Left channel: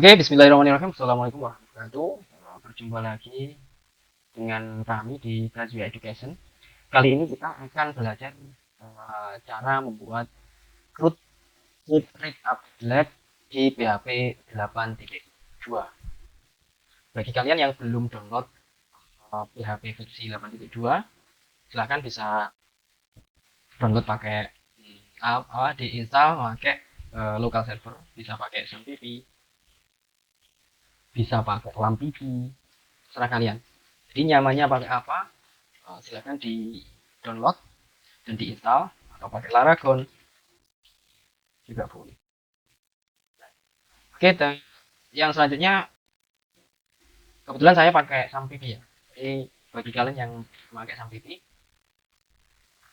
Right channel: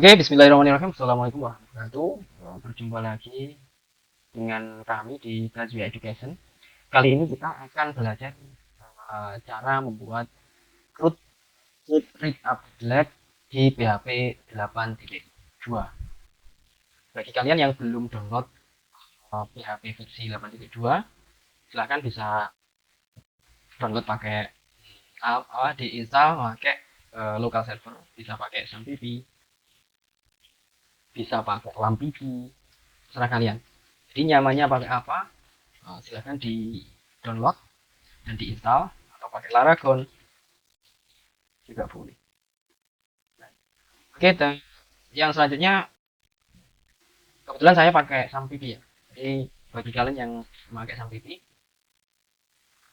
Oke, bismillahirrahmanirrahim. Assalamualaikum warahmatullahi wabarakatuh. Berjumpa lagi dengan kami di Graduate Education. Kali ini kita akan belajar cara membuat root strip update di PHP 8.2. Bagi kalian yang belum download PHP versi 8.2, silahkan bisa download pakai diinstal pakai local server, bisa pakai SMPP, bisa pakai LAMPP, serah kalian. Jadi nyamannya pakai apa? Silahkan di download dan diinstal atau pakai Laragon juga boleh. Oke, dan yang selanjutnya kebetulan saya pakai SAMPP ya. Jadi bagi kalian yang memakai SAMPP,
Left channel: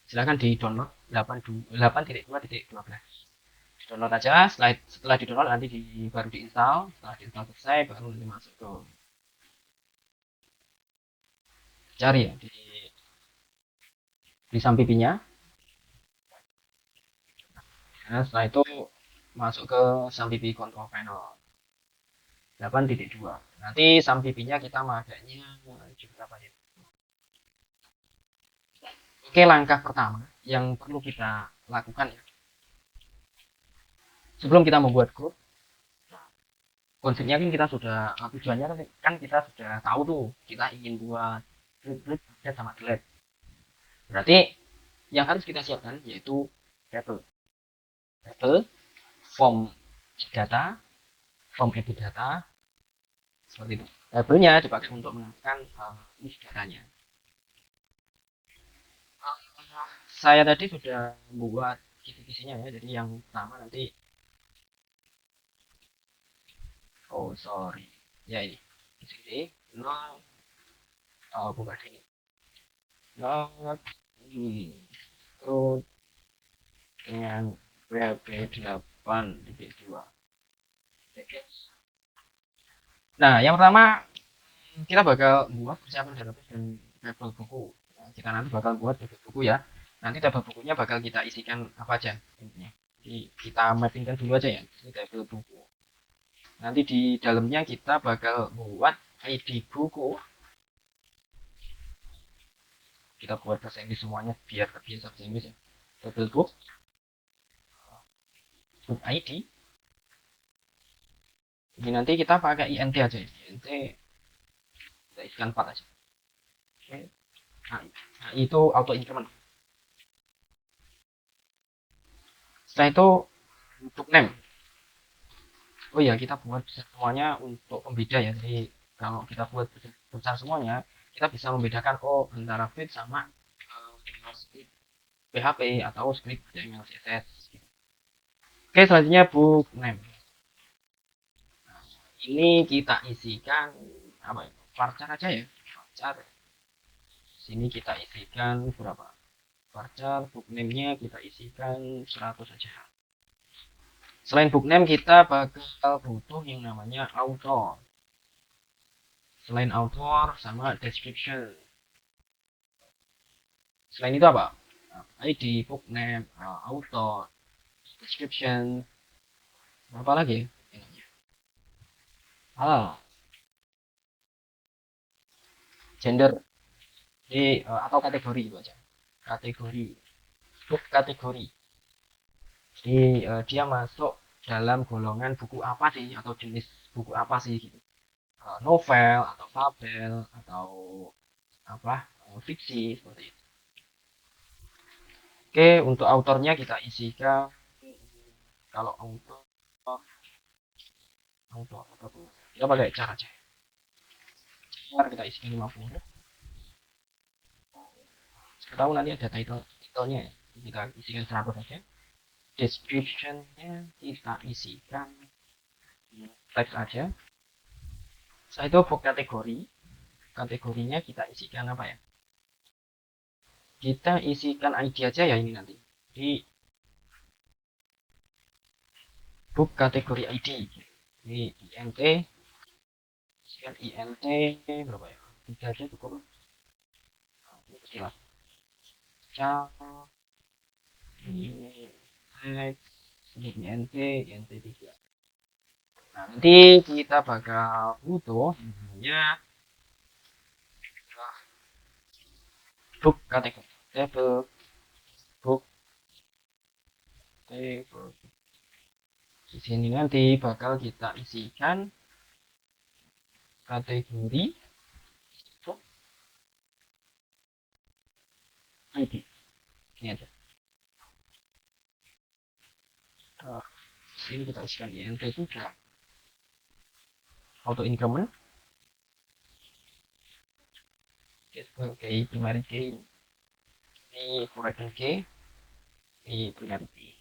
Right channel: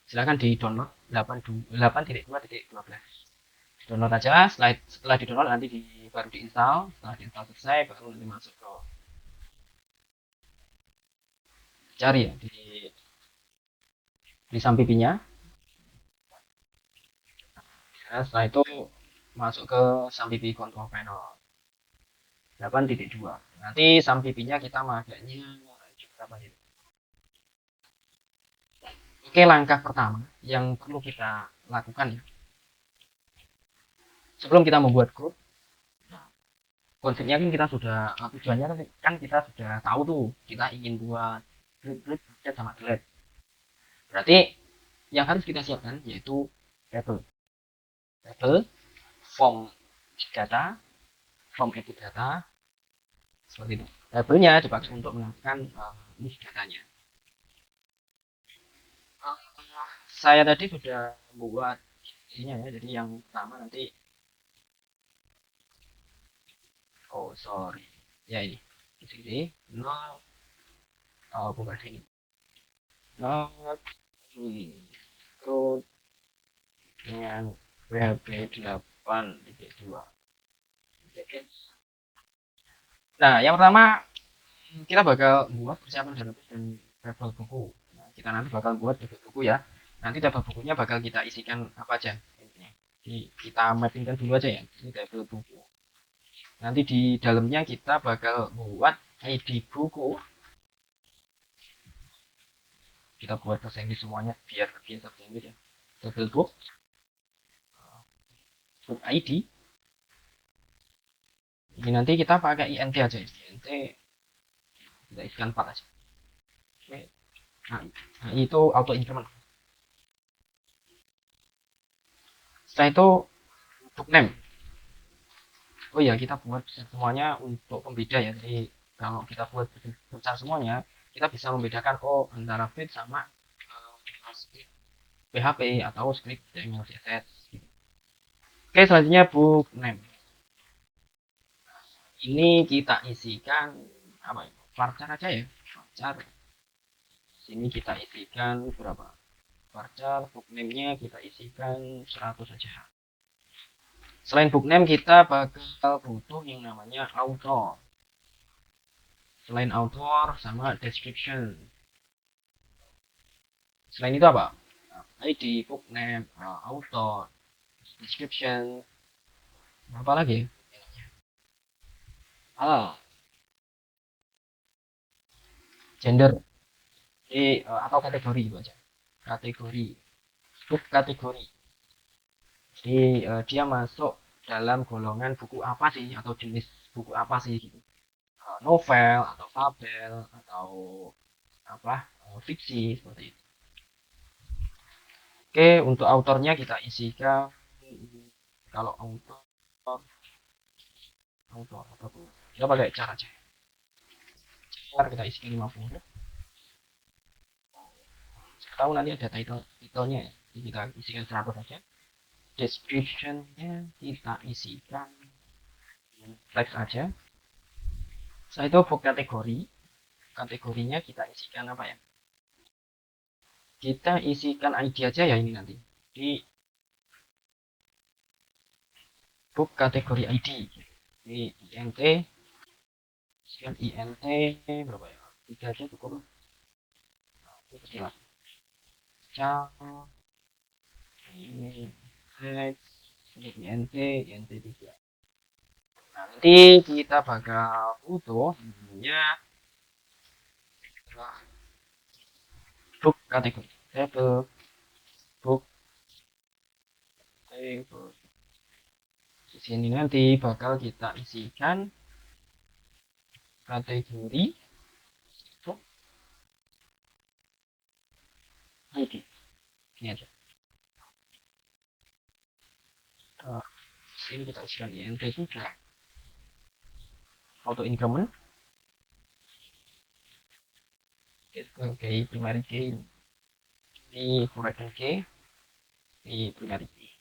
silahkan di download 8.2.12. Di download aja, setelah di download nanti baru diinstal. Setelah diinstal selesai baru nanti masuk ke cari ya di SAMPP-nya. Nah, setelah itu masuk ke SAMPP Control Panel 8.2. Nanti SAMPP-nya kita makainya apa ya? Oke, langkah pertama yang perlu kita lakukan ya. Sebelum kita membuat grup, konsepnya kan kita sudah tujuannya kan kita sudah tahu tuh kita ingin buat grup sama delete. Berarti yang harus kita siapkan yaitu table, form data, form edit data, seperti itu. Tabelnya dipakai untuk menentukan list datanya. Saya tadi sudah membuat divisinya ya, jadi yang pertama nanti sorry ya ini di sini bukan ini code dengan PHP 8.2. Nah, yang pertama kita bakal buat persiapan database dan tabel buku. Nah, kita nanti bakal buat tabel buku ya. Nanti tabel bukunya bakal kita isikan apa aja intinya. Jadi kita mappingkan dulu aja ya. Ini tabel buku. Nanti di dalamnya kita bakal buat ID buku. Kita buat bahasa Inggris semuanya biar terbiasa bahasa Inggris ya. Tabel book ID. Jadi nanti kita pakai int aja ya. Int kita isikan 4 aja. Oke. Nah, itu auto increment. Setelah itu untuk name. Oh ya, kita buat semuanya untuk pembeda ya. Jadi kalau kita buat besar semuanya, kita bisa membedakan antara feed sama script PHP atau script HTML CSS. Oke, selanjutnya book name. Ini kita isikan apa? Varchar aja ya. Varchar. Sini kita isikan berapa? Varchar book name-nya kita isikan 100 saja. Selain book name kita bakal butuh yang namanya author. Selain author sama description. Selain itu apa? ID, book name, author, description, apa lagi? Gender, atau kategori itu aja. Kategori, book kategori. Ini dia masuk dalam golongan buku apa sih atau jenis buku apa sih gitu. Novel atau fabel atau apa? Fiksi seperti itu. Oke, untuk autornya kita isikan kalau autor kita pakai cara aja. Cara kita isikan 50. Saya tahu nanti ada titelnya ya. Jadi kita isikan 100 saja. Descriptionnya kita isikan teks aja. Saya itu book kategori. Kategorinya kita isikan apa ya? Kita isikan ID aja ya ini nanti. Di book kategori ID. Ini INT. Isikan INT berapa ya? 3 aja cukup. Cal. INT. INT 3. nanti kita bakal butuh ya book kategori book table. Di sini nanti bakal kita isikan kategori book ID. Ini aja. Nah, ini kita isikan INT juga auto increment sebagai primary key di primary key di primary key.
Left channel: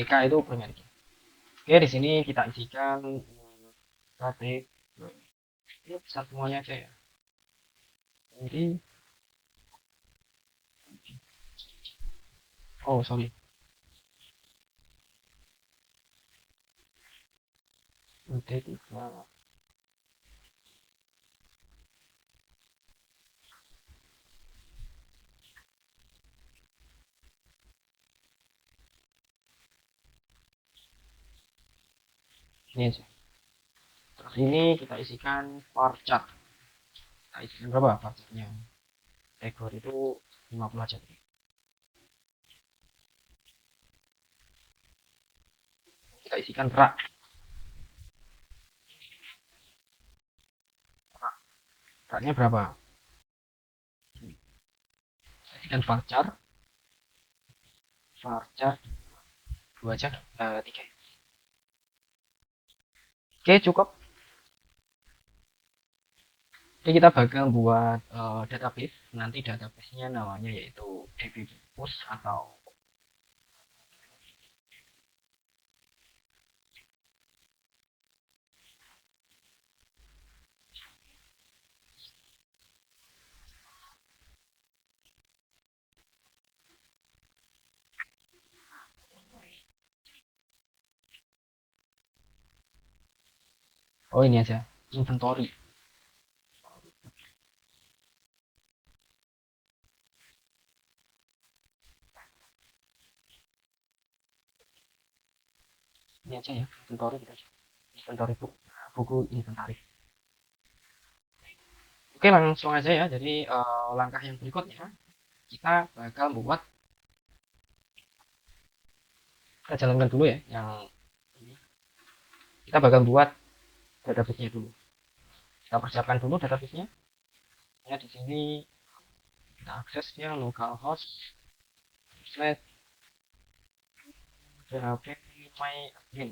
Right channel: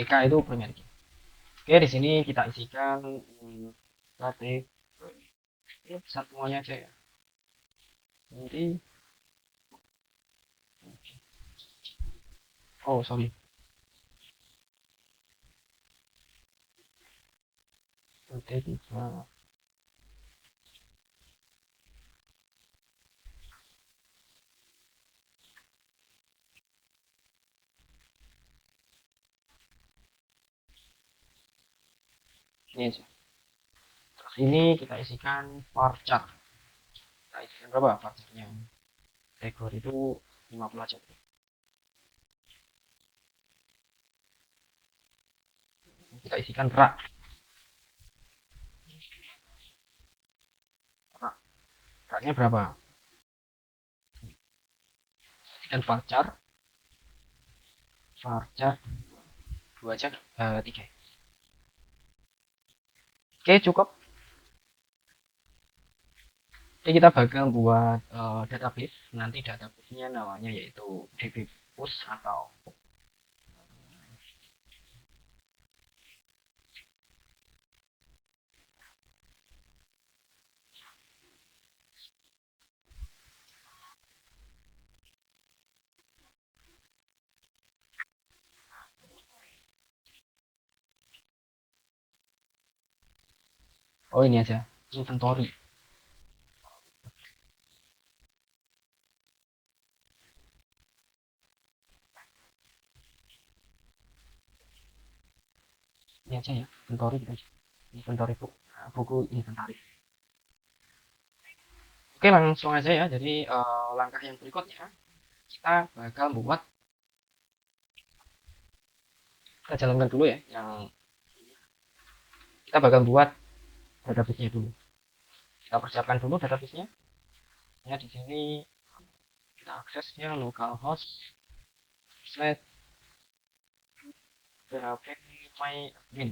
EK itu primary key. Oke, di sini kita isikan kategori satuannya aja ya. Jadi oh sorry nanti ini aja. Terus ini kita isikan varchar. Kita isikan berapa varcharnya? Kategori itu 50 aja. Kita isikan rak. Raknya berapa? Isikan varchar. Varchar 2 aja, 3. Oke, cukup. Jadi kita bakal buat database. Nanti databasenya namanya yaitu dbpush atau oh ini aja inventory. Ini aja ya inventory gitu. Inventory buku inventory. Oke, langsung aja ya. Jadi langkah yang berikutnya kita bakal buat, kita jalankan dulu ya. Yang kita bakal buat database-nya dulu. Kita persiapkan dulu database-nya. Nah, di sini kita aksesnya localhost slash php my admin.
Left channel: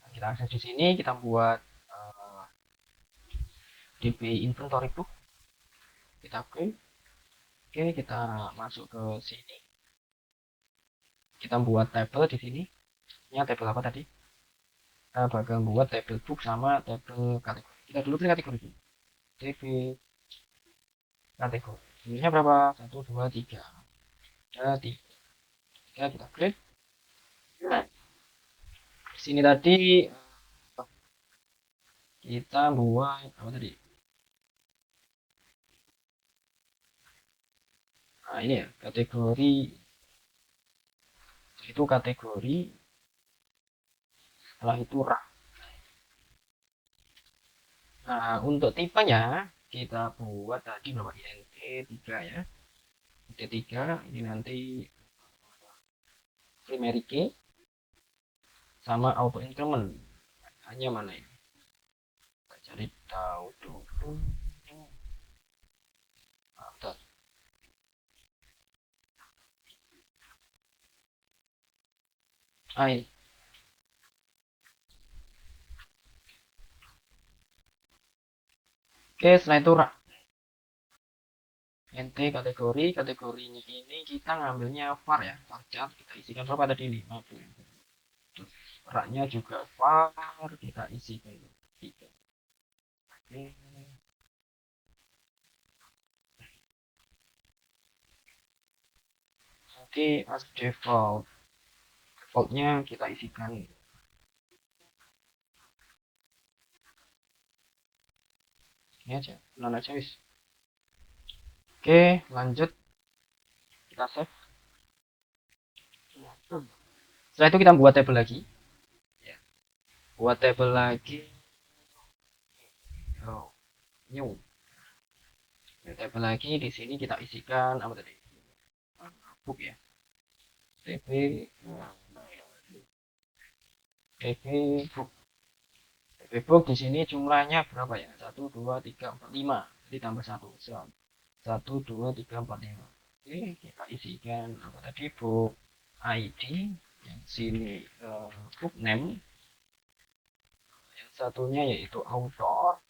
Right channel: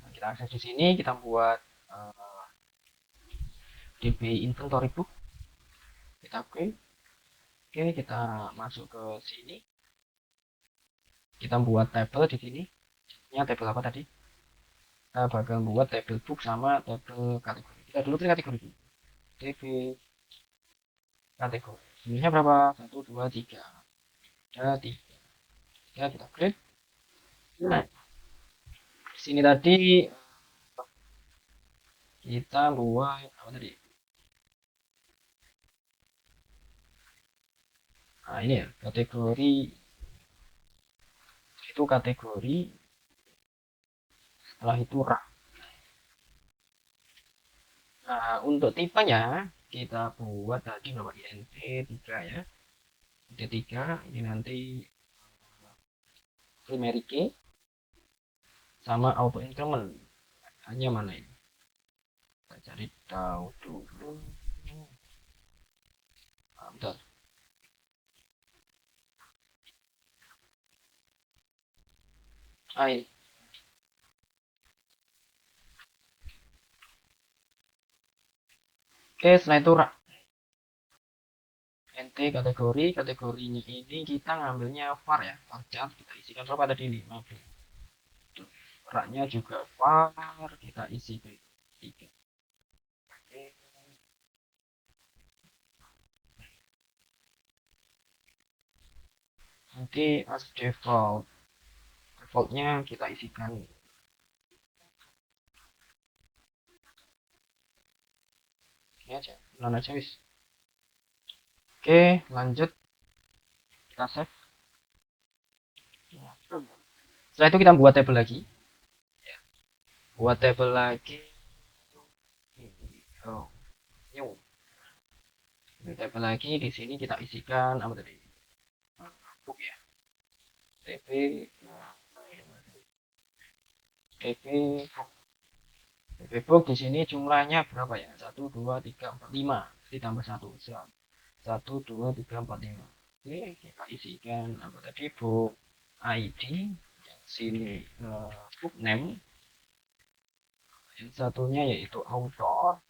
Nah, kita akses di sini, kita buat db inventory book. Kita print. Oke, kita masuk ke sini. Kita buat tabel di sini. Ini tabel apa tadi? Kita bakal buat tabel book sama tabel kategori. Kita dulu ke kategori book. db kategori. Jumlahnya berapa? 1, 2, 3. Ada 3. Ya, kita klik. Nah, di sini tadi kita buat apa tadi? Nah, ini ya, kategori itu kategori, setelah itu rak. Nah, untuk tipenya kita buat tadi berapa? INT 3 ya. INT 3 ini nanti primary key sama auto increment. Hanya mana ini? Kita cari tahu dulu. Nah, bentar. Ah, ini. Oke, setelah itu rak. INT kategorinya ini kita ngambilnya var ya, varchar. Kita isikan berapa tadi ini? Raknya juga var, kita isikan 3. Nanti as defaultnya kita isikan ini aja, non aja wis. Oke, lanjut kita save. Setelah itu kita buat tabel lagi. buat tabel lagi. Oh, new. Tabel lagi di sini kita isikan apa tadi? Book ya. TB TB book. TB book di sini jumlahnya berapa ya? 1 2 3 4 5. Jadi tambah 1 1 2 3 4 5. Oke, kita isikan apa tadi? Book ID yang sini book name, yang satunya yaitu author,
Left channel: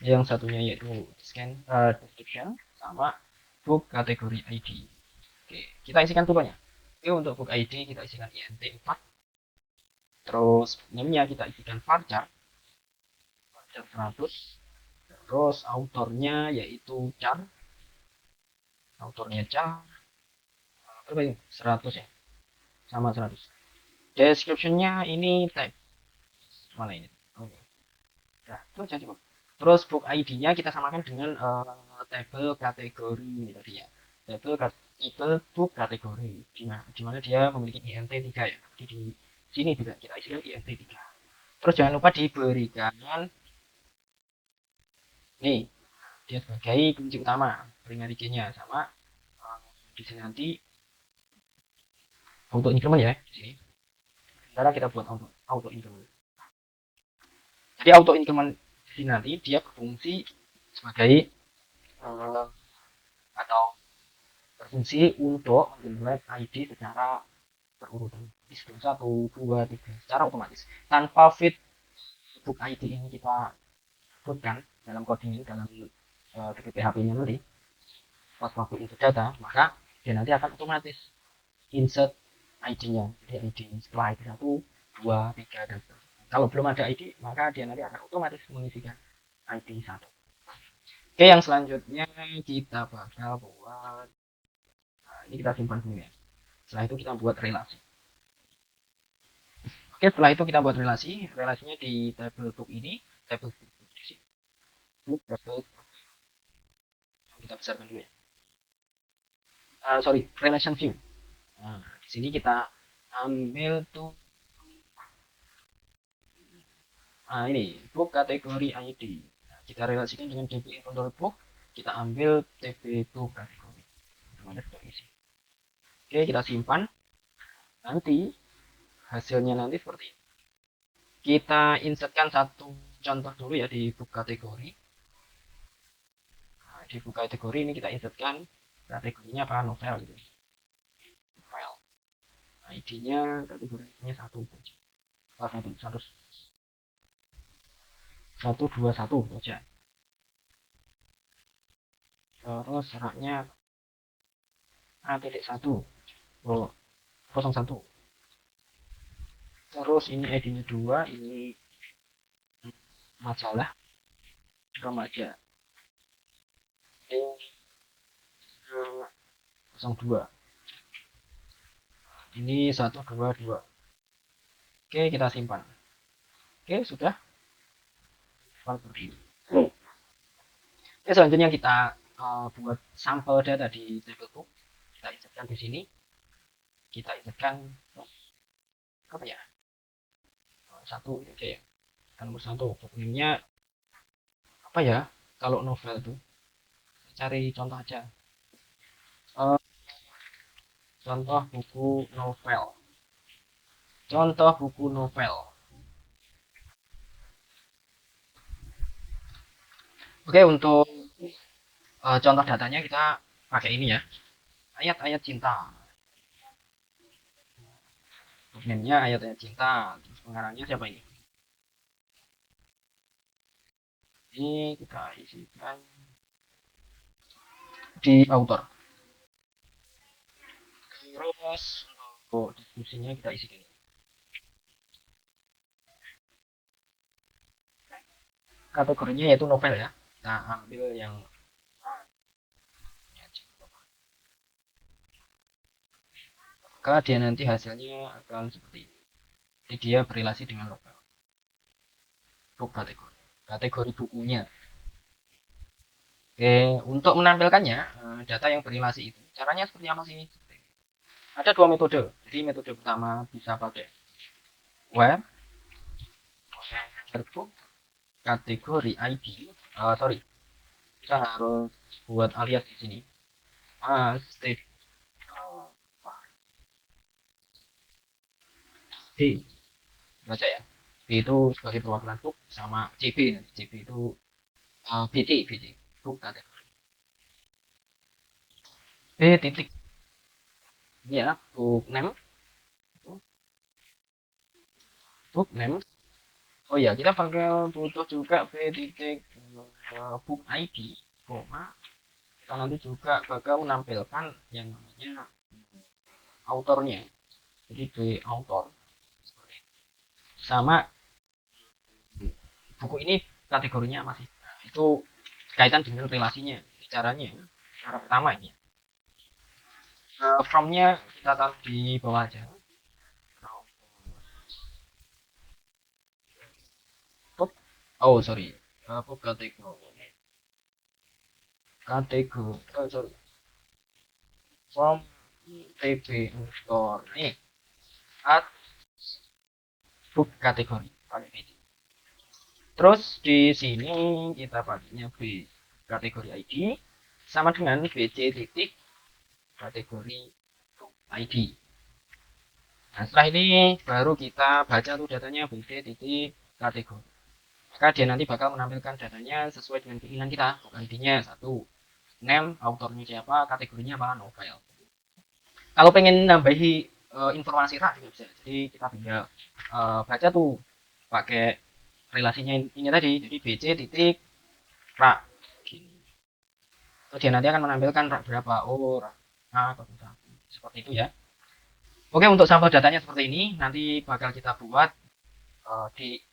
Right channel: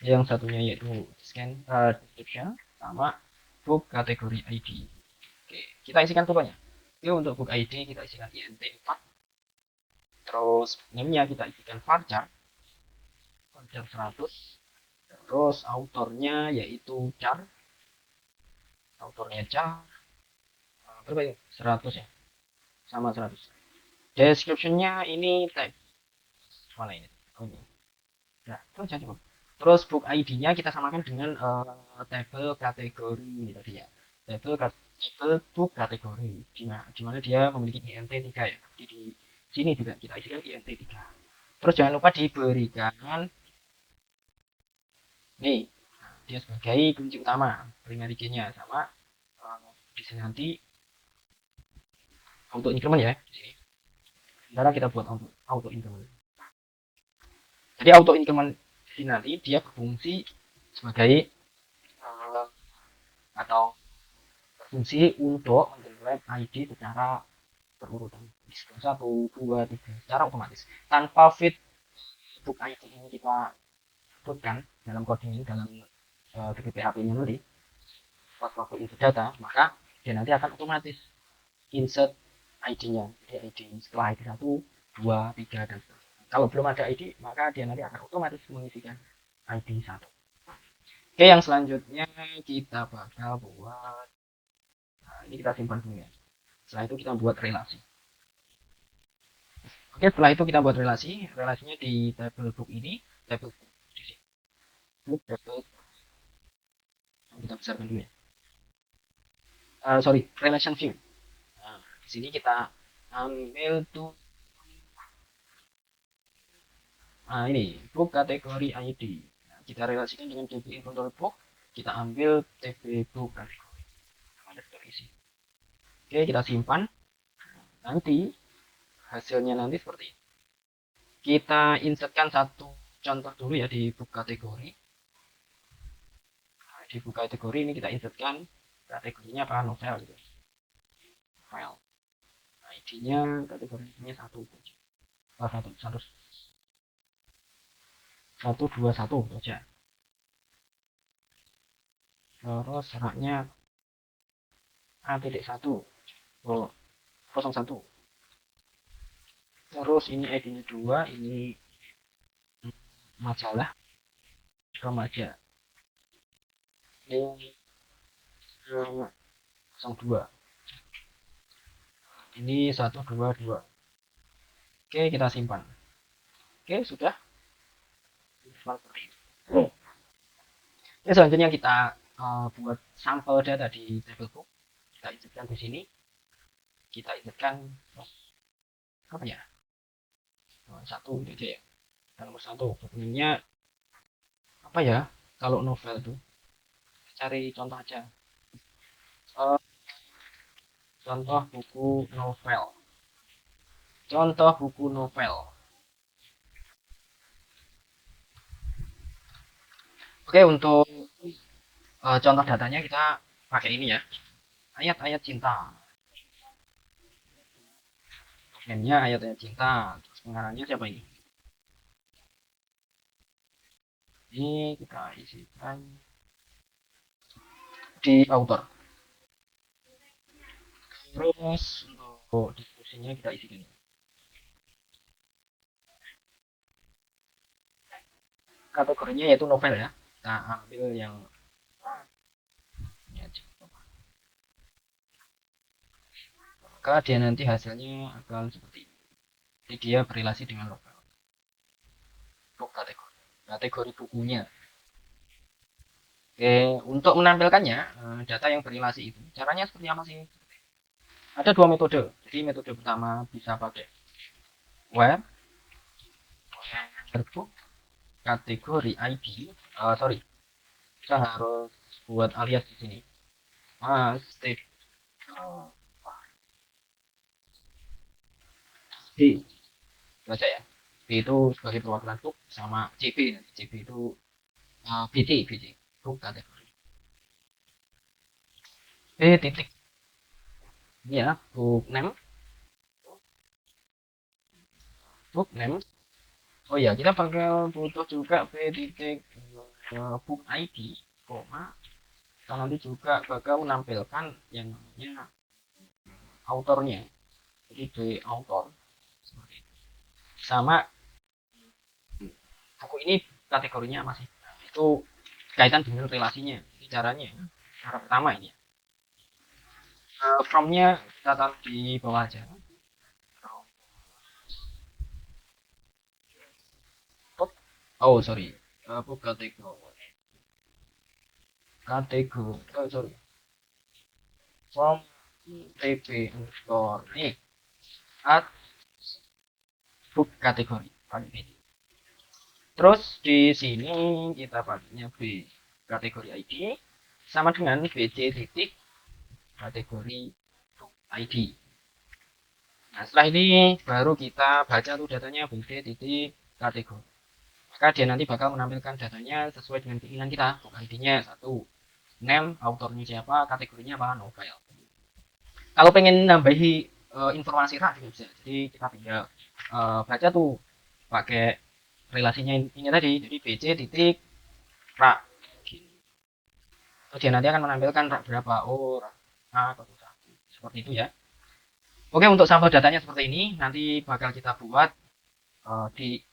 yang satunya yaitu description, sama book kategori ID. Oke, kita isikan tuh ya. Yuk, untuk book ID kita isikan INT 4. Terus name-nya kita isikan varchar 100. Terus autornya yaitu char, autornya char berapa ini? 100 ya, sama 100. Description-nya ini tag mana ini? Nah, itu aja cukup. Terus book ID-nya kita samakan dengan tabel kategori tadi ya. Tabel book kategori. Dimana dia memiliki INT 3 ya. Jadi di sini juga kita isikan INT 3. Terus jangan lupa diberikan nih, dia sebagai kunci utama primary key-nya, sama di sini nanti auto increment ya. Di sini sekarang kita buat auto increment. Jadi auto increment di sini nanti dia berfungsi sebagai atau berfungsi untuk mengenerate ID secara berurutan. Jadi 1 2 3 secara otomatis tanpa fit book ID ini kita putkan dalam coding dalam PHP-nya nanti pas login ke data, maka dia nanti akan otomatis insert ID-nya di ID setelah ID 1 2 3 dan kalau belum ada ID maka dia nanti akan otomatis mengisikan ID 1. Oke, yang selanjutnya kita bakal buat, ini kita simpan dulu ya. Setelah itu kita buat relasi. Oke, setelah itu kita buat relasinya di table book ini, table book di sini. Book table kita besarkan dulu ya. Sorry, relation view. Nah, di sini kita ambil tuh ini book kategori ID. Nah, kita relasikan dengan DB control book, kita ambil TB book kategori. Oke, kita simpan. Nanti hasilnya nanti seperti ini. Kita insertkan satu contoh dulu ya di book kategori. Nah, di book kategori ini kita insertkan kategorinya apa, novel gitu. Novel. ID-nya kategorinya 1 121 saja. Terus syaratnya A.1 oh 01. Terus ini ID-nya 2, ini majalah remaja. Ini 02. Ini 122. Oke, kita simpan. Oke, sudah. Nah, selanjutnya kita buat sampel data di table book. Kita insertkan di sini. Kita insertkan apa ya? Satu aja ya. Nomor 1 bukunya apa ya? Kalau novel tuh cari contoh aja. Contoh buku novel. Contoh buku novel. Oke, untuk contoh datanya kita pakai ini ya. Ayat-ayat cinta. Name-nya ayat-ayat cinta. Terus pengarangnya siapa ini? Ini kita isikan di author. Terus untuk diskusinya kita isi ini. Kategorinya yaitu novel ya. Kita ambil yang maka dia nanti hasilnya akan seperti ini. Jadi dia berrelasi dengan novel. Book kategori bukunya. Untuk menampilkannya data yang berrelasi itu caranya seperti apa sih? Ada dua metode. Jadi metode pertama bisa pakai where book kategori ID. Sorry, kita harus buat alias di sini. State D baca ya. D itu sebagai perwakilan book, sama CB. CB itu BT book kategori. Titik ini ya, book name. Oh iya, kita bakal butuh juga B titik book ID, koma. Kita nanti juga bakal menampilkan yang namanya autornya, jadi di autor sama buku ini kategorinya apa sih. Nah, itu kaitan dengan relasinya. Ini caranya, cara pertama ini from-nya kita taruh di bawah aja. Oh sorry, book sorry, from TB underscore nih at book kategori. Terus di sini kita pakainya B kategori ID sama dengan BC titik kategori ID. Nah, setelah ini baru kita baca tuh datanya BC titik kategori. Maka dia nanti bakal menampilkan datanya sesuai dengan keinginan kita. Intinya satu, name, autornya siapa, kategorinya apa, novel. Kalau pengen nambahi informasi rak juga bisa. Jadi kita tinggal baca tuh pakai relasinya ini tadi. Jadi BC titik rak. Terus dia nanti akan menampilkan rak berapa, rak A atau satu. Seperti itu ya. Oke, untuk sampel datanya seperti ini. Nanti bakal kita buat di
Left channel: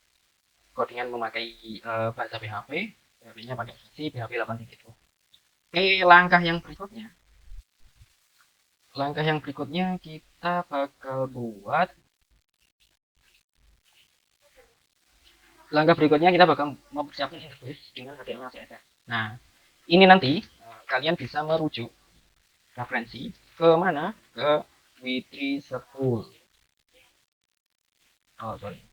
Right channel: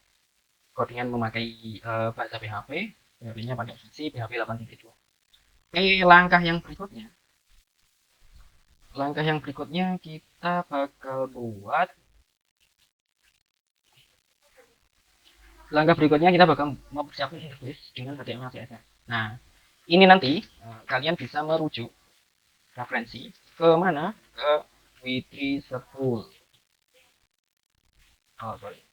codingan memakai bahasa PHP. PHP-nya pakai versi PHP 8.2. Oke, langkah yang berikutnya kita bakal buat mempersiapkan interface dengan HTML CSS. Nah, ini nanti kalian bisa merujuk referensi ke mana, ke Witri 10. Sorry,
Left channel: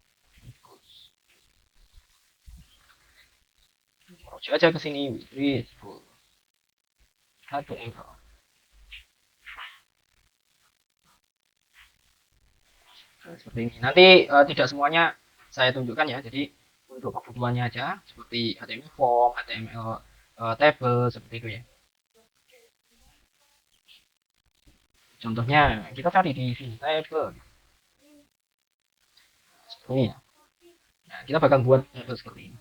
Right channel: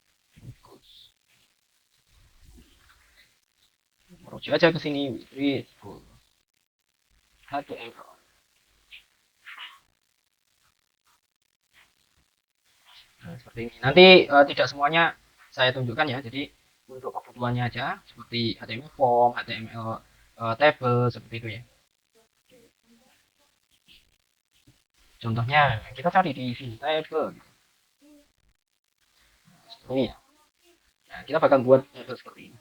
rujuk aja ke sini Witri 10 HTML. Seperti ini. Nanti tidak semuanya saya tunjukkan ya. Jadi untuk kebutuhannya aja seperti HTML form, HTML table seperti itu ya. Contohnya kita cari di sini table. Seperti ini ya. Nah, kita bakal buat table seperti ini.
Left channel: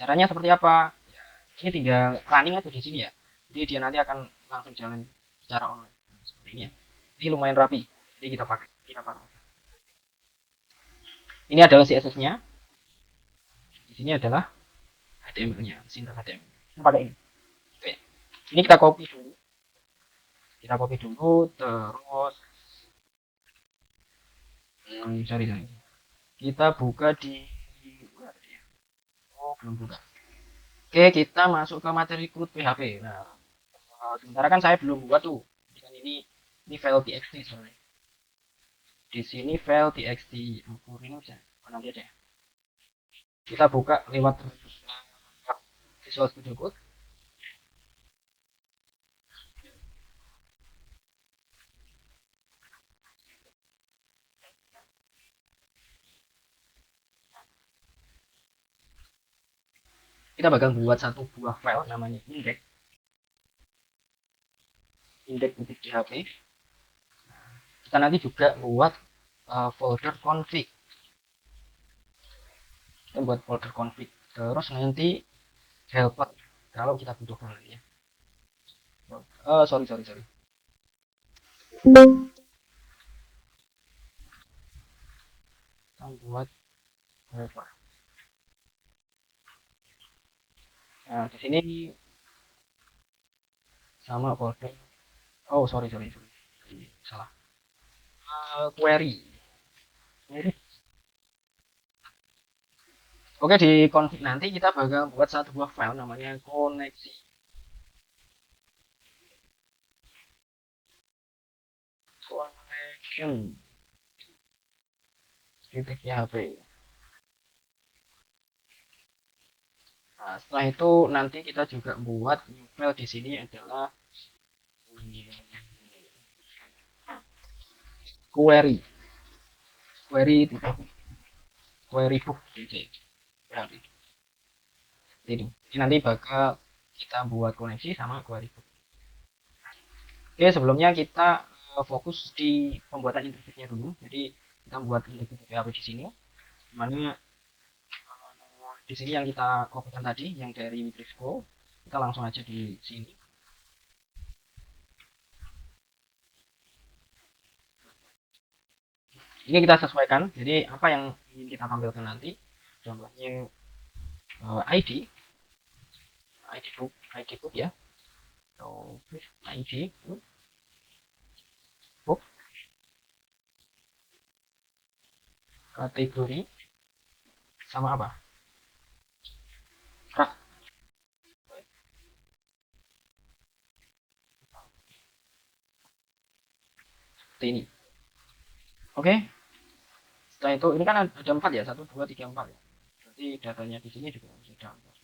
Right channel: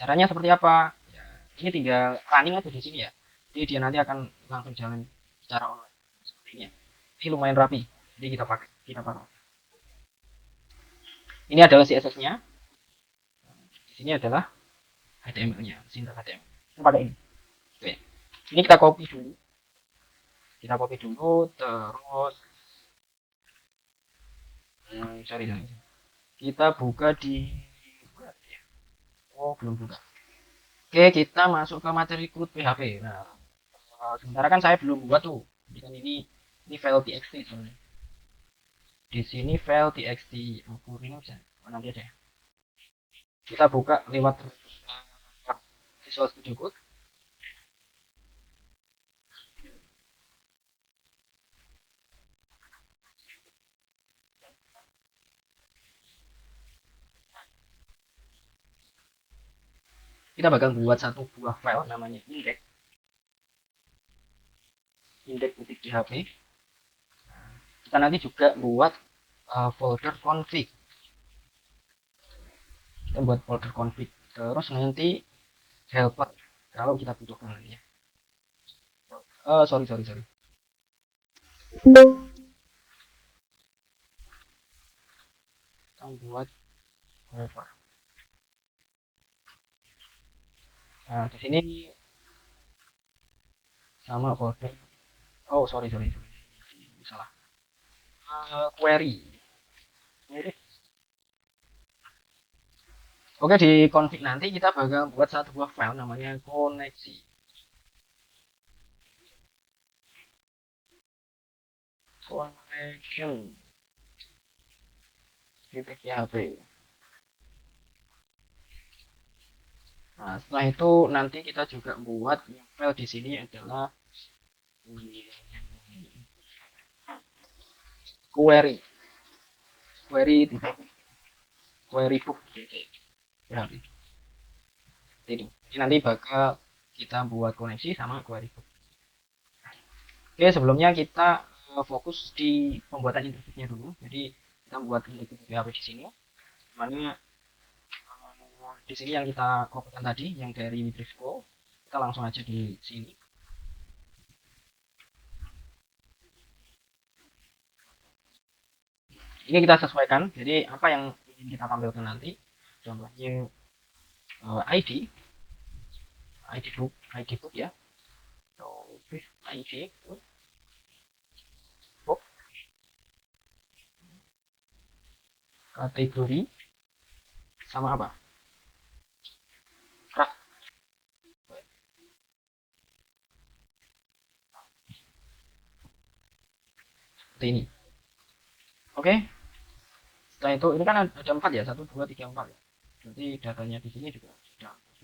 Caranya seperti apa? Ya, ini tinggal running atau di sini ya. Jadi dia nanti akan langsung jalan secara online. Seperti ini ya. Ini lumayan rapi. Jadi kita pakai. Ini adalah CSS-nya. Di sini adalah HTML-nya, sintak HTML. Kita pakai ini. Oke. Ini kita copy dulu. Terus cari. Kita buka di belum buka. Oke, kita masuk ke materi code PHP. Nah, sementara kan saya belum buat tuh. Ini file txt sebenarnya. Di sini file txt. Ini bisa nanti aja. Kita buka lewat Visual Studio Code. Kita bakal buat satu buah file namanya index.php. Kita nanti juga buat folder config. Kita buat folder config. Terus nanti helper kalau kita butuhkan lagi ya. Sorry. Kita buat helper. Nah, di sini sama folder. Sorry. Salah. Query. Oke, di config nanti kita bakal buat satu buah file namanya koneksi. Connection. Itu PHP. Nah, setelah itu nanti kita juga buat file di sini adalah query query titik query book titik. Nah, ini nanti bakal kita buat koneksi sama query book. Oke, sebelumnya kita fokus di pembuatan interface-nya dulu. Jadi kita buat interface PHP di sini. Mana di sini yang kita kopikan tadi, yang dari Mitrixco, kita langsung aja di sini. Ini kita sesuaikan. Jadi apa yang ingin kita tampilkan nanti, contohnya ID, ID book ya. So, ID book, kategori sama apa? Kok ini. Oke, setelah itu ini kan ada 4 ya, 1 2 3 4 ya. Nanti datanya di sini juga sudah 4.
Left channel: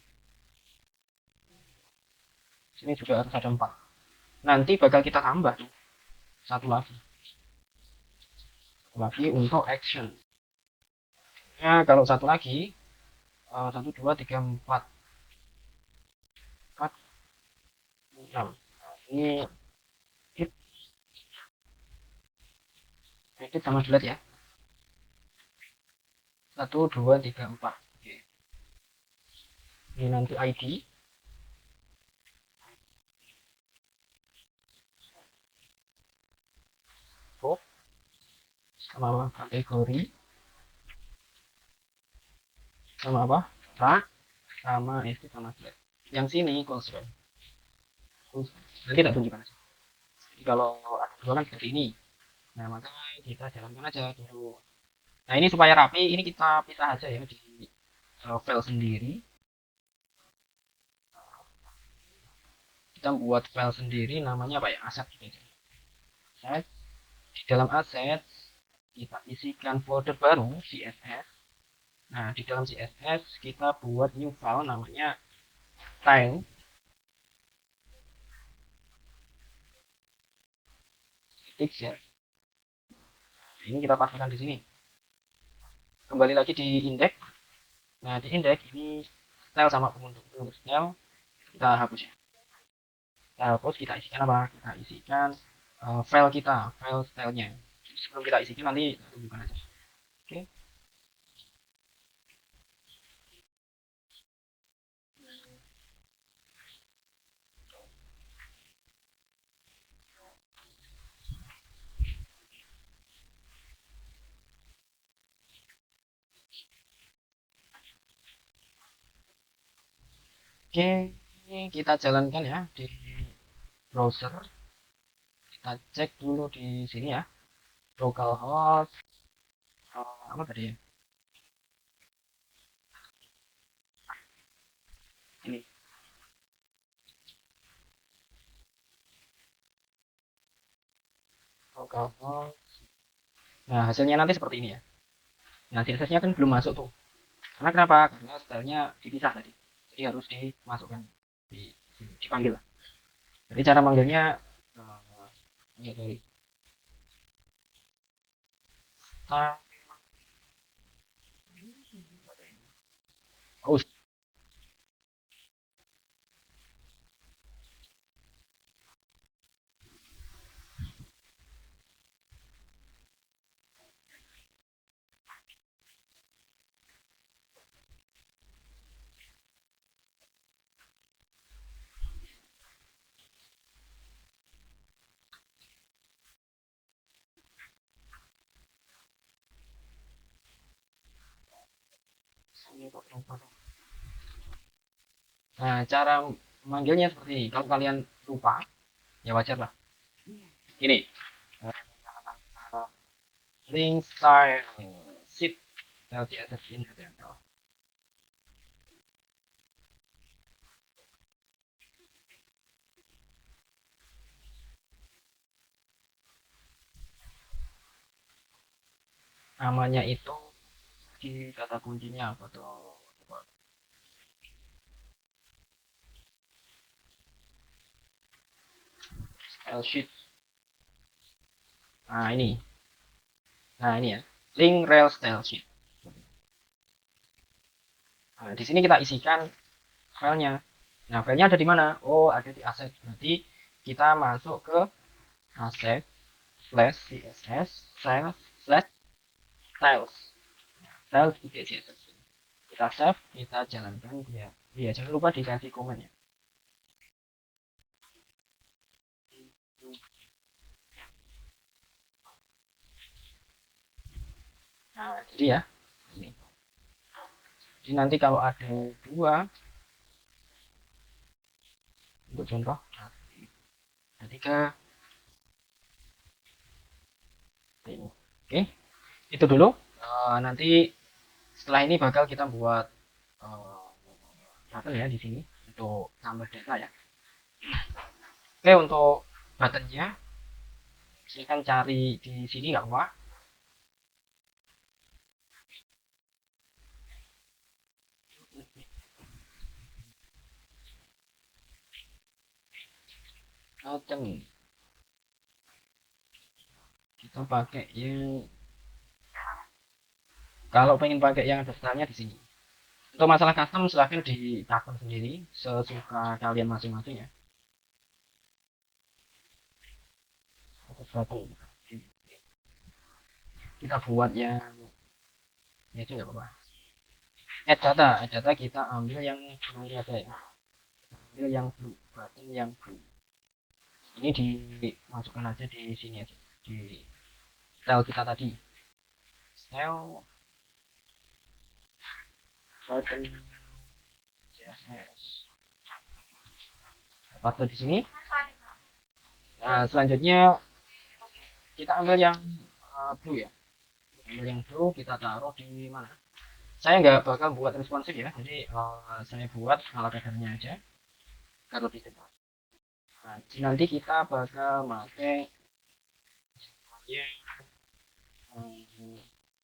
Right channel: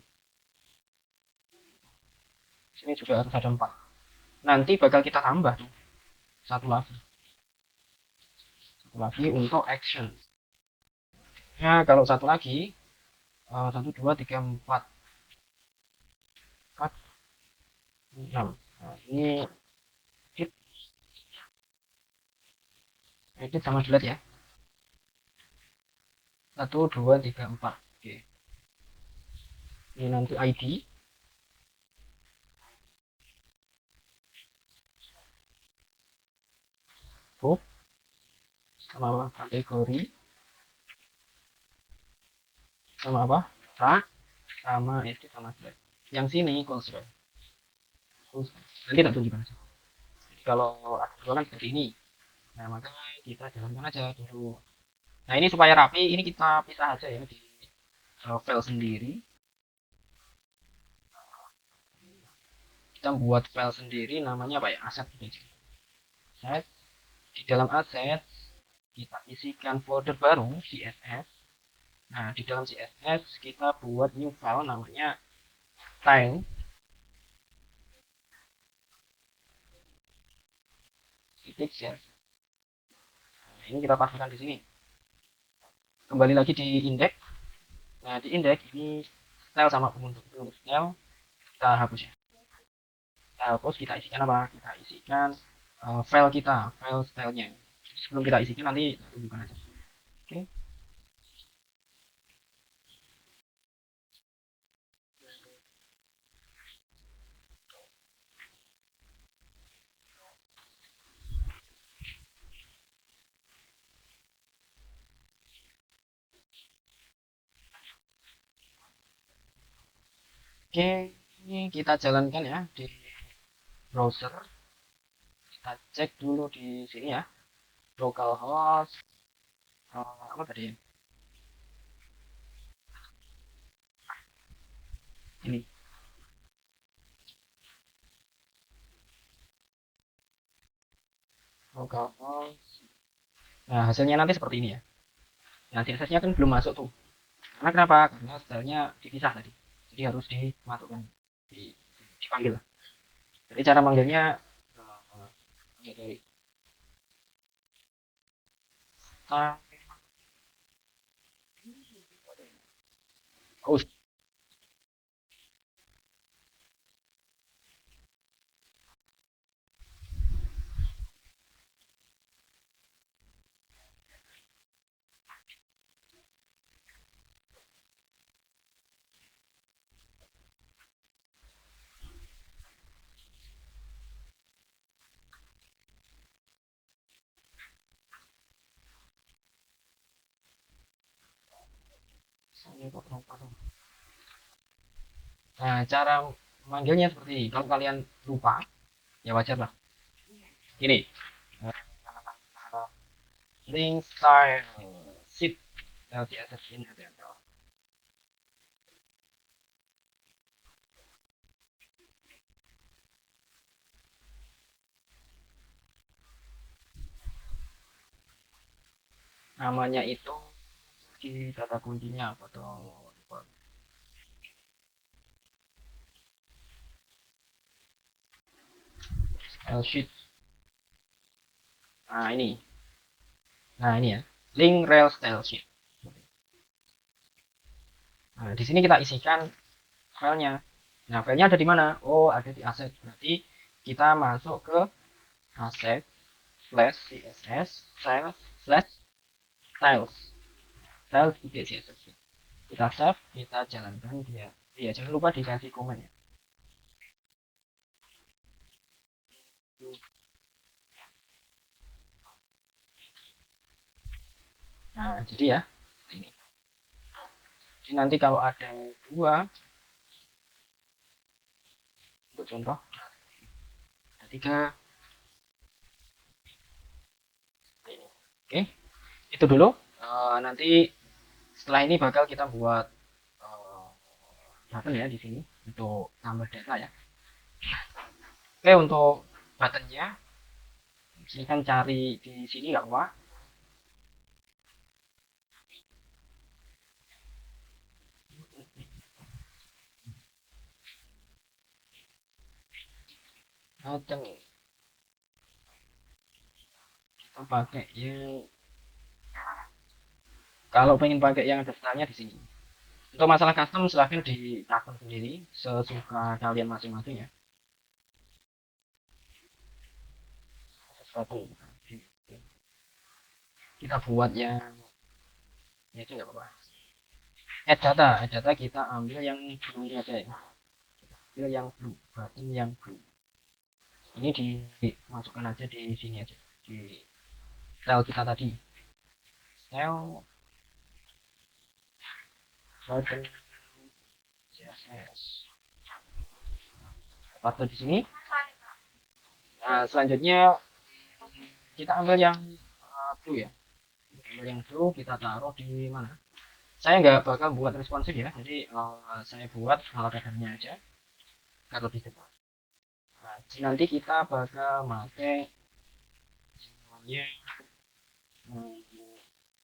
Sini juga harus ada 4. Nanti bakal kita tambah tuh satu lagi untuk action. Nah, kalau satu lagi 1 2 3 4 4 6. Nah, ini itu sama dilihat ya. 1 2 3 4. Oke. Ini nanti ID book sama apa? Kategori sama apa? Rak sama itu sama dilihat. Yang sini konsol. Nanti tak tunjukkan aja. Jadi kalau ada jualan seperti ini, nah maka kita jalankan aja dulu. Nah ini supaya rapi, ini kita pisah aja ya di file sendiri. Kita buat file sendiri, namanya apa ya? Aset gitu aja. Nah, di dalam aset kita isikan folder baru CSS. Nah di dalam CSS kita buat new file namanya time. Ya. Nah, ini kita pastikan di sini. Kembali lagi di index. Nah di index ini style sama bentuknya kita hapus ya. Kita hapus, kita isikan apa? Kita isikan file kita, file stylenya. Sebelum kita isikan nanti tunjukkan aja. Oke. Oke, ini kita jalankan ya di browser. Kita cek dulu di sini ya. Localhost apa tadi ya? Ini localhost. Nah, hasilnya nanti seperti ini ya. Nah, CSS-nya kan belum masuk tuh. Karena kenapa? Karena stylenya dipisah tadi. Jadi harus dimasukkan, dipanggil. Jadi cara manggilnya ini. Oh, nah, cara manggilnya seperti ini. Kalau kalian lupa, ya wajar lah. Ini link style sheet LTSS ini. Namanya itu di kata kuncinya apa tuh? style sheet. Nah ini, ya, link rel style sheet. Nah, di sini kita isikan filenya. Nah, filenya ada di mana? Oh, ada di aset. Berarti kita masuk ke aset slash css slash styles styles CSS. Kita save, kita jalankan dia. Iya, jangan lupa dikasih komen ya. Nah, jadi ya ini. Jadi nanti kalau ada dua untuk contoh, tiga, ini. Oke, itu dulu. Nanti setelah ini bakal kita buat apa ya di sini untuk tambah data ya. Oke, untuk buttonnya silahkan cari di sini nggak apa. Macam kita pakai yang, kalau pengen pakai yang daftarnya di sini. Untuk masalah custom silahkan ditakon sendiri sesuka kalian masing-masing ya. Sesuatu kita buat yang ya itu nggak apa-apa. Data kita ambil yang ini aja ya. Ambil yang button yang ini dimasukkan aja di sini aja di style kita tadi. Style button CSS. Paste di sini. Nah, selanjutnya kita ambil yang blue ya. Ambil yang blue kita taruh di mana? Saya nggak bakal buat responsif ya, jadi saya buat ala kadarnya aja biar lebih cepat. Nah, nanti kita bakal pakai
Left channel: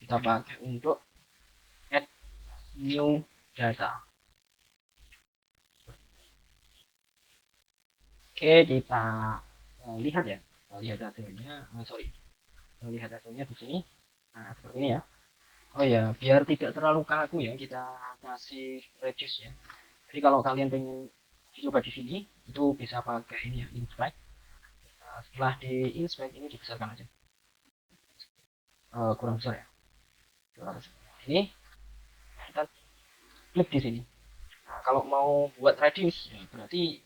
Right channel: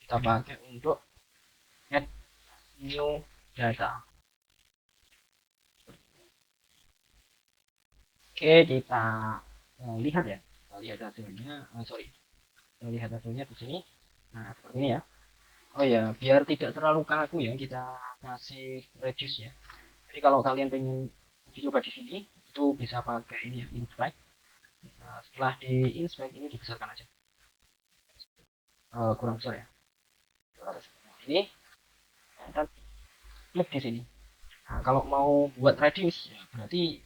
kita pakai untuk add new data. Oke, kita lihat ya, lihat hasilnya. Sorry, lihat hasilnya di sini. Nah, seperti ini ya. Oh ya, biar tidak terlalu kaku ya, kita kasih reduce ya. Jadi kalau kalian pengen dicoba di sini, itu bisa pakai ini inspect. Nah, setelah di inspect ini dibesarkan aja. Kurang besar. Ini kita klik di sini. Nah, kalau mau buat radius, ya berarti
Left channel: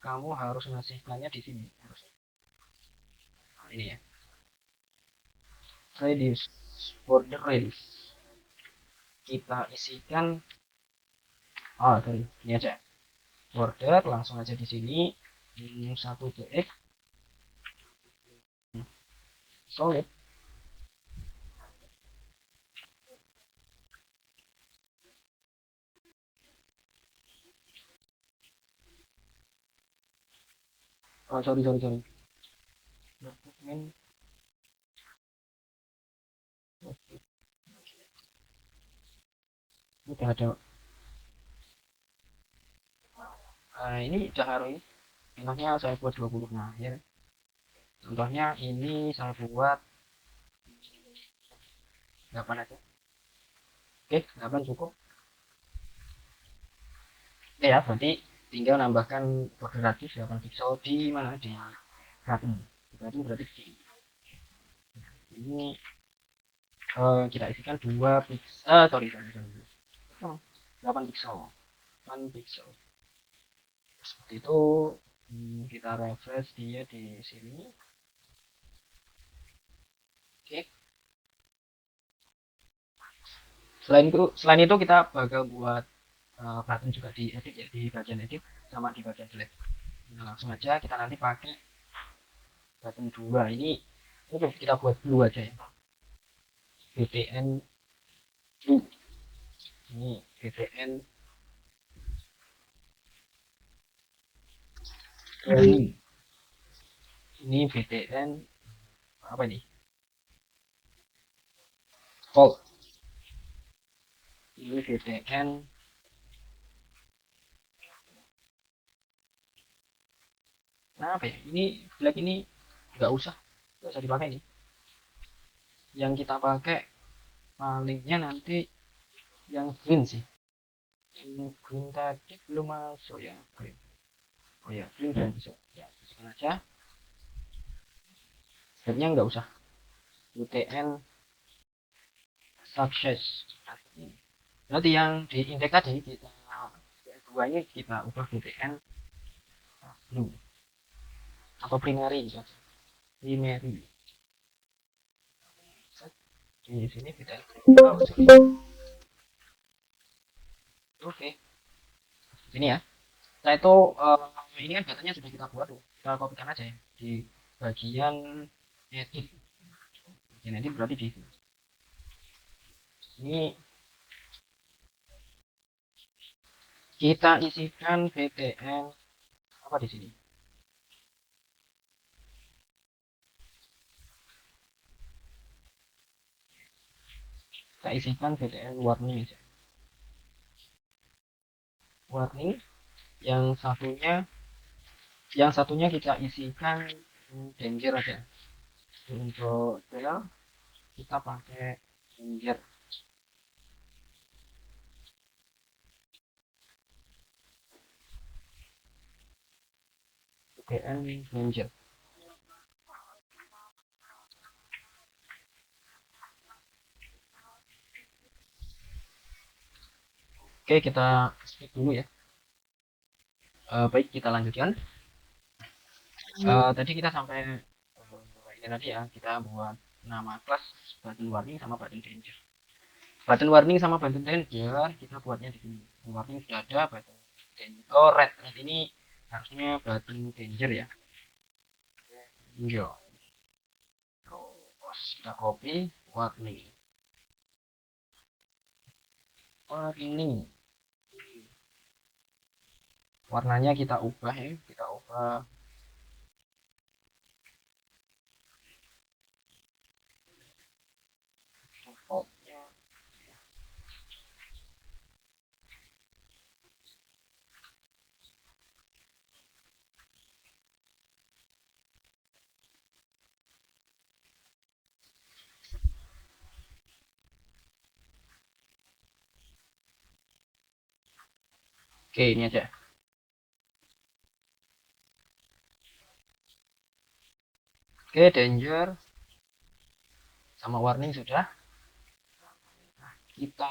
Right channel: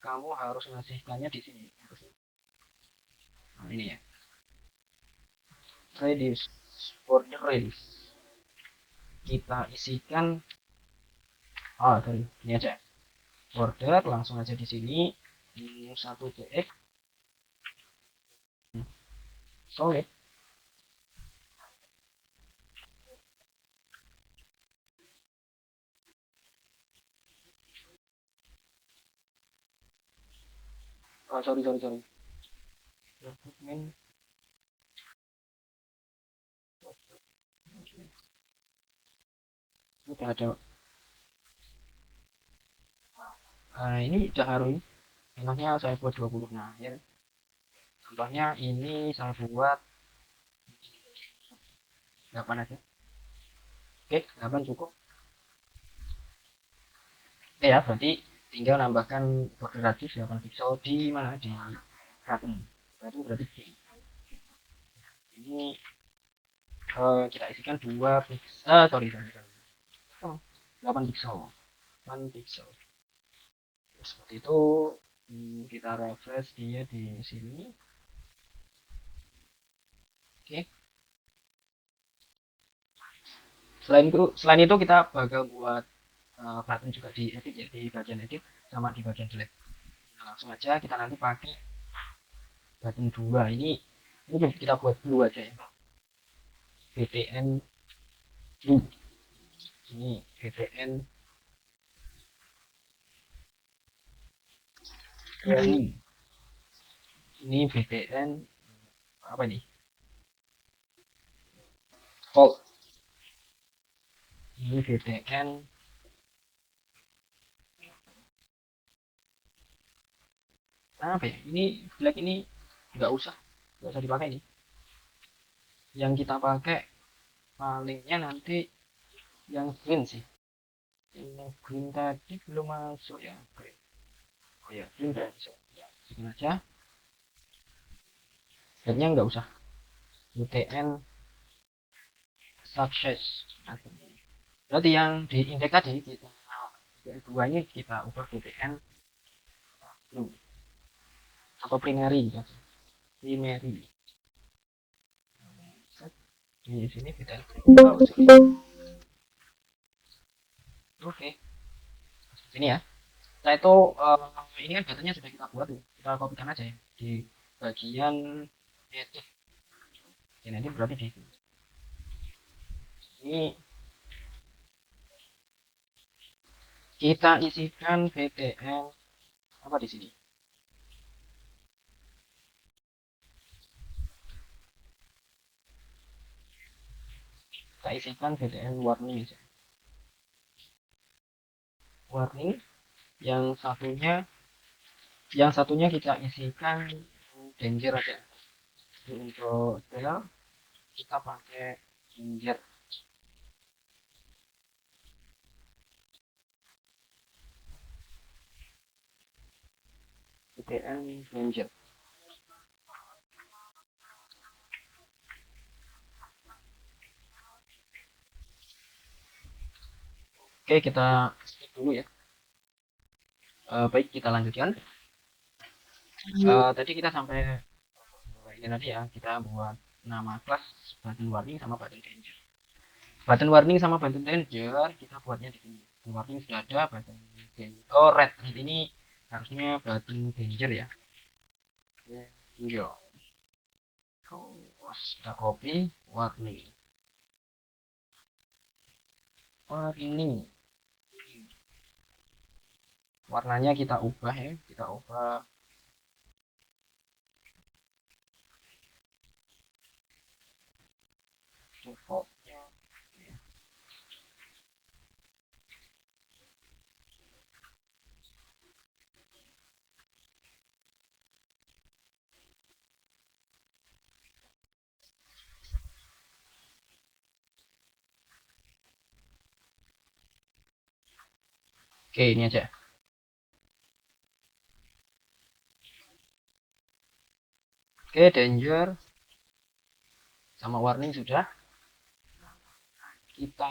kamu harus ngasihkannya di sini. Nah, ini ya. Radius, border radius. Kita isikan, sorry, ini aja. Border langsung aja di sini. 1 titik. Solid. Sorry. Udah ada. Nah, ini udah harus. Contohnya saya buat 20 akhir. Contohnya ini saya buat 8 aja. Oke, 8 cukup. Oke ya, nanti tinggal nambahkan border radius 8 pixel di mana di button. Itu berarti ini kita isikan 2 pixel, sorry 8 pixel. 8 pixel. Seperti itu. Kita refresh dia di sini. Oke. Selain itu kita bakal buat button juga di edit ya, di bagian edit sama di bagian delete. Nah, langsung aja kita nanti pakai button 2 ini kita buat 2 aja ya. BTN 2 ini BTN ini BTN apa nih, Volt. Ini BTN Nah, apa ya, ini black ini nggak usah dipakai nih. Yang kita pakai palingnya nanti yang green sih. Ini green tadi belum masuk ya, green. Oh ya, green udah bisa ya, segini aja. Headnya nggak usah, UTN success. Berarti yang di indeks tadi kita duanya kita ubah UTN blue atau primary ya. Primary di sini kita oke sini ya. Nah itu ini kan datanya sudah kita buat tuh, kita kopikan aja ya di bagian edit. Bagian edit berarti di ini kita isikan BTN apa di sini. Kita isikan BTN warning aja. Warning yang satunya kita isikan danger aja. Untuk saya kita pakai danger. BTN danger. Oke, kita skip dulu ya. Baik, kita lanjutkan. Tadi kita sampai ini tadi ya, kita buat nama kelas button warning sama button danger. Button warning sama button danger kita buatnya di sini. Button warning sudah ada, button danger. Oh, red ini harusnya button danger ya. Iya. Terus kita copy warning. Warning. Warnanya kita ubah ya, kita ubah default. Oke, ini aja. Oke, danger sama warning sudah. Kita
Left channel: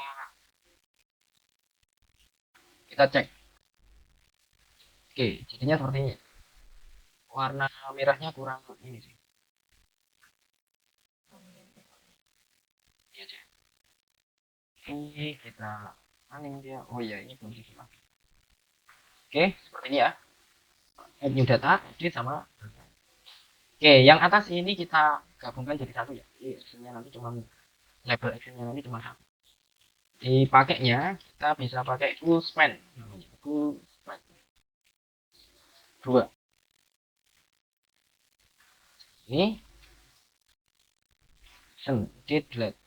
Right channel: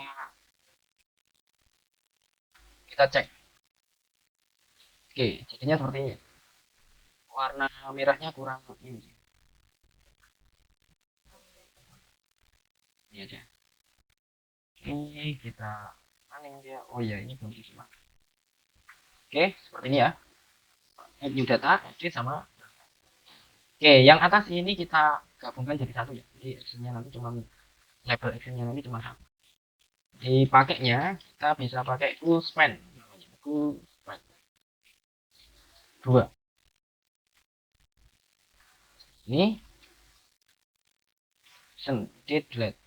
cek. Oke, jadinya seperti ini. Warna merahnya kurang ini sih. Ini aja. Ini kita ini dia. Oh ya, ini belum semua. Oke, seperti ini ya. Add new data, edit sama data. Oke, yang atas ini kita gabungkan jadi satu ya. Jadi actionnya nanti cuma label actionnya nanti cuma satu. Dipakainya kita bisa pakai full span namanya. Full span. Dua. Ini delete.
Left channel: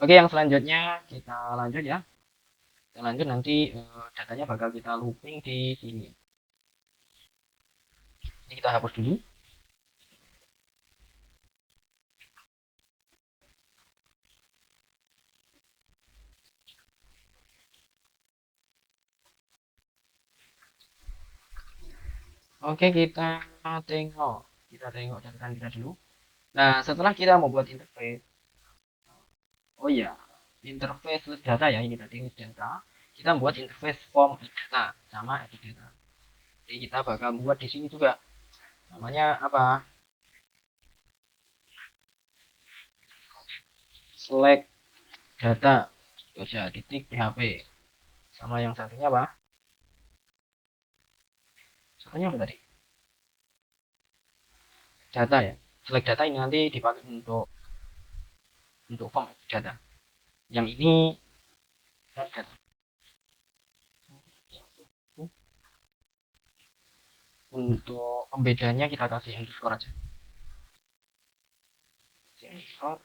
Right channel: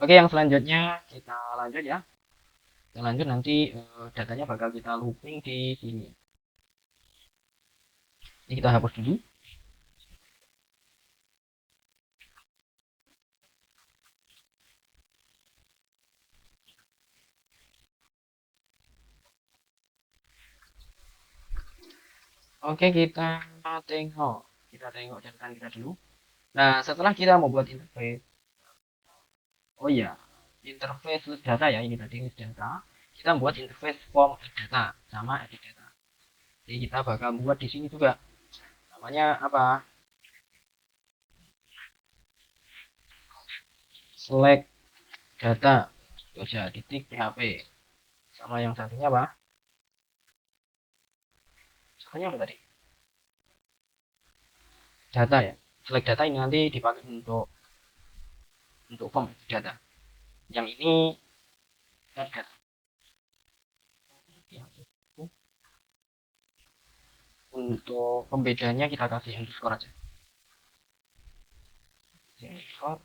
Oke, yang selanjutnya kita lanjut ya. Kita lanjut nanti datanya bakal kita looping di sini. Ini kita hapus dulu. Oke, kita tengok catatan kita dulu. Nah, setelah kita membuat interface, oh ya, interface data ya, ini tadi data. Kita buat interface form data sama edit data. Jadi kita bakal buat di sini juga. Namanya apa? Select data. Terus ya titik PHP. Sama yang satunya apa? Satunya apa tadi? Data ya. Select data ini nanti dipakai untuk form data. Yang ini data. Untuk pembedanya kita kasih underscore aja. Underscore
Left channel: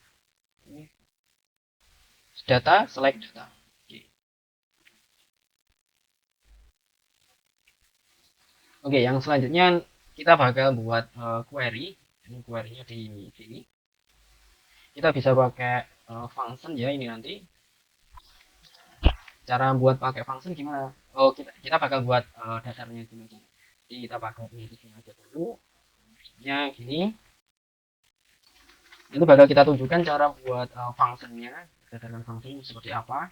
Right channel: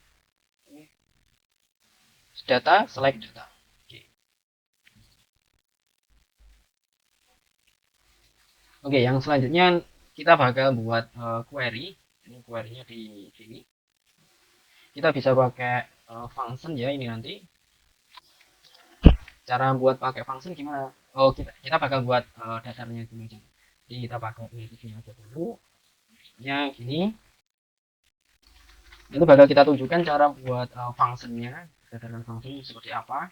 data select data. selanjutnya kita bakal buat query. Ini query-nya di sini. Kita bisa pakai function ya ini nanti. Cara buat pakai function gimana? Oh, kita bakal buat dasarnya dulu. Jadi kita pakai ini aja dulu. Ya gini. Ini bakal kita tunjukkan cara buat functionnya, dasarkan function seperti apa.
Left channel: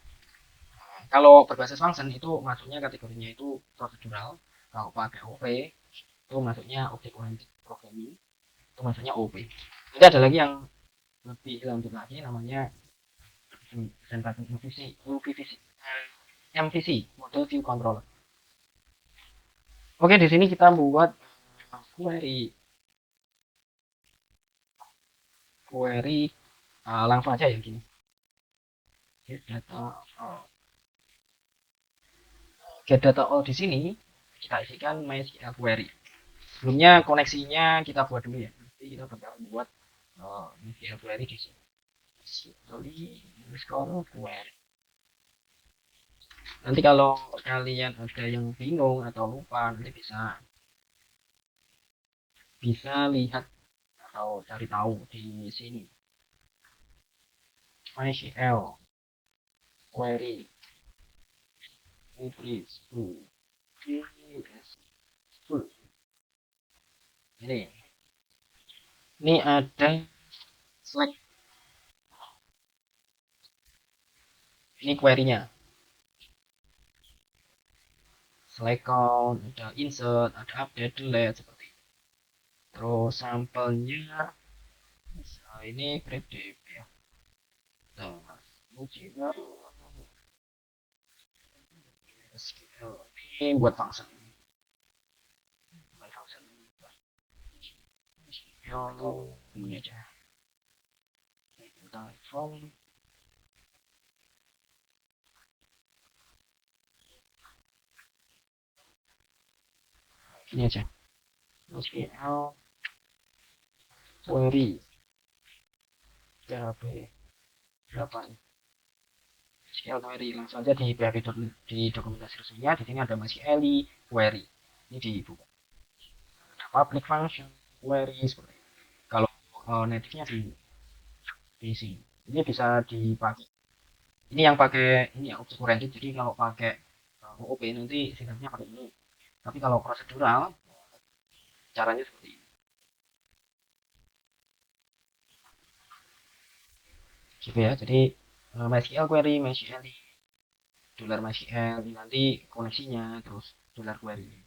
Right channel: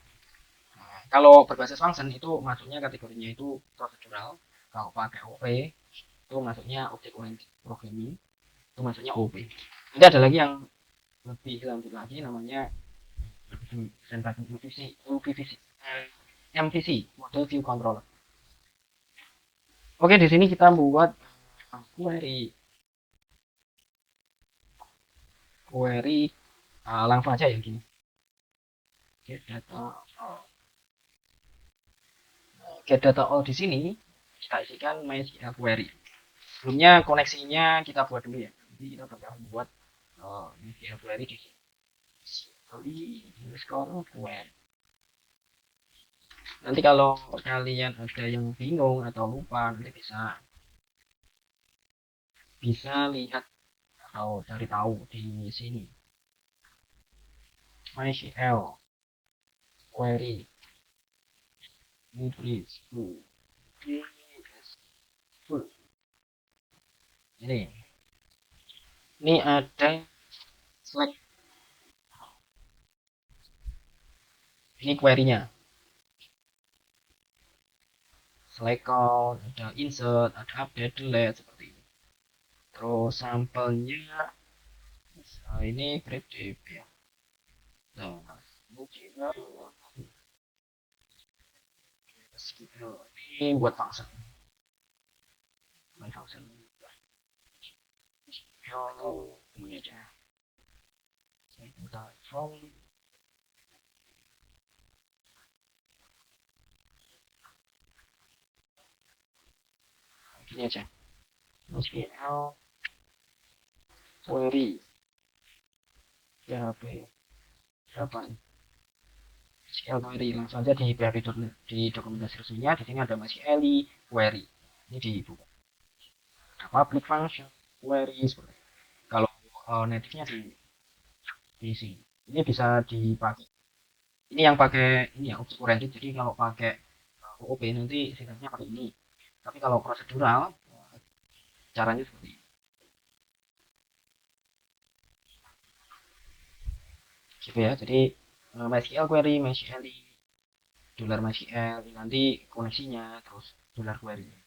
Nah, kalau berbasis function itu masuknya kategorinya itu procedural. Kalau pakai OP itu masuknya object oriented programming, itu masuknya OP. Nanti ada lagi yang lebih lanjut lagi namanya MVC, Model View Controller. Oke, di sini kita membuat query langsung aja ya gini. Get data all di sini kita isikan MySQL query. Sebelumnya koneksinya kita buat dulu ya. Jadi kita bakal buat MySQL query di sini. Query. Nanti kalau kalian ada yang bingung atau lupa nanti bisa lihat atau cari tahu di sini. MySQL query increase to ini ada select, ini query-nya select count, ada insert, ada update, delete seperti ini. Terus sampelnya ini grep dp ya. Nah, ini buat function. Buat function. Ini aja. From ini aja. MySQL query PHP 8 MySQL query langsung saja di php.net di dokumentasi resminya. Di sini ada MySQL query. Ini di public function query seperti kalau native-nya di sini. Ini bisa dipakai. Ini yang pakai ini ya object oriented. Jadi kalau pakai OOP nanti sifatnya pakai ini. Tapi kalau prosedural caranya seperti ini. Gitu ya. Jadi MySQL query, MySQL dolar MySQL nanti koneksinya terus dolar query-nya.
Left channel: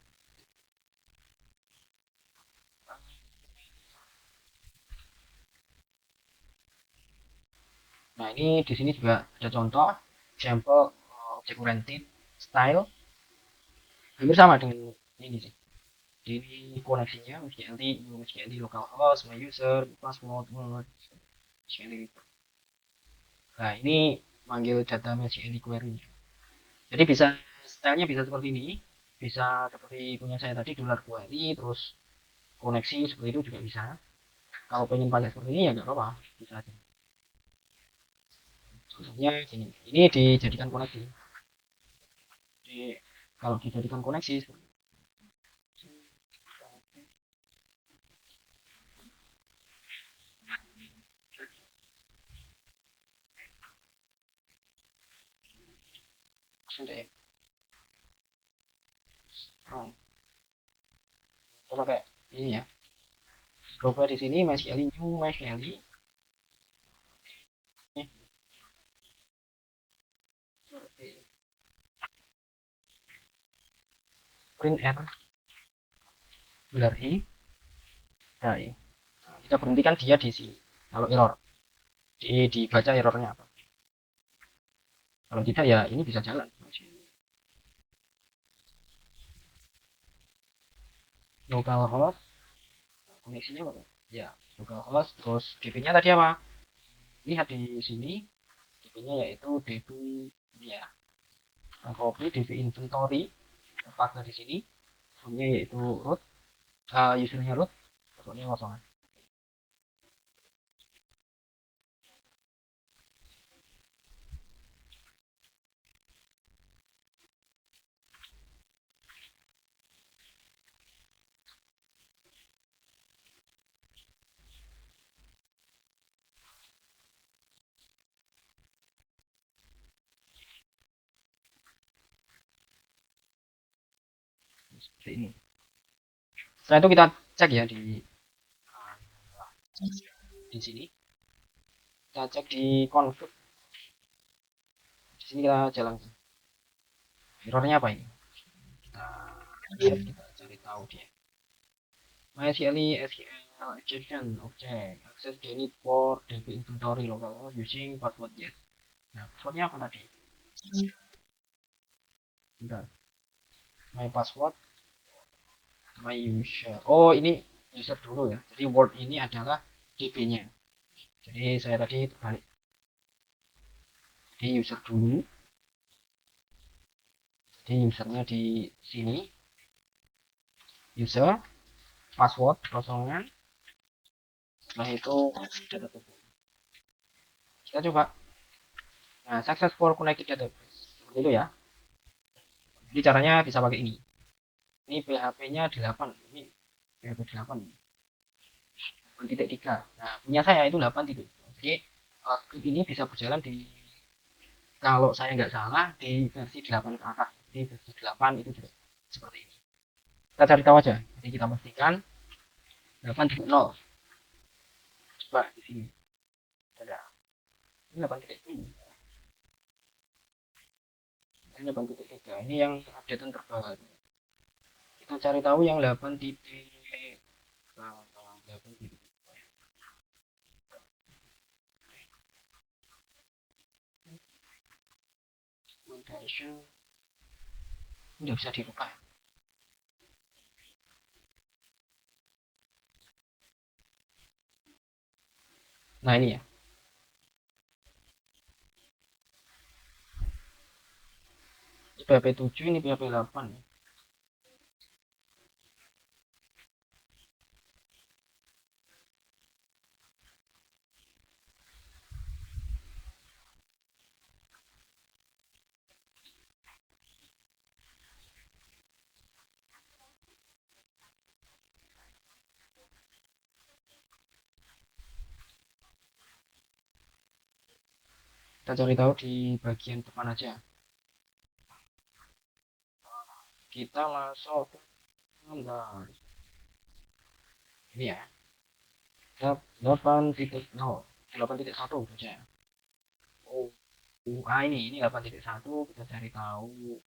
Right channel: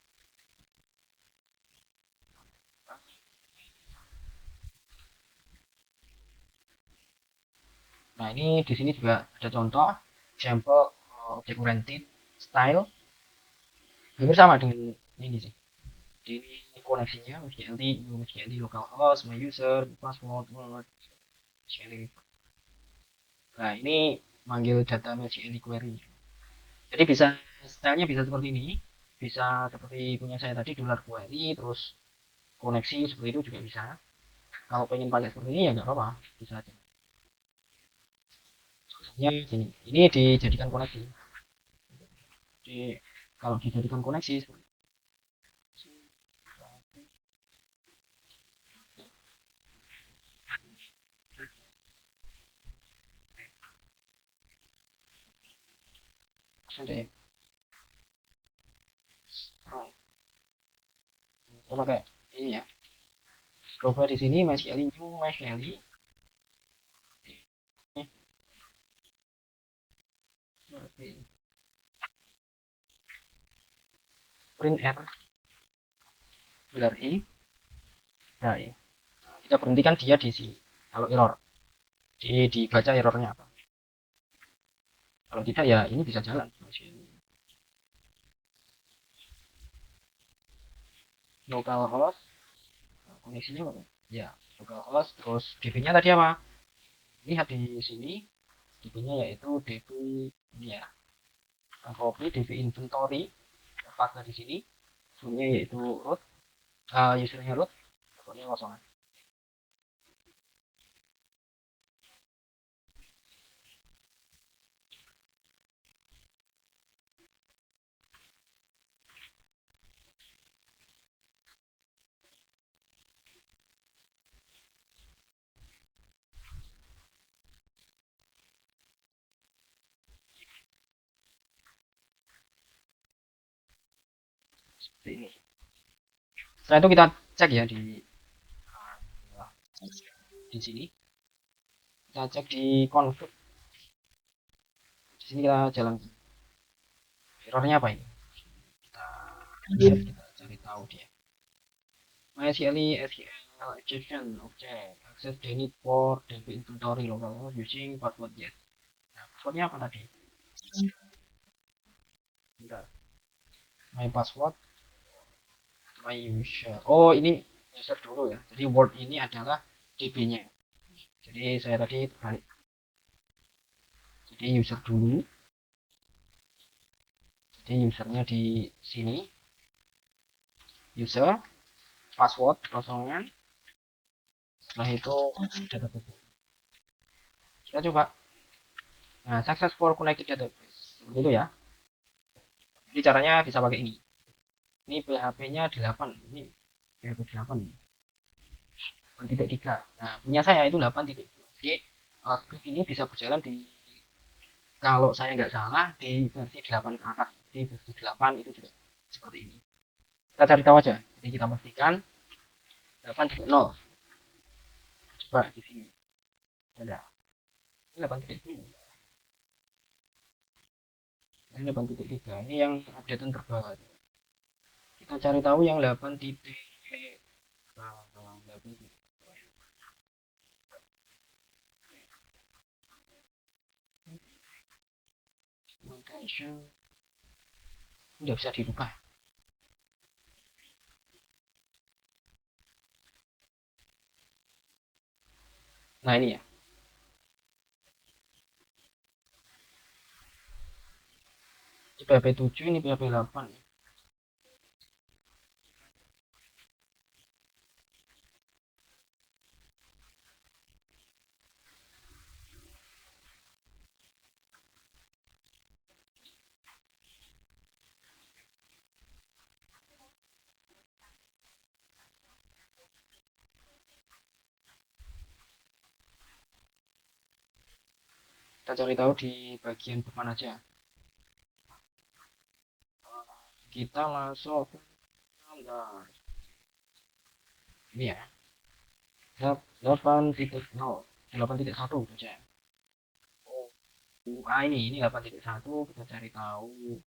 Nah ini di sini juga ada contoh sampel object oriented style. Hampir sama dengan ini sih. Ini koneksinya MySQL localhost, my user, password, MySQL. Nah ini manggil data MySQL query. Jadi bisa stylenya bisa seperti ini, bisa seperti punya saya tadi dolar query, terus koneksi seperti itu juga bisa. Kalau pengen pakai seperti ini ya nggak apa-apa, bisa aja. Contohnya gini, ini dijadikan koneksi. Jadi kalau dijadikan koneksi sudah kayak ini ya. Coba di sini MySQL new MySQL print error dolar e. Nah ini kita berhentikan dia di sini. Kalau error dibaca errornya apa. Kalau tidak ya ini bisa jalan. Localhost koneksinya ya localhost terus db-nya tadi apa? Lihat di sini db-nya yaitu db ini ya. Copy db inventory tempatnya di sini. Ini yaitu root usernya root pokoknya kosong. seperti ini. Setelah itu kita cek ya di sini. Kita cek di config. Di sini kita jalan. Errornya apa ini? Kita lihat, kita cari tahu dia. MySQL SQL exception object access denied for DB inventory local using password yes. Nah, passwordnya apa tadi? Bentar. My password, my user. Oh, ini user dulu ya. Jadi word ini adalah DB-nya. Jadi saya tadi terbalik. Jadi user dulu. Jadi usernya di sini. User, password kosongan. Setelah itu data tutup. Kita coba. Nah, successful connected database. Seperti itu ya. Jadi caranya bisa pakai ini. Ini PHP-nya 8. Ini PHP 8. 8.3. Nah, punya saya itu 8. Jadi ini bisa berjalan di, kalau saya nggak salah, di versi 8 ke atas. Di versi 8 itu seperti ini. Kita cari tahu aja. Jadi kita pastikan 8.0. Coba di sini. Ada. Ini 8.0. Ini 8.3. Ini yang update terbaru. Kita cari tahu yang 8. 8. Udah bisa dirubah. Nah, ini ya. Ini PHP 7, ini PHP 8 ya. Kita cari tahu di bagian depan aja. Kita masuk ke ini ya. 8.0, 8.1 saja. Oh, ini 8.1. Kita cari tahu.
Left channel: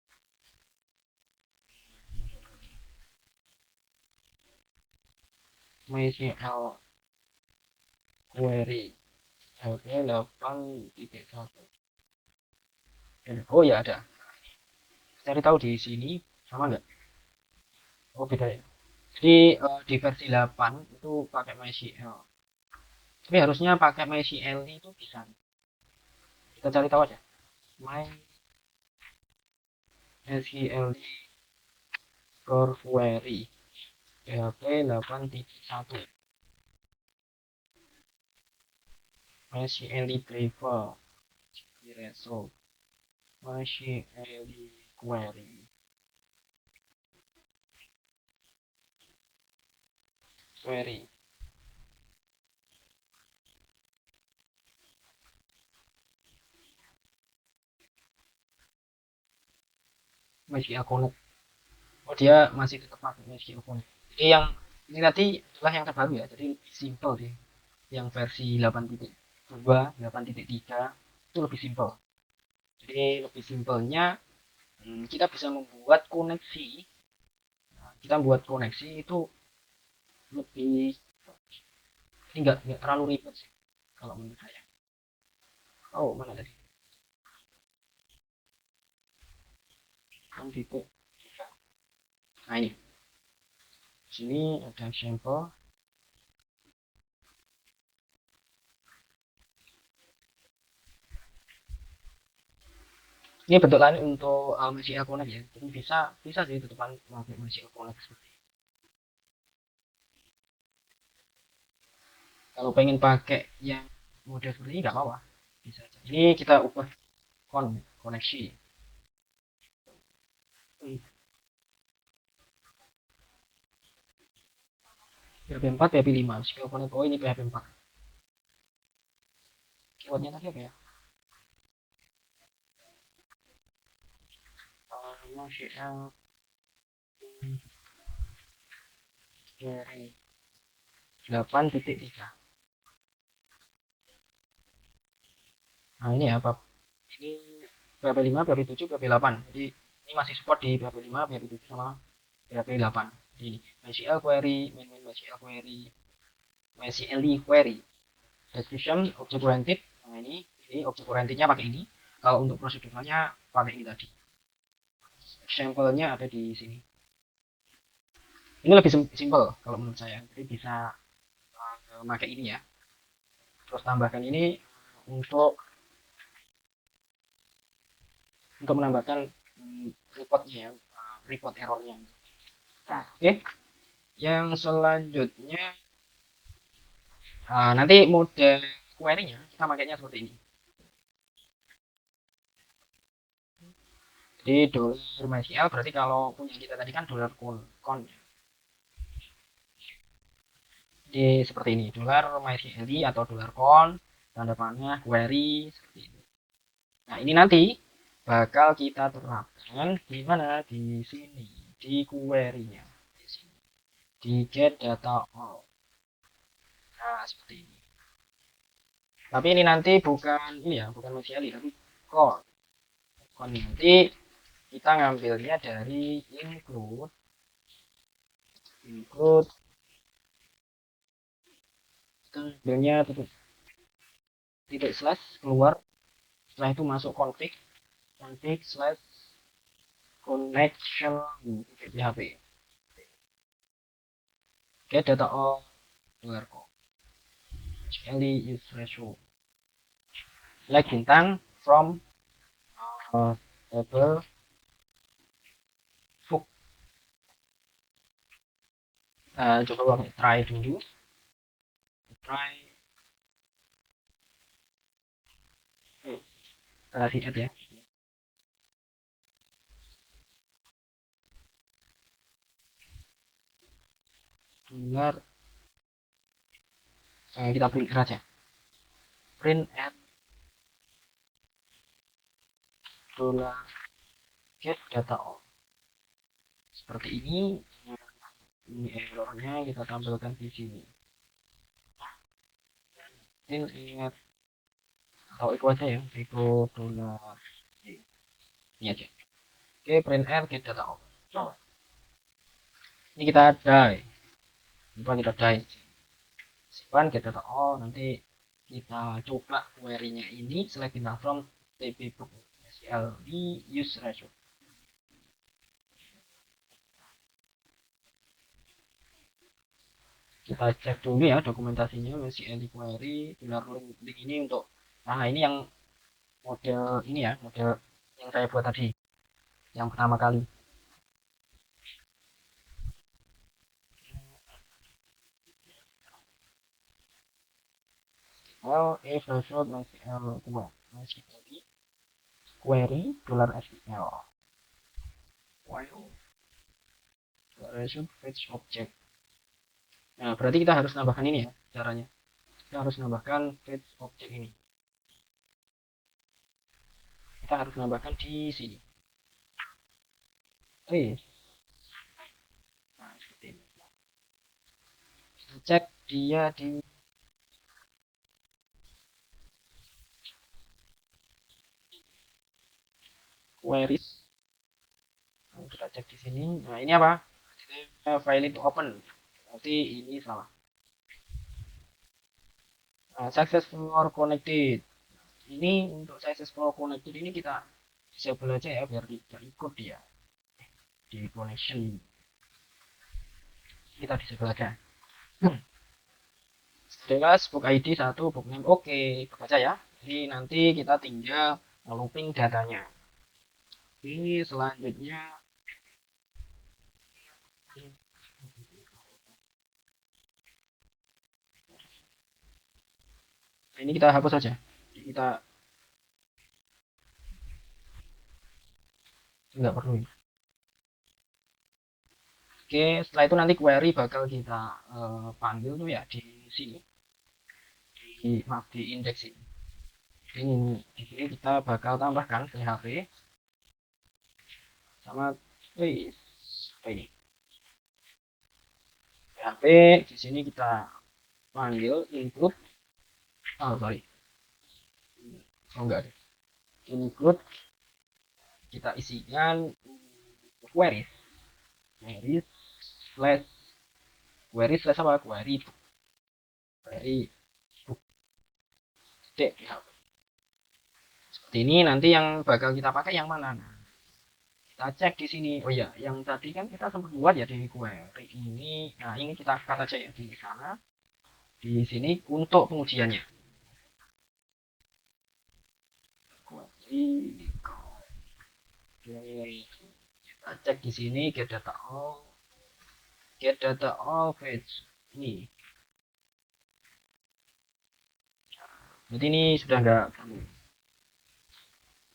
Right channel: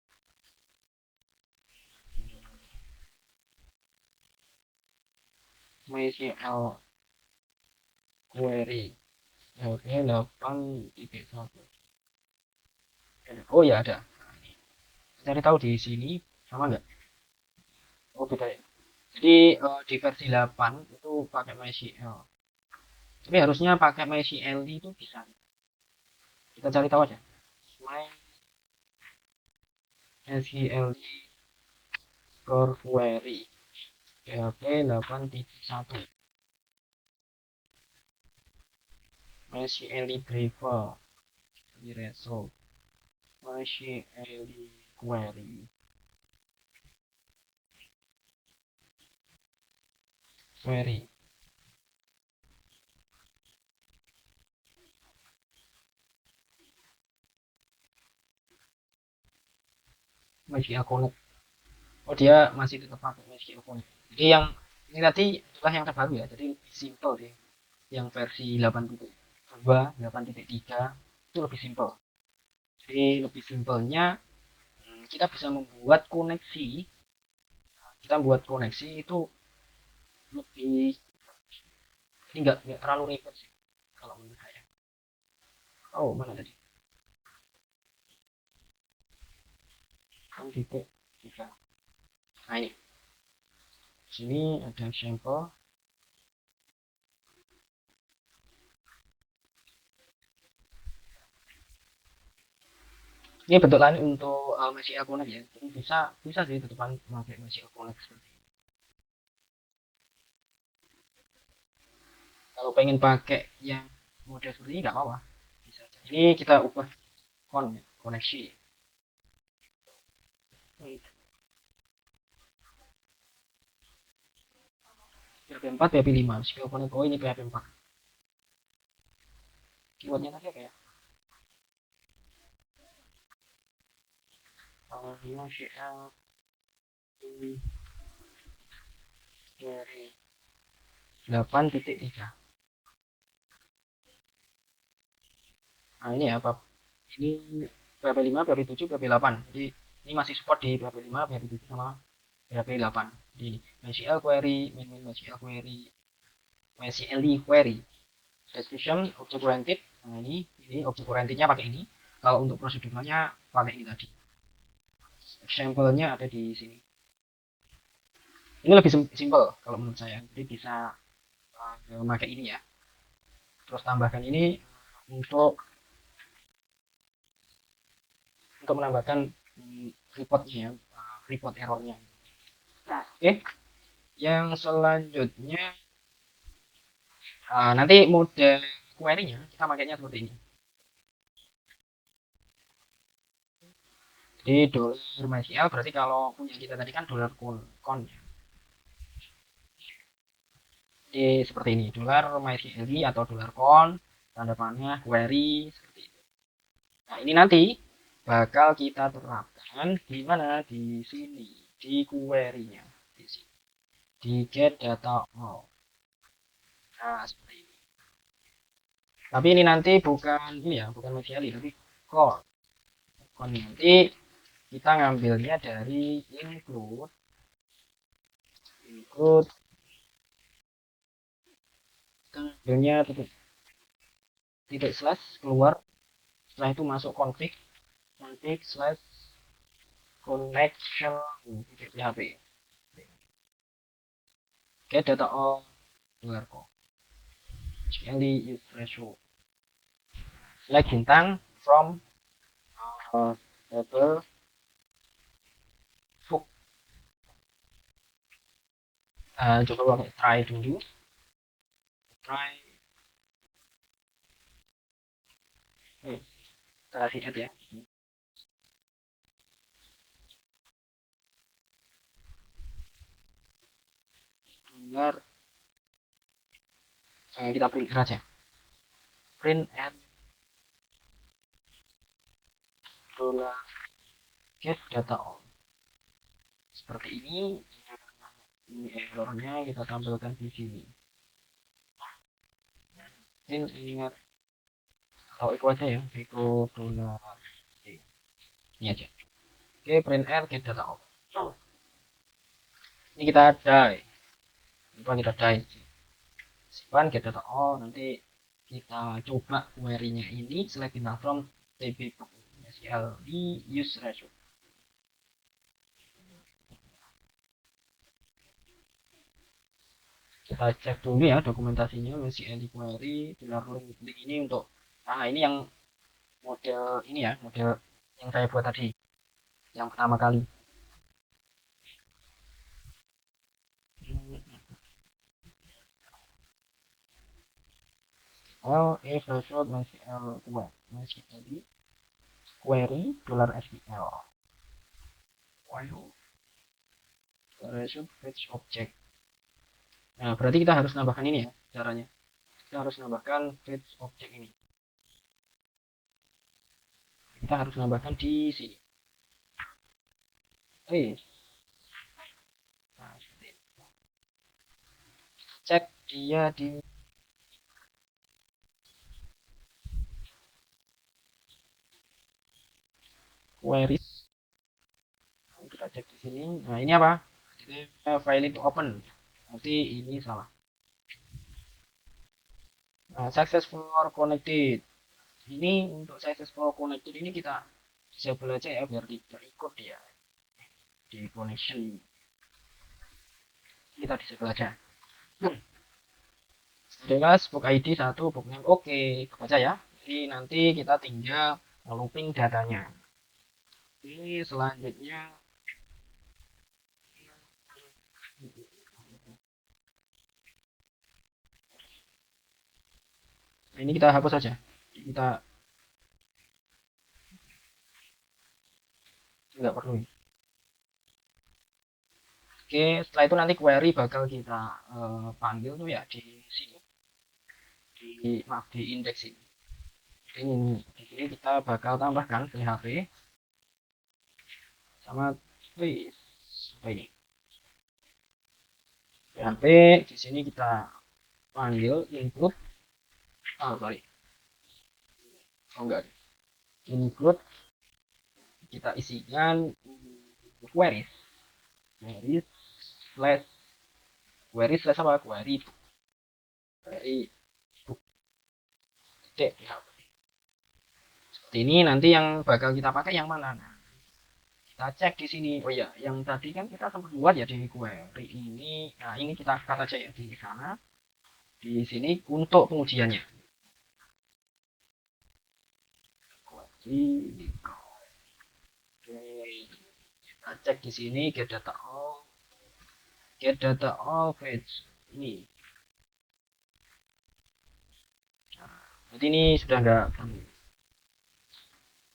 WCL query. Oke, 8.1. Oh ya, ada. Cari tahu di sini sama nggak? Oh, beda ya. Jadi di versi 8 itu pakai MySQL. Tapi harusnya pakai MySQL itu bisa. Kita cari tahu aja. MySQL core query PHP 8.1. MySQL driver di result. MySQL query MySQL Connect. Oh, dia masih tetap pakai MySQL Connect. Jadi yang ini tadi adalah yang terbaru ya. Jadi simple deh. Yang versi 8.2, 8.3 itu lebih simple. Jadi lebih simpelnya kita bisa membuat koneksi. Kita buat koneksi itu lebih, ini nggak terlalu ribet sih kalau menurut saya. Oh, mana tadi? Titik tiga. Nah, ini sini ada sampel. Ini bentuk lain untuk MySQL Connect ya. Jadi bisa sih tutupan pakai MySQL Connect seperti ini. Kalau pengen pakai yang mode free nggak apa-apa. Bisa aja. Ini kita ubah koneksi. PHP 4, PHP 5. MySQL Connect. Oh, ini PHP 4. Keywordnya tadi apa ya? MySQL Query 8.3. Nah ini ya Pak, ini PHP 5, PHP 7, PHP 8. Jadi ini masih support di PHP 5, PHP 7 sama PHP 8. Jadi ini MySQL query, MySQL query, MySQL query, description object oriented. Nah ini object orientednya pakai ini. Kalau untuk prosedurnya pakai ini tadi. Example-nya ada di sini. Ini lebih simple kalau menurut saya. Jadi bisa memakai ini ya. Terus tambahkan ini untuk menambahkan reportnya ya, report errornya. Oke, yang selanjutnya nanti mode query-nya kita pakainya seperti ini. Jadi dollar MySQL berarti kalau punya kita tadi kan dollar count. Jadi seperti ini, dollar MySQL atau dollar count, tanda panah query seperti ini. Nah ini nanti bakal kita terapkan di mana, di sini, di query-nya, di sini, di get data all. Nah seperti ini. Tapi ini nanti bukan ini ya, bukan MySQL tapi core. Nanti kita ngambilnya dari include kita ngambilnya titik slash keluar, setelah itu masuk config slash connection titik php get data all where actually is ratio select bintang from table book. Coba try dulu, try kasih aja ya. Dengar, kita print aja, print at get data all seperti ini. Ini errornya kita tampilkan di sini. Ingat itu aja ya, itu ini aja. Oke, print r get data all. Ini kita die, simpan get data all. Nanti kita coba query-nya ini select data from tb book SQL di use ratio. Kita cek dulu ya dokumentasinya MySQL query dollar link ini untuk ini yang model ini ya, model yang saya buat tadi yang pertama kali. Is ratio MySQL MySQL query dollar SQL while fetch object. Nah, berarti kita harus nambahkan ini ya caranya. Kita harus nambahkan fetch object ini. Kita harus nambahkan di sini. Nah, seperti ini. Kita cek dia di queries. Kita cek di sini. Nah, ini apa? File itu open. Berarti ini salah. Nah, successful connected. Ini untuk successful connected ini kita disable aja ya biar tidak ikut dia di connection. Kita disable aja. Jelas book ID 1, book name oke, baca ya. Jadi nanti kita tinggal looping datanya. Ini selanjutnya nah, ini kita hapus saja. Kita nggak perlu. Oke, setelah itu nanti query bakal kita panggil tuh ya di sini, di index ini. Jadi di sini kita bakal tambahkan PHP sama ini Tapi di sini kita panggil include, oh sorry, oh enggak, include kita isikan queries, queries slash queries slash apa, query titik. Seperti ini. Nanti yang bakal kita pakai yang mana? Nah, kita cek di sini. Oh ya, yang tadi kan kita sempat buat ya di query ini. Nah, ini kita kata aja ya di sana. Di sini untuk pengujiannya. Query. Kita cek di sini get data all page ini. Jadi ini sudah enggak.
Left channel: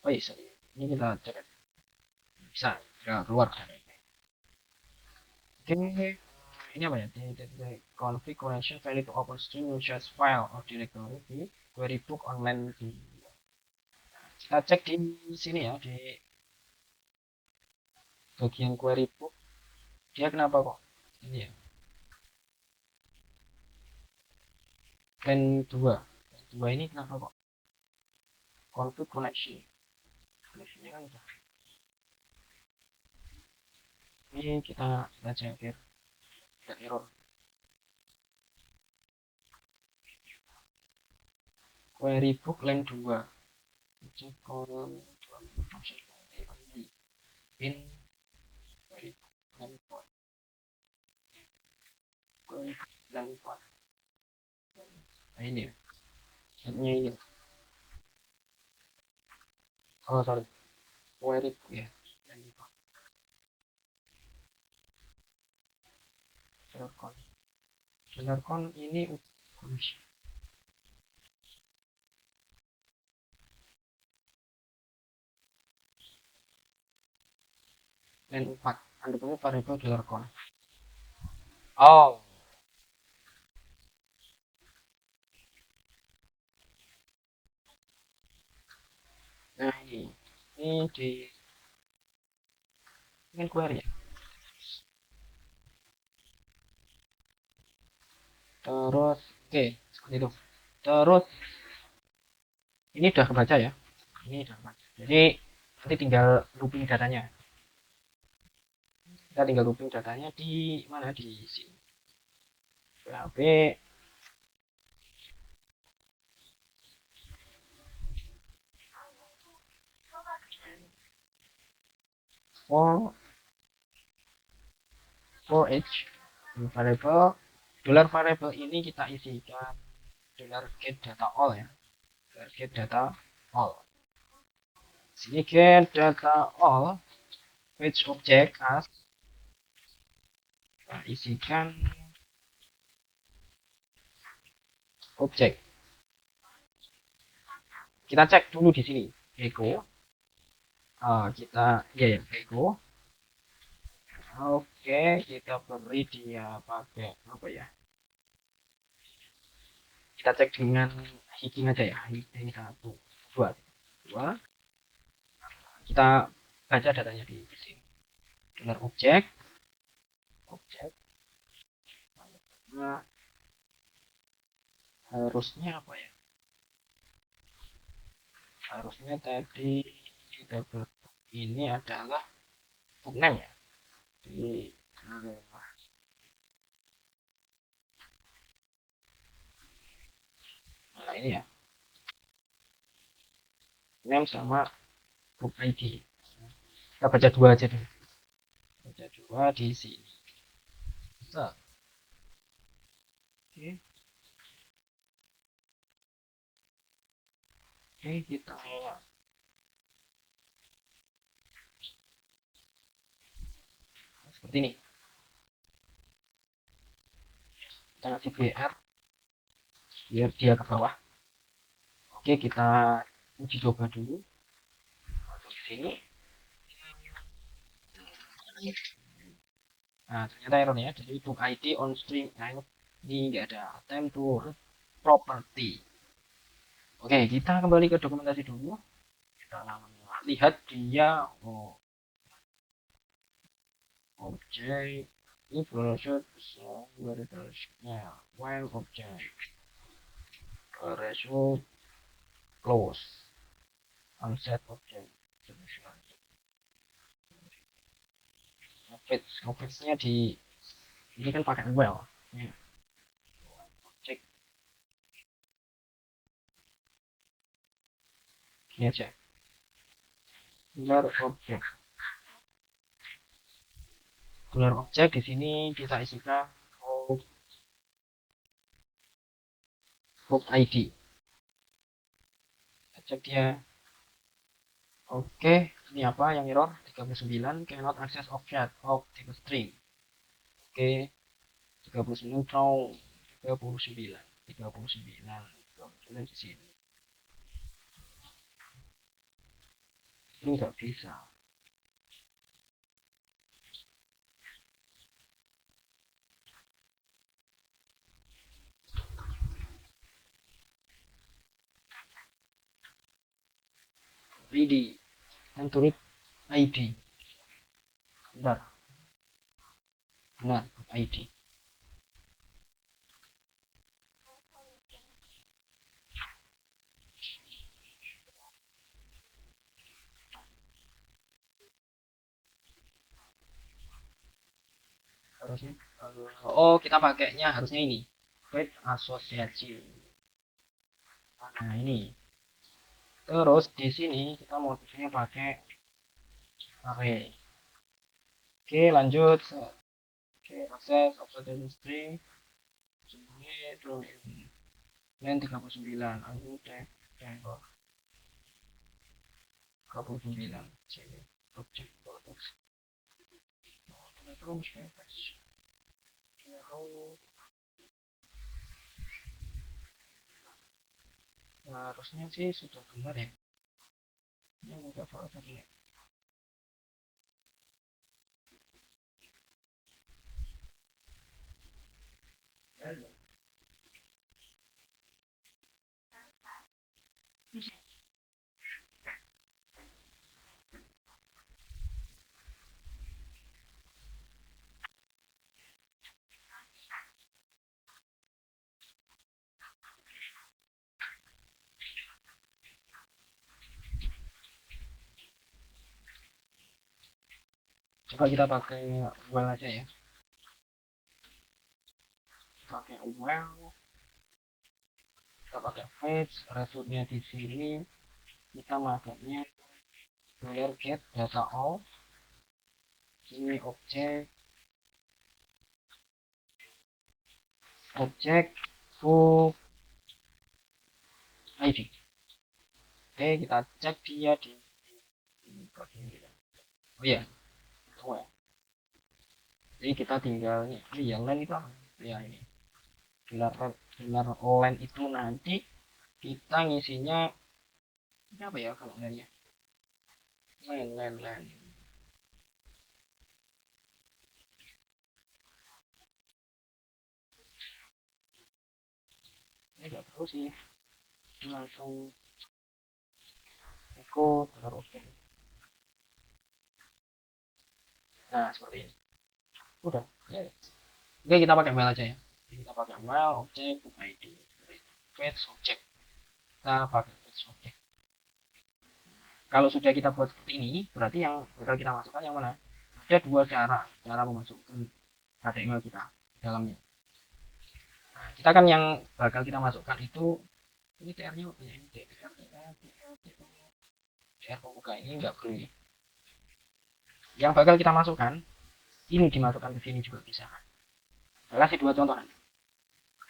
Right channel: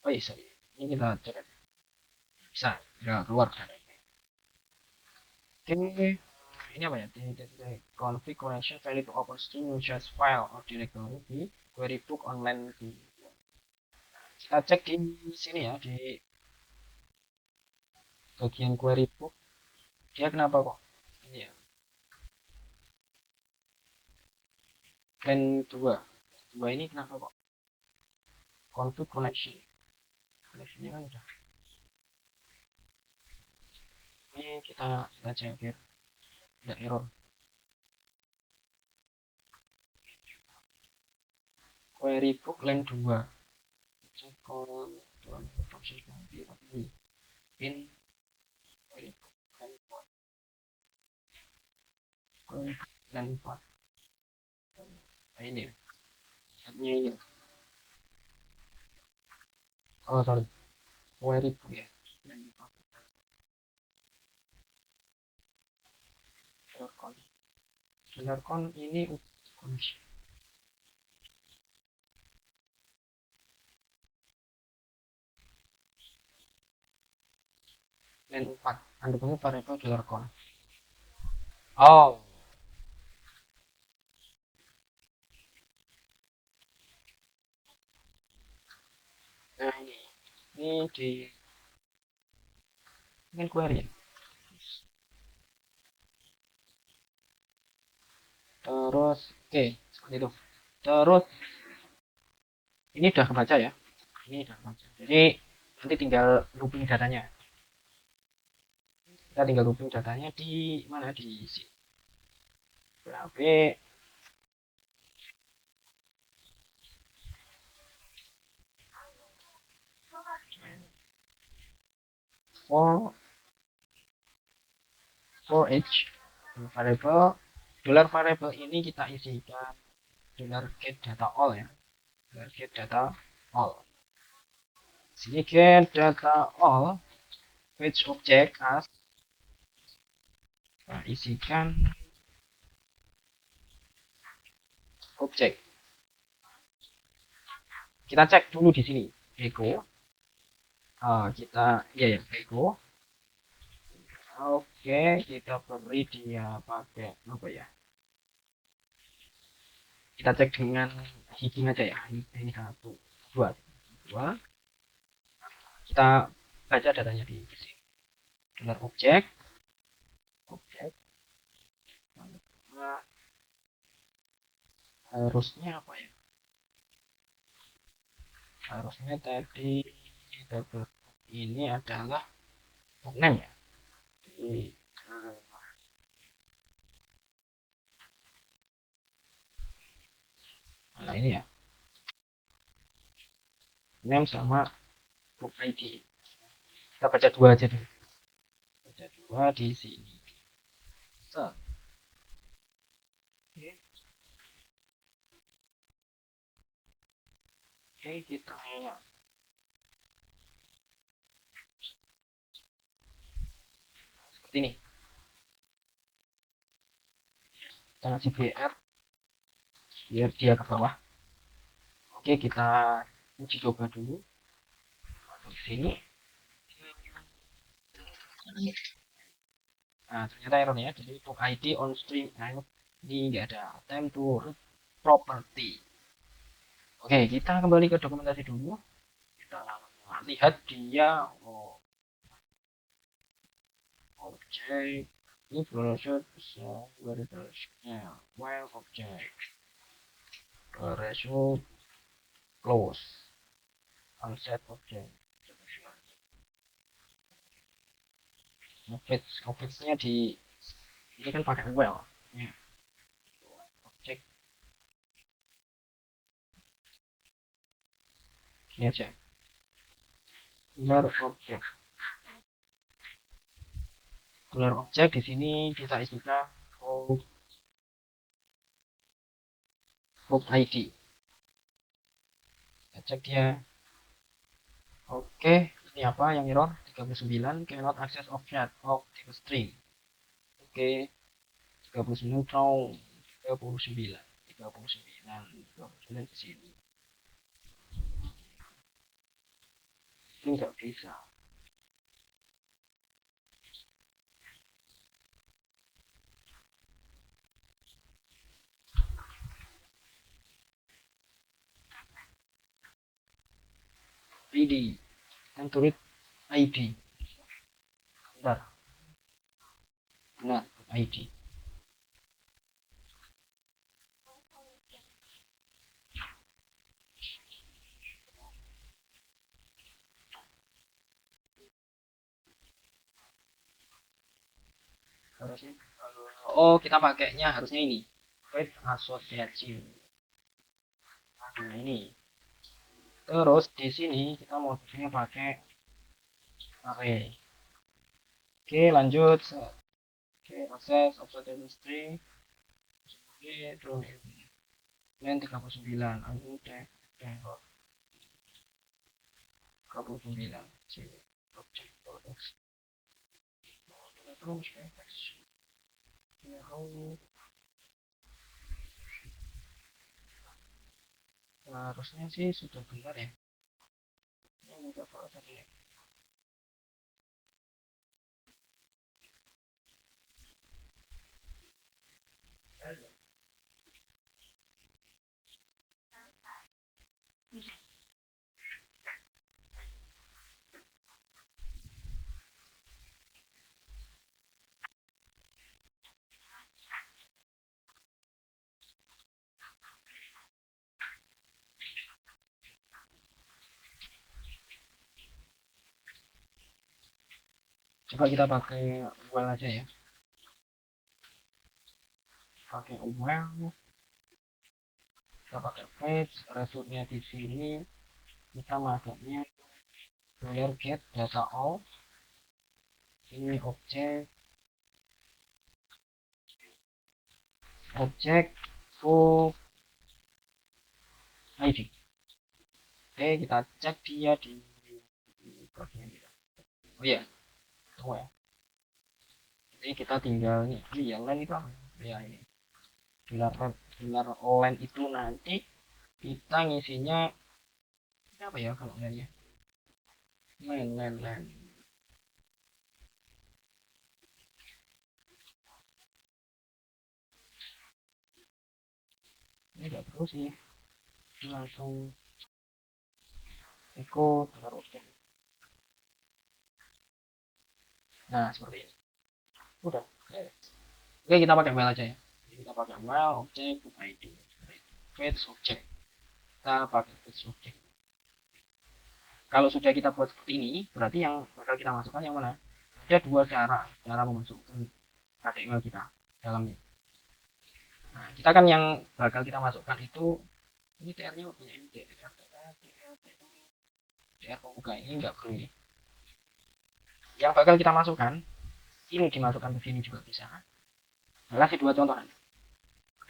Oh iya, sorry. Ini kita cek bisa nggak keluar. Oke, ini apa ya? Configuration value to open stream users file or directory query book online. Kita cek di sini ya, di bagian query book. Dia kenapa kok ini ya? Plan 2 ini kenapa kok config connection ini kan udah. Ini kita cek biar nggak error. Query book line 2 cek in query book line 4 line 4 ini setnya ini. Oh sorry, query book ya. Con ini dan 4 anggapannya variable $con. Oh, nah ini di ingin query ya. Terus oke, seperti itu. Terus ini udah kebaca ya, ini udah kebaca. Jadi nanti tinggal looping datanya. Kita tinggal looping datanya di mana, di sini. PHP for each variable variable ini kita isikan $get data all ya, get data all. Sini get data all page object as isikan objek. Kita cek dulu di sini echo. Kita echo. Oke, kita beri dia pakai apa ya? Kita cek dengan heading aja ya. Ini 1, 2. Kita baca datanya di sini. Objek. Nah, harusnya apa ya? Harusnya tadi kita ini adalah name ya. Di nah ini ya, name sama book ID. Kita baca 2 aja dulu. Baca 2 di sini. Nah, oke, kita seperti ini. Kita kasih BR biar dia ke bawah. Oke, kita uji coba dulu. Masuk sini. Nah, ternyata errornya jadi book ID on stream name ini enggak ada time to property. Oke, kita kembali ke dokumentasi dulu. Kita lihat dia objek ini browser variabelsnya while object result close unset object ngefetch-nya di ini kan pakai well object ini aja benar objek di sini kita isikan hook ID kita cek dia oke ini apa yang error 39 cannot access object of type string oke 39 wrong 39 di sini ini nggak bisa ID kan tulis ID benar ID harusnya oh kita pakainya harusnya ini with association nah ini terus di sini kita motifnya pakai array oke lanjut oke akses object string dan 39 aku udah 39 sini objek harusnya sih sudah benar ya ini enggak salah tadi ya coba kita pakai well aja ya pakai well kita pakai fetch resultnya di sini kita makanya get data all ini objek full ID oke kita cek dia di oh iya oh ya jadi kita tinggal ini yang lain itu ya ini pilar line itu nanti kita ngisinya apa ya line line ini gak terus sih langsung ikut terus nah seperti ini udah oke kita pakai mail aja ya kita pakai mail objek ID fetch objek kita pakai fetch objek kalau sudah kita buat seperti ini berarti yang bakal kita masukkan yang mana ada dua cara memasukkan HTML kita dalamnya nah, kita kan yang bakal kita masukkan itu ini TR nya punya TR pembuka ini enggak boleh yang bakal kita masukkan ini dimasukkan ke sini juga bisa saya kasih dua contoh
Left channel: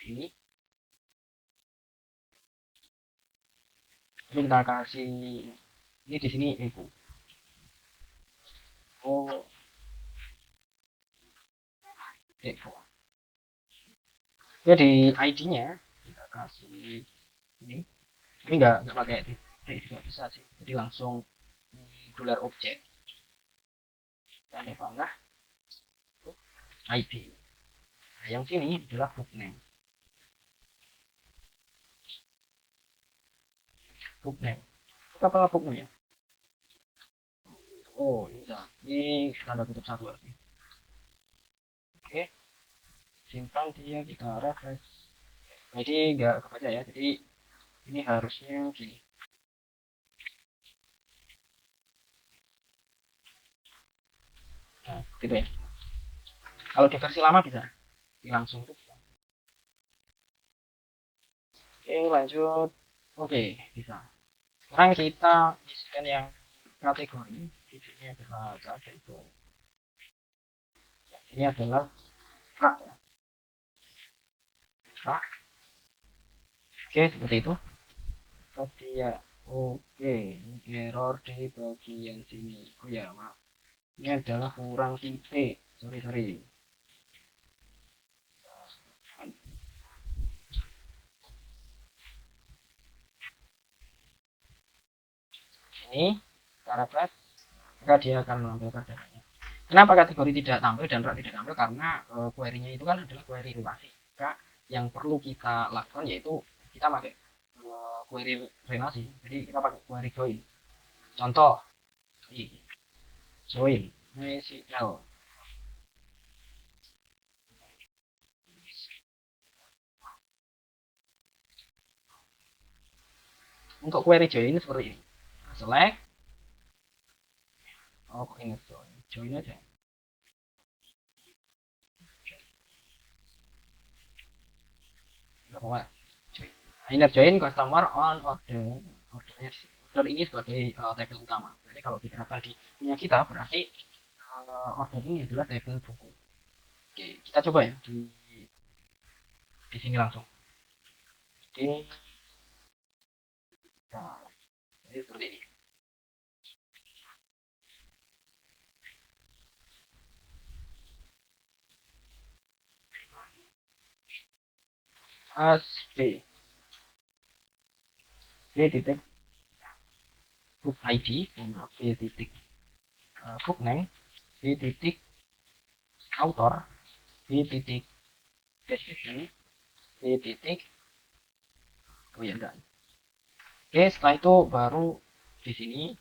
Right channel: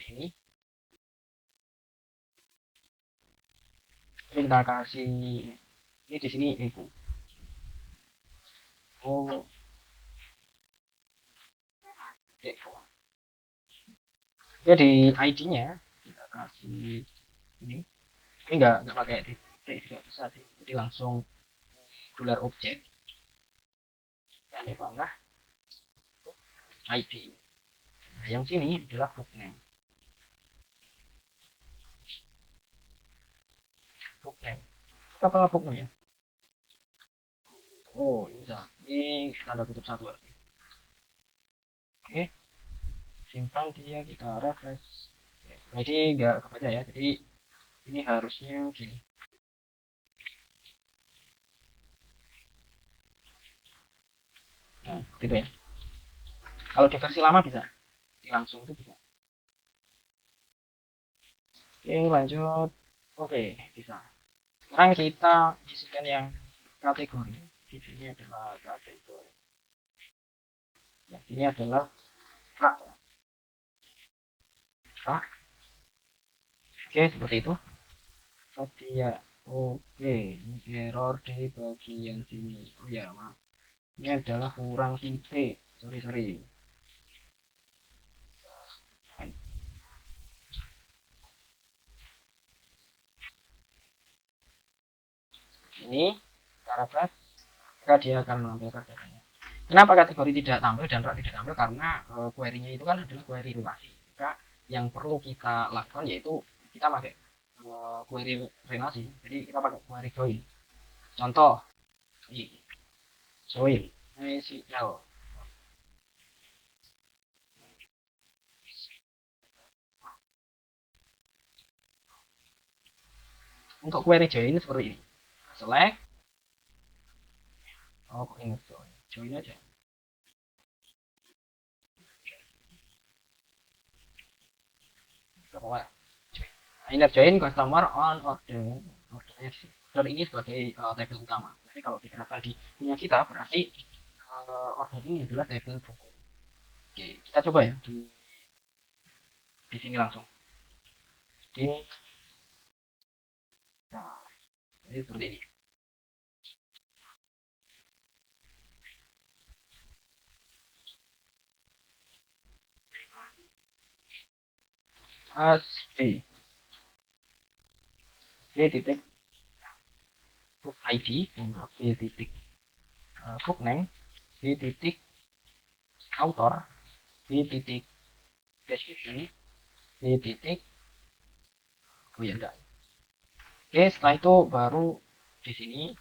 ini kita kasih ini di sini itu ya di ID nya kita kasih ini enggak pakai tidak bisa sih jadi langsung dolar objek yang mana ID yang sini adalah bookname apa bookname oh iya ini tanda kutip satu lagi Oke, simpan dia, kita refresh. Nah, ini nggak kebaca ya, jadi ini harusnya gini. Nah, gitu ya. Kalau di versi lama bisa, di langsung itu bisa. Oke, lanjut. Oke, bisa. Sekarang kita isikan yang kategori. Di sini adalah kategori. Ya, ini adalah hak. Hak. Oke, seperti itu. Setia. Oke, error di bagian sini. Oh ya, maaf. Ini adalah kurang titik. Sorry, sorry. Ini cara plus, maka dia akan mengambil perbedaannya. Kenapa kategori tidak tampil dan rak tidak tampil? Karena query-nya itu kan adalah query relasi. Maka yang perlu kita lakukan yaitu kita pakai query relasi. Jadi kita pakai query join. Contoh, join MySQL. Untuk query join seperti ini. Select, oh ingat join, join aja. Gak apa-apa. Ingat join customer on order. Order ini sebagai table utama. Jadi kalau kita tadi punya kita berarti order ini adalah table buku. Oke, kita coba ya di sini langsung. Di nah, ini seperti ini. Asli. Ini titik book ID dan ini titik book name, ini titik author, ini titik deskripsi, ini titik oh ya enggak. Oke, setelah itu baru di sini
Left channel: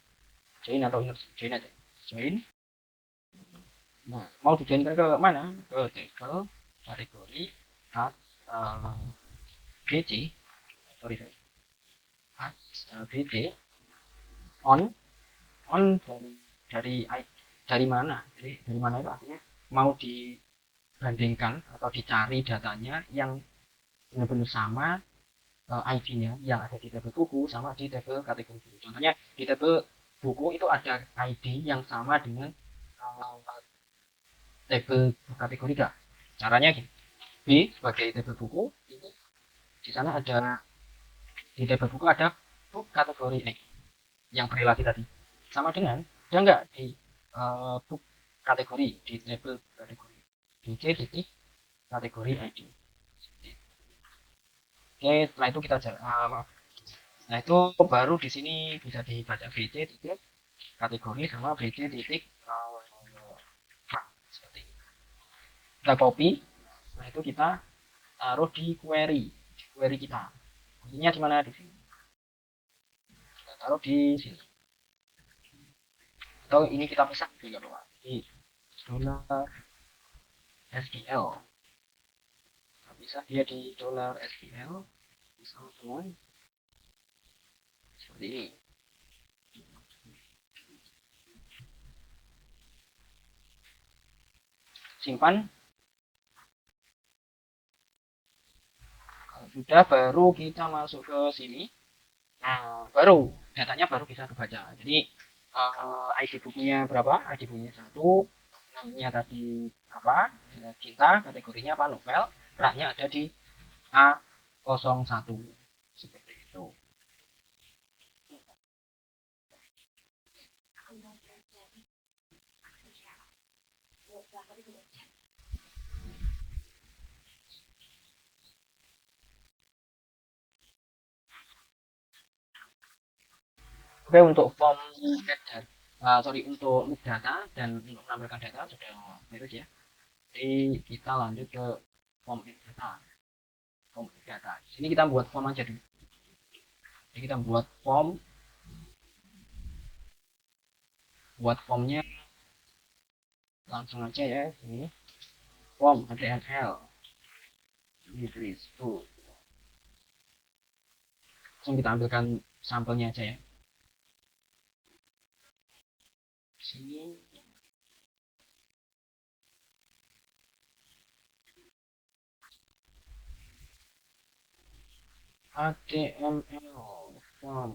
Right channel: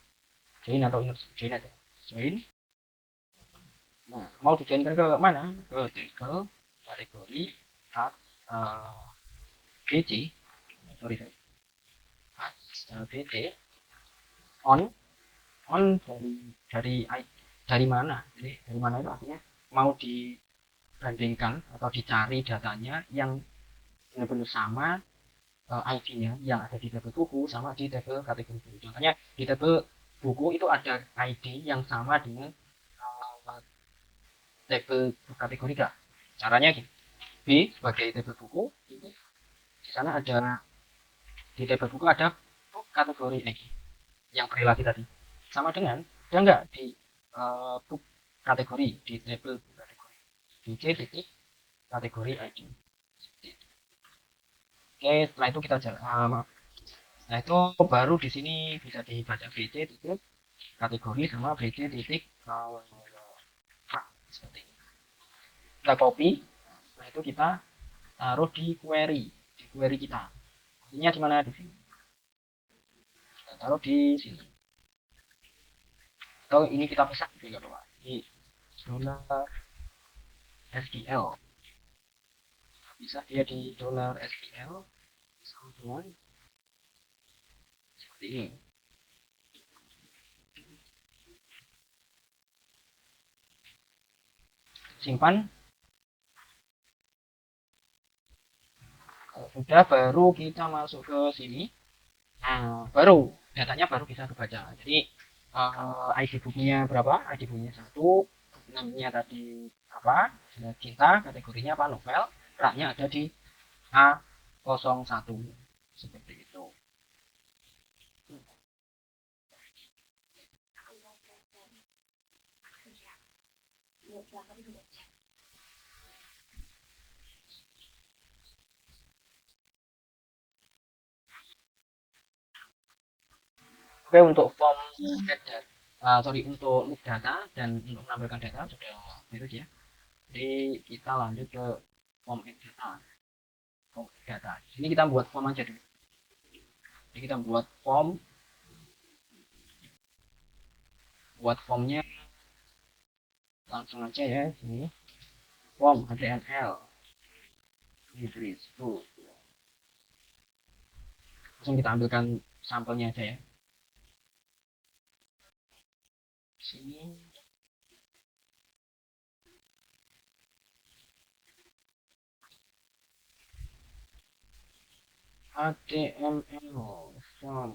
join atau ingat join aja. Join. Nah, mau dijoinkan ke mana? Ke table kategori as BC. Sorry, sorry. As BC on dari dari mana? Jadi dari mana itu artinya mau dibandingkan atau dicari datanya yang benar-benar sama ID-nya yang ada di tabel buku sama di tabel kategori buku. Contohnya di tabel buku itu ada ID yang sama dengan tabel kategori gak? Caranya gini. B sebagai tabel buku ini di sana ada di tabel buku ada book kategori yang berrelasi tadi sama dengan ada nggak di book kategori di tabel kategori BC titik kategori ID. Oke, setelah itu kita maaf. Nah itu baru di sini bisa dibaca BC titik kategori sama BC titik seperti ini. Nah copy, nah itu kita taruh di query kita. Intinya di mana di sini. Kita taruh di sini. Atau ini kita bisa juga di dollar SQL. Bisa dia di dollar SQL bisa dulu seperti ini. Simpan. Kalau sudah baru kita masuk ke sini. Nah, baru datanya baru bisa dibaca. Jadi ID booknya berapa? ID booknya satu, namanya tadi apa? Cinta, kategorinya apa? Novel. Raknya ada di A01 seperti itu. Oke, untuk form data, sorry, untuk data dan untuk menampilkan data sudah beres ya. Jadi kita lanjut ke form data. Form data. Sini kita buat form aja dulu. Jadi kita buat formnya langsung aja ya. Sini. form HTML Inggris tuh. Langsung kita ambilkan sampelnya aja ya. Sini. HTML form.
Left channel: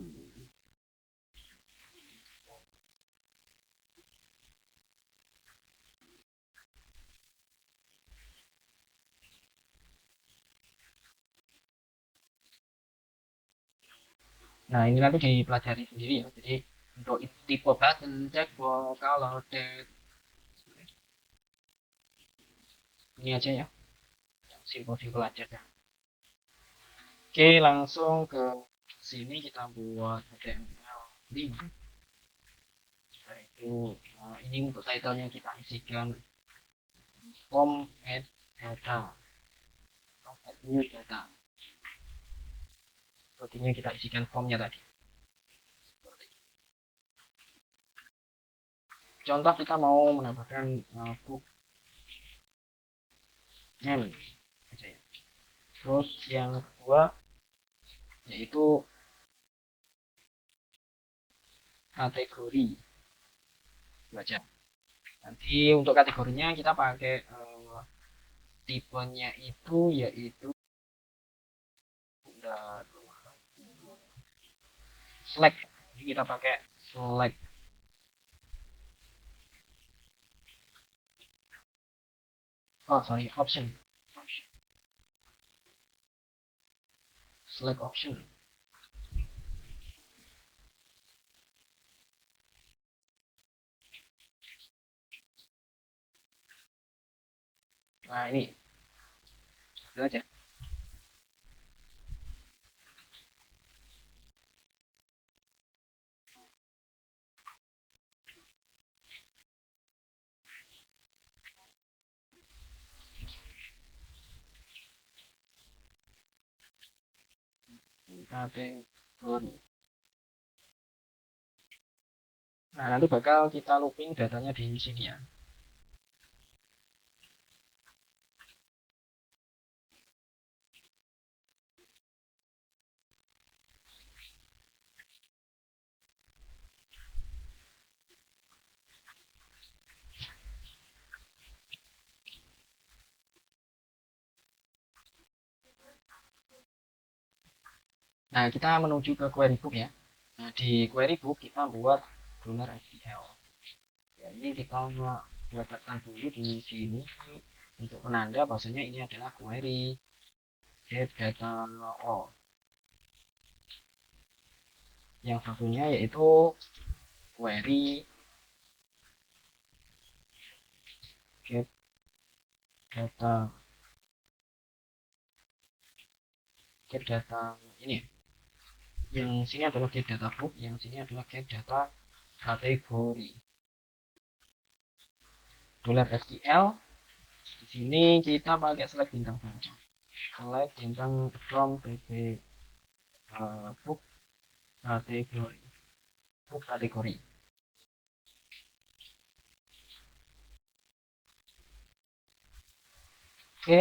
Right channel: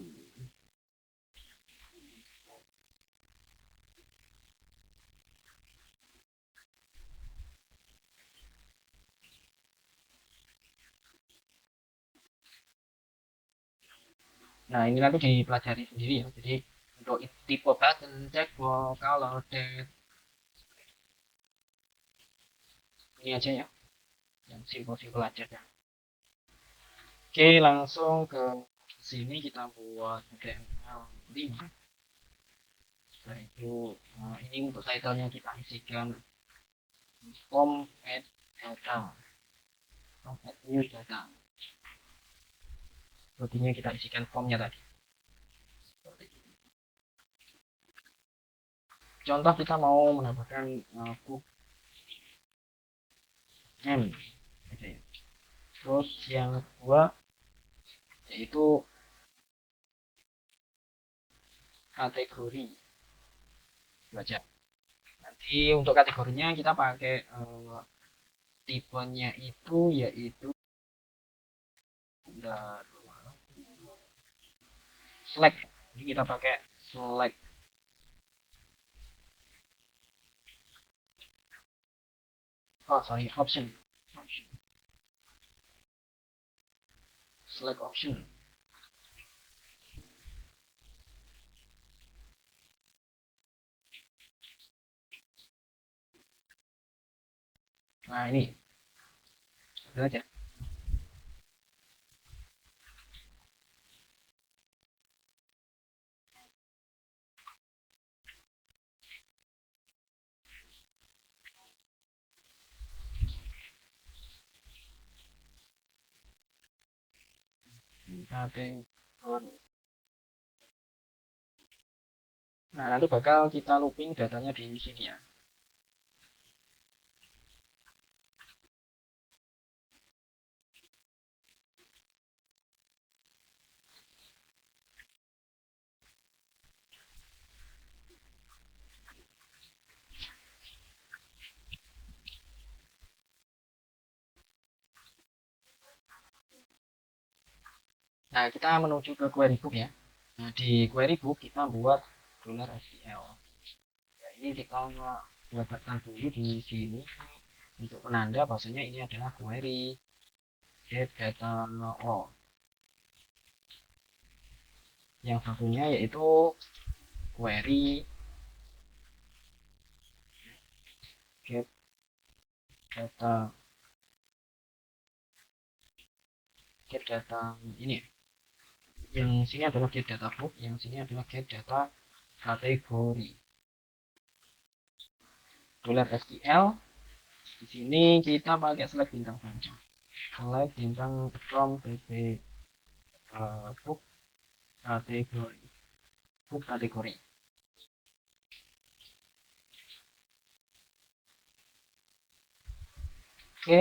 Nah, ini nanti dipelajari sendiri ya. Jadi untuk tipe button, check box, color, text, ini aja ya. Yang simple-simple aja ya. Oke, langsung ke sini kita buat HTML 5. Setelah itu, nah ini untuk title-nya kita isikan form add data, form add new data. Sepertinya kita isikan formnya tadi. Contoh kita mau menambahkan book aja ya. Terus yang kedua yaitu kategori baca. Nanti untuk kategorinya kita pakai tipenya itu yaitu select. Jadi kita pakai select. Oh sorry, option. Select option. Nah ini itu aja. Kategori. Nah nanti bakal kita looping datanya di sini ya. Nah kita menuju ke query book ya. Nah di query book kita buat $SQL. Ya, ini kita letakkan dulu di sini untuk penanda bahwasanya ini adalah query get data all. Yang satunya yaitu query get data ini. Yang sini adalah get data book, yang sini adalah get data kategori. $SQL. Di sini kita pakai select bintang saja. Select bintang from book kategori. Book kategori. Oke,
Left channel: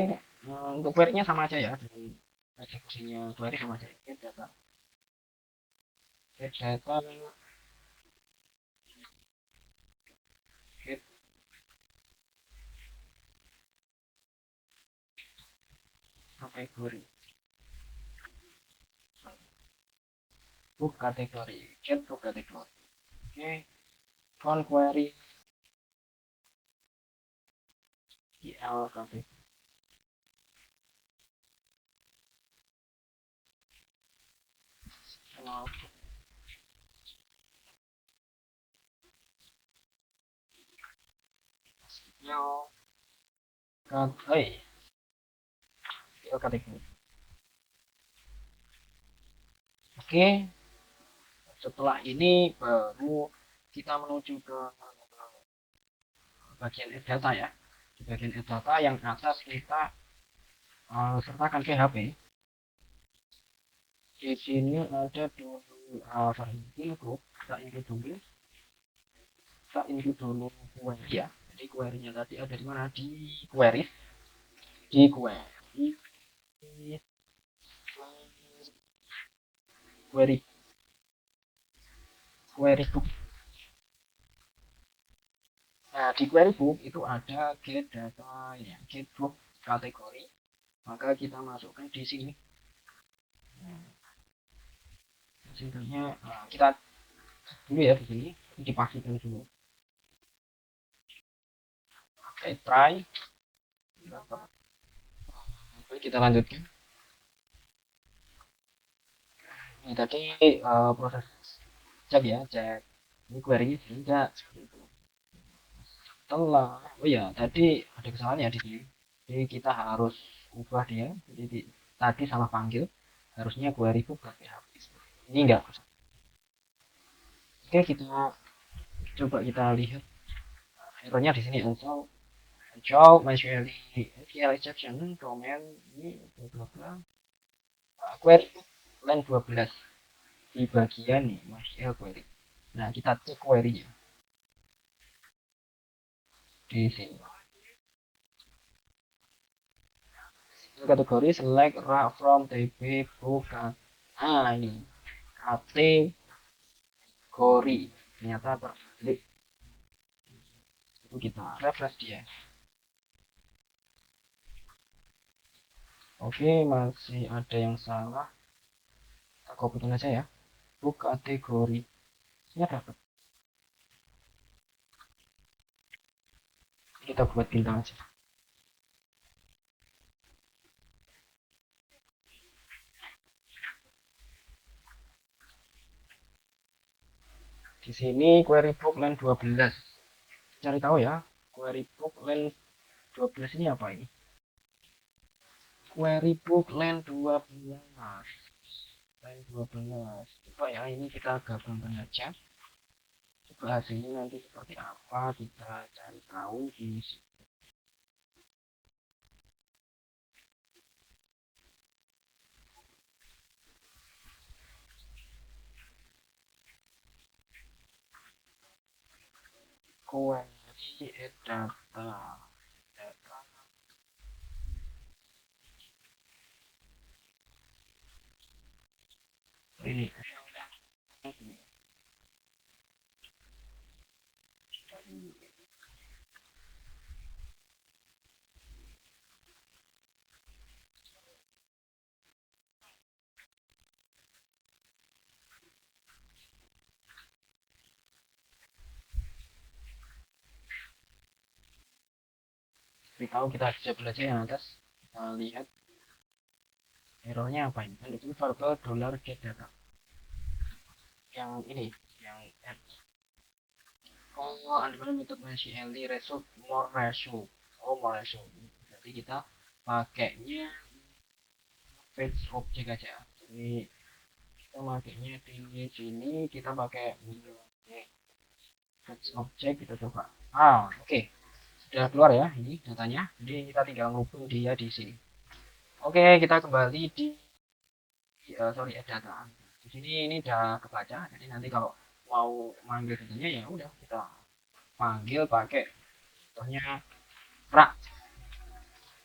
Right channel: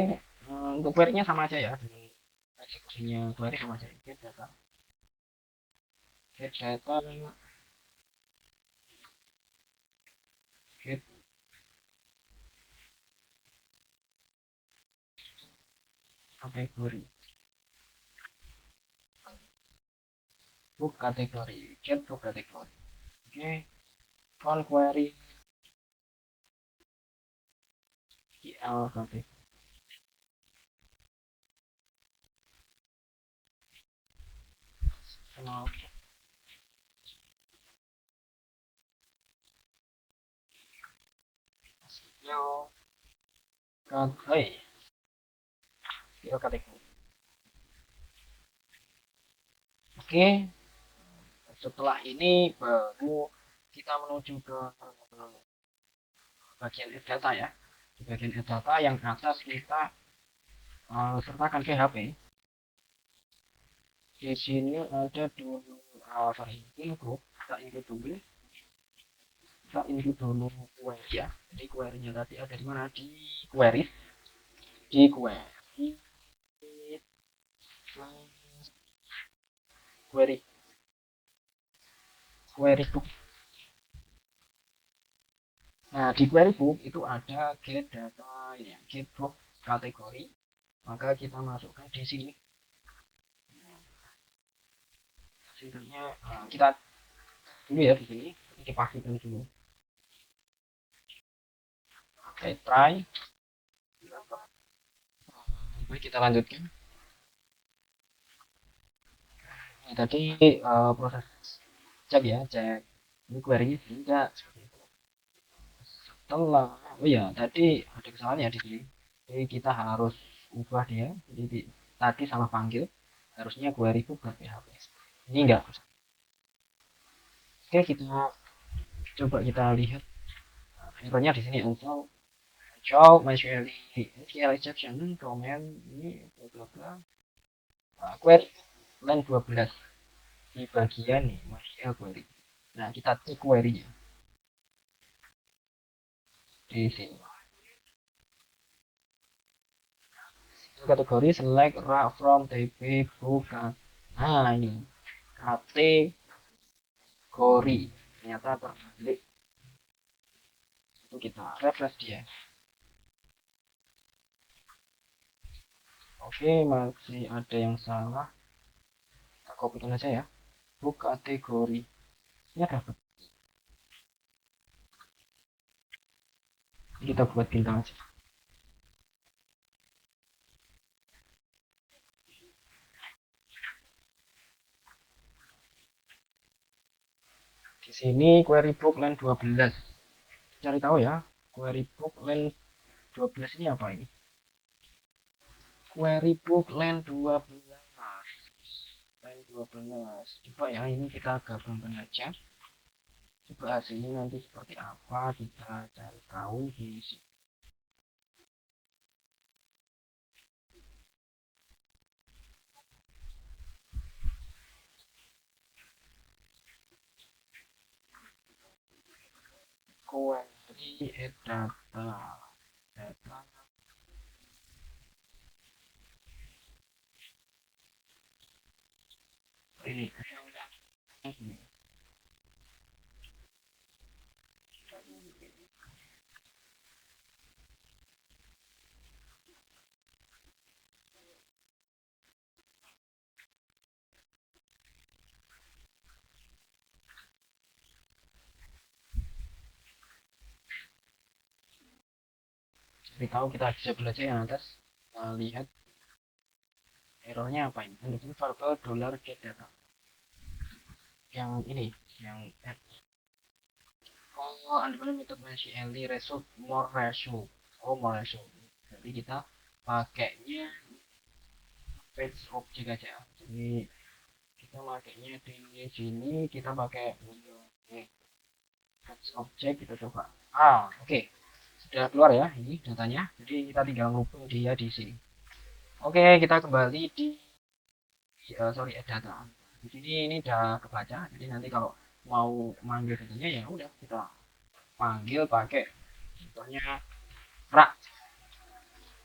untuk query-nya sama aja ya. Kategorinya query sama aja. Get data. Get data. Get kategori. Book kategori. Get book kategori. Oke. From query. GL kategori. Kategori. Oke, setelah ini baru kita menuju ke bagian data ya. Di bagian data yang atas kita sertakan ke HP. Di sini ada dulu info, kita input dulu. Kita input dulu query ya. Jadi query-nya tadi ada di mana? Di query. di query query query book. Nah, di query book itu ada get data ya, get book kategori. Maka kita masukkan di sini. Hasilnya kita ini ya di sini dipastikan dulu. Oke, try. Oke, kita lanjutkan. Ini tadi proses cek ya, cek ini query-nya enggak seperti itu. Oh iya, tadi ada kesalahan ya di sini. Jadi kita harus ubah dia. Jadi tadi salah panggil, harusnya query book ke PHP. Ini enggak. Oke, kita coba lihat errornya di sini also show MySQL SQL exception domain ini beberapa query line 12 di bagian nih MySQL query. Nah, kita cek query-nya di sini. Kategori select from TB buka. Nah, ini kategori ternyata terbalik. Itu kita refresh dia. Oke, masih ada yang salah. Aku betul aja ya. Oh, kategori. Ya dapat. Kita buat bintang aja. Di sini query book line 12. Cari tahu ya, query book line 12 ini apa ini? Query book line 12. Line 12. Coba ya, ini kita gabungkan aja. Coba hasilnya nanti seperti apa kita cari tahu di sini. Query data data ini tahu kita disable aja yang atas. Kita lihat errornya apa ini. Ini verbal dollar get data. Yang ini, yang unlimited MySQL ratio more ratio. Oh, more ratio. Jadi kita pakainya page object aja. Jadi kita pakainya di sini kita pakai page object, kita coba. Oke. Sudah keluar ya ini datanya. Jadi kita tinggal ngubung dia di sini. Oke, kita kembali di data. Di sini ini udah kebaca. Jadi nanti kalau mau manggil datanya ya udah kita panggil pakai contohnya rak.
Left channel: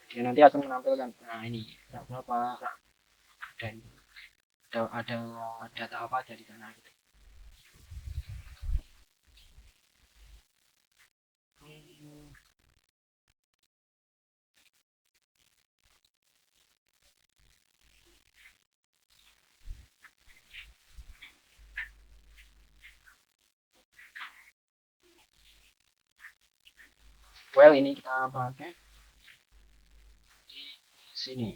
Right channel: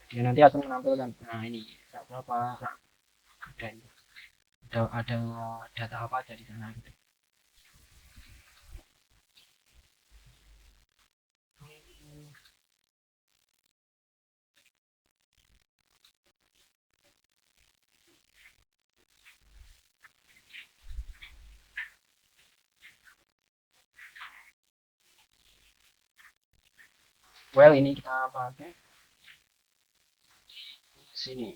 Dia nanti akan menampilkan. Nah, ini berapa rak, dan ada data apa aja di sana gitu. Well, ini kita pakai di sini.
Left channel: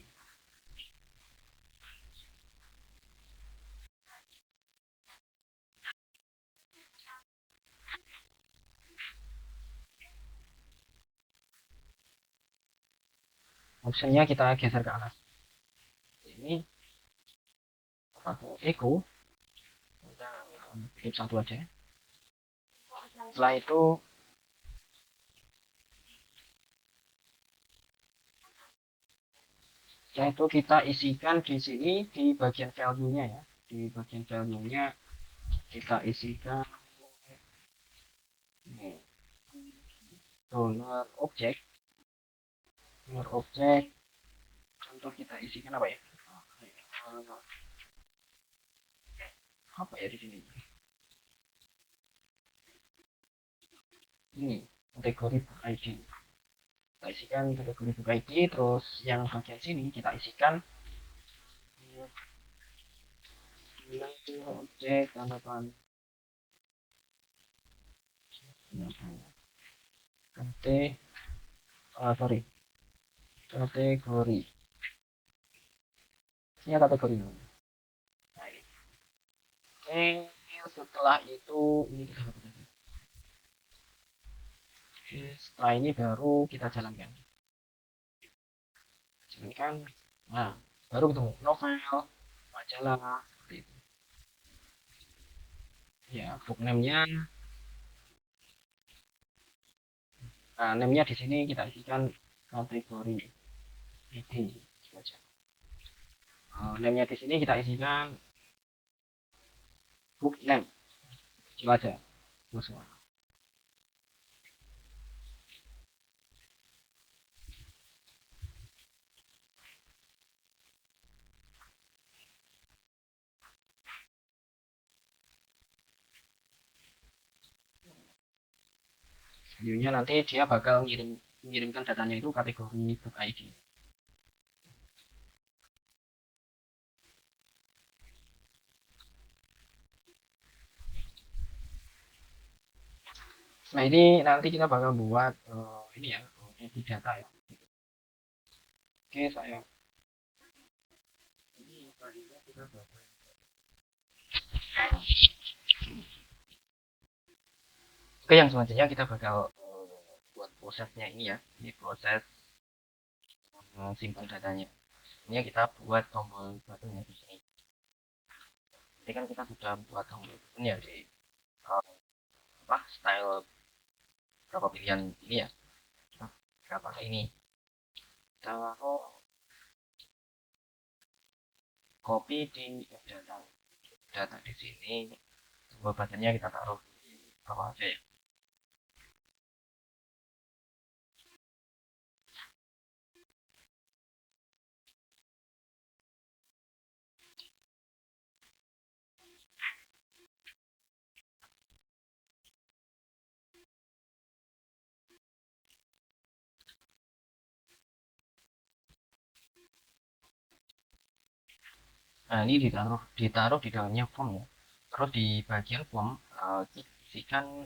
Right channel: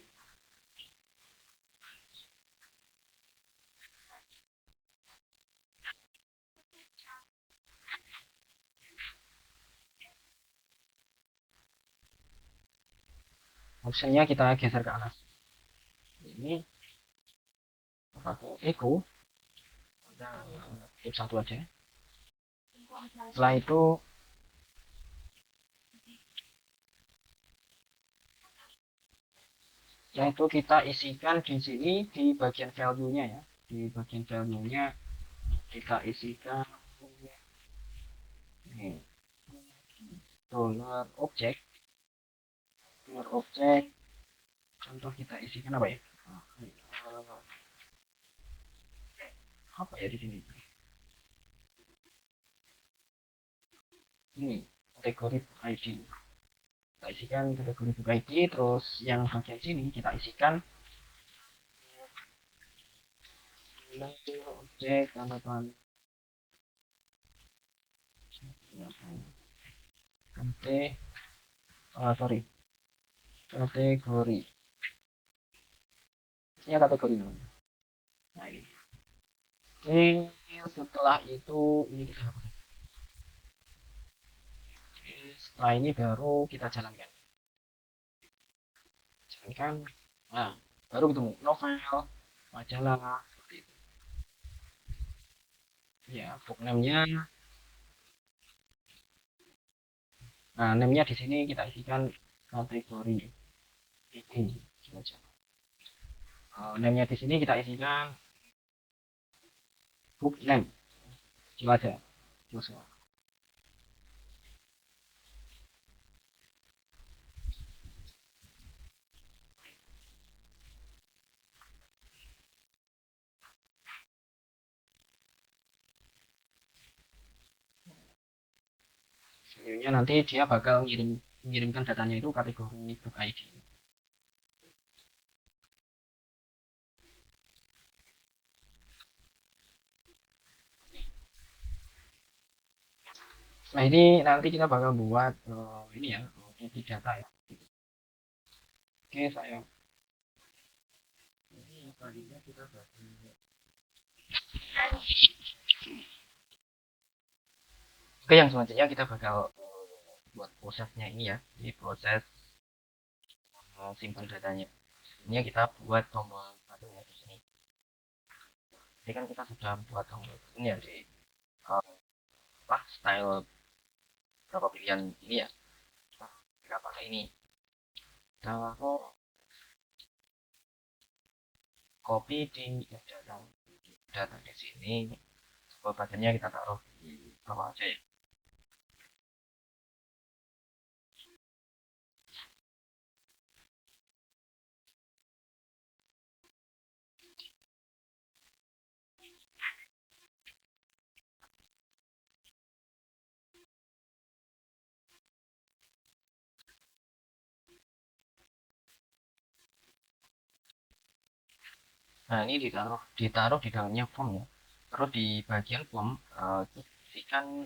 Optionnya kita geser ke atas. Ini pakai echo. Kita keep satu aja. Setelah itu kita isikan di sini di bagian value-nya ya. Di bagian value-nya kita isikan dollar object contoh kita isikan apa ya? Apa ya di sini? Ini kategori book ID. Kita isikan kategori book ID, terus yang bagian sini kita isikan nilai objek tanggapan sorry, kategori. Ini kategori namanya. Nah, ini. Setelah itu ini kita hapus. Setelah ini baru kita jalankan. Nah, baru ketemu novel, majalah, seperti itu. Ya, book name-nya. Nah, name-nya di sini kita isikan kategori ide. Name-nya di sini kita isikan book name. Itu aja. Selanjutnya nanti dia bakal mengirimkan datanya itu kategori book ID. Nah, ini nanti kita bakal buat ini ya, data ya. Oke, saya. Oke, yang selanjutnya kita bakal buat prosesnya ini ya. Ini proses simpan datanya. Ini kita buat tombol buttonnya di sini. Ini kan kita sudah buat tombol button ya di style berapa pilihan ini ya. Kita pakai ini. Taruh copy di data di sini. Tombol buttonnya kita taruh di bawah aja ya. Nah, ini ditaruh di dalamnya form. Terus di bagian form isikan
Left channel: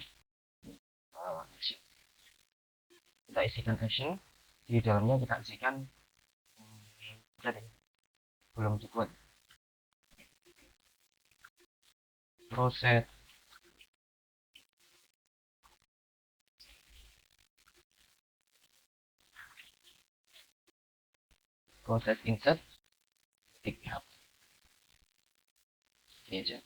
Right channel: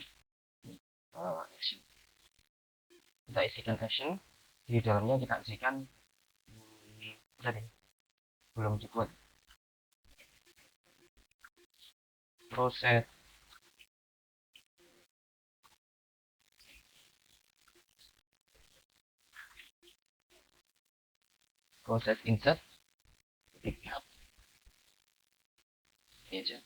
kita isikan action. Di dalamnya kita isikan tadi belum dibuat proses insert pickup ini aja.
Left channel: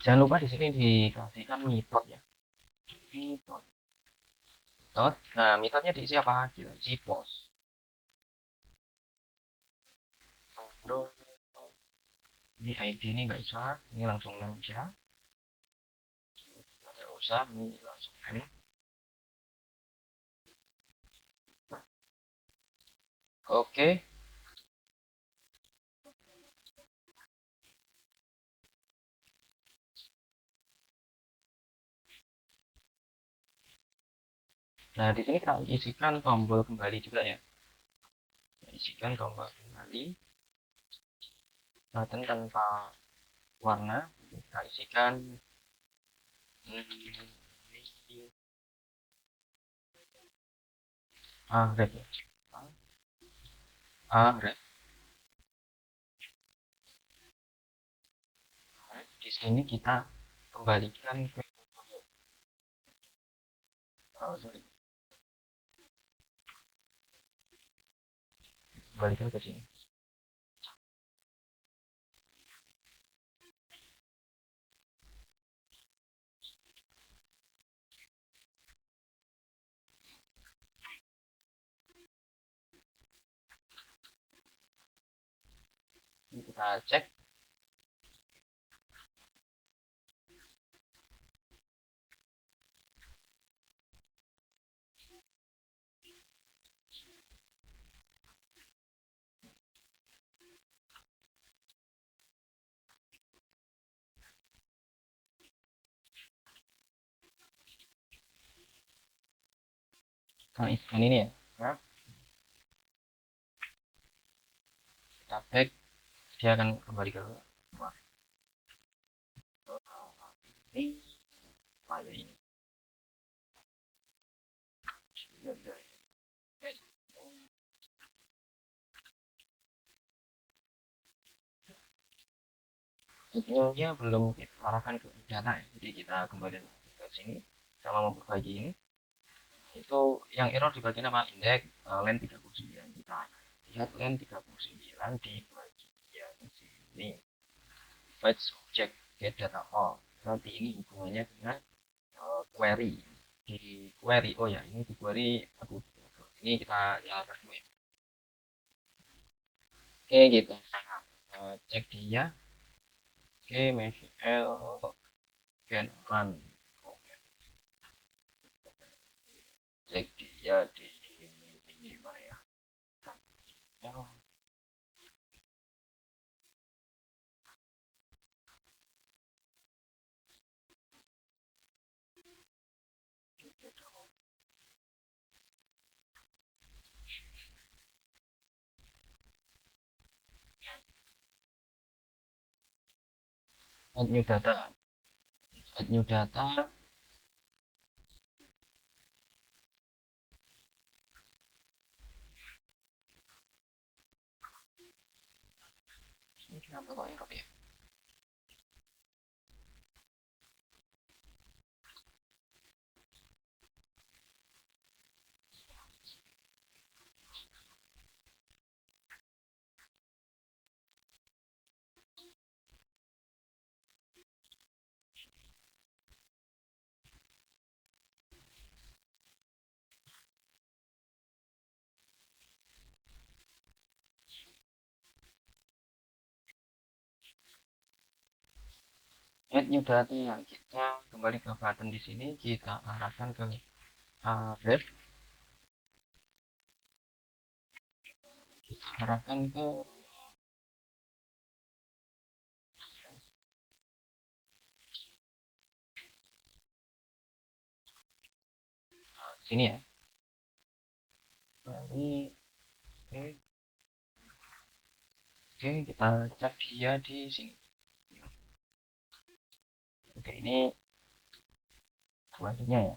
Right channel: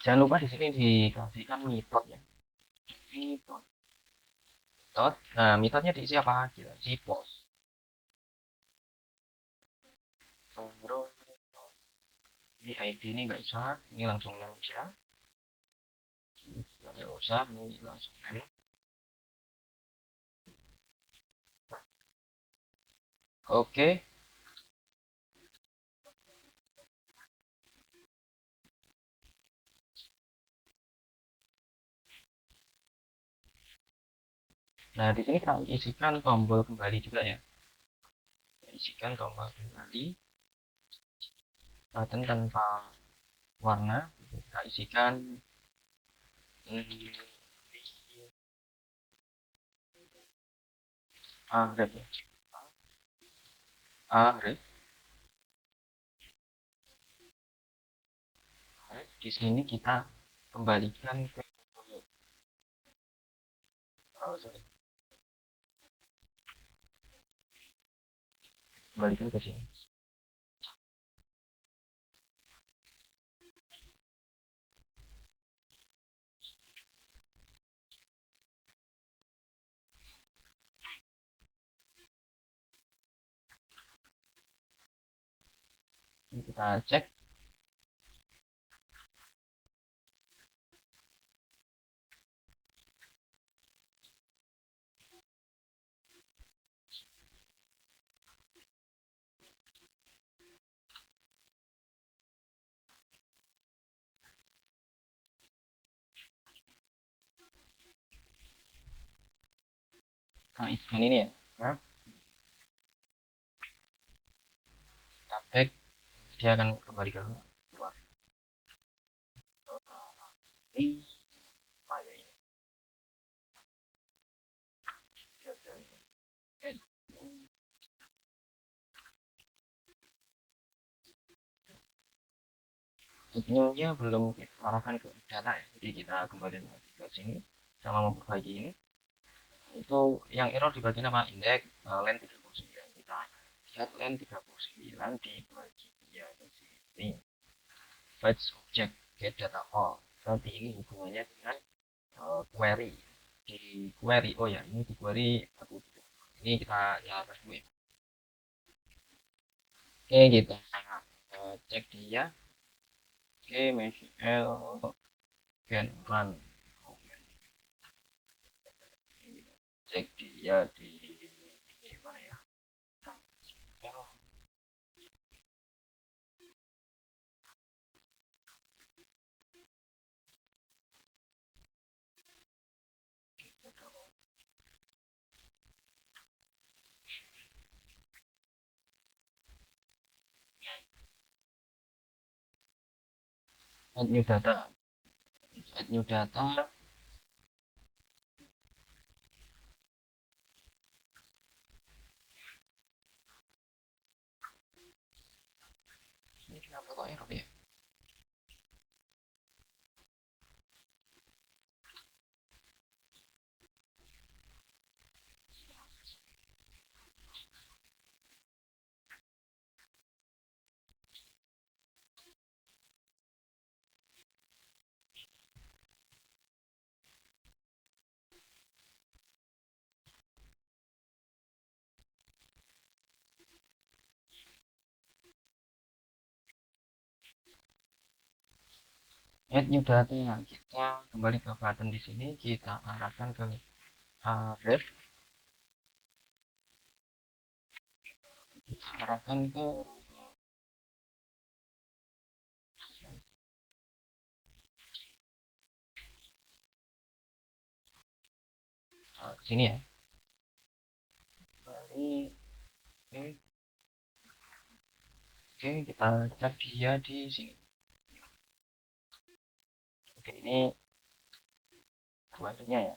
Jangan lupa di sini dikasihkan method ya. Method. Nah, methodnya diisi apa? Diisi post. Terus ini ID ini nggak usah, ini langsung aja. Nggak usah, ini langsung aja. Oke. Nah, di sini kita isikan tombol kembali juga ya. Isikan tombol kembali. Button tanpa warna. Kita isikan ini Arif. Di sini kita kembalikan ke kembalikan ke sini. Ini kita cek. isikan ini ya. Nah, kita back, dia akan kembali ke luar ini file ini. Sebenarnya belum kita arahkan ke data ya, jadi kita kembali ke sini sama memperbaiki ini. Itu yang error di bagian apa, indeks len 39, kita lihat len 39 dibagi ya di sini fetch object get data all. Nanti ini hubungannya dengan query di query, oh ya ini di query aku ini kita ya harus gue. Oke, kita cek dia. Oke, MySQL can run. Cek dia di mana ya. Oh, add new data, add new data. Ini kenapa kok error ya? Add new data yang kita kembali ke button di sini, kita arahkan ke ref, kita arahkan ke sini ya. Kembali, oke, kita cek dia di sini. Oke, ini query-nya ya.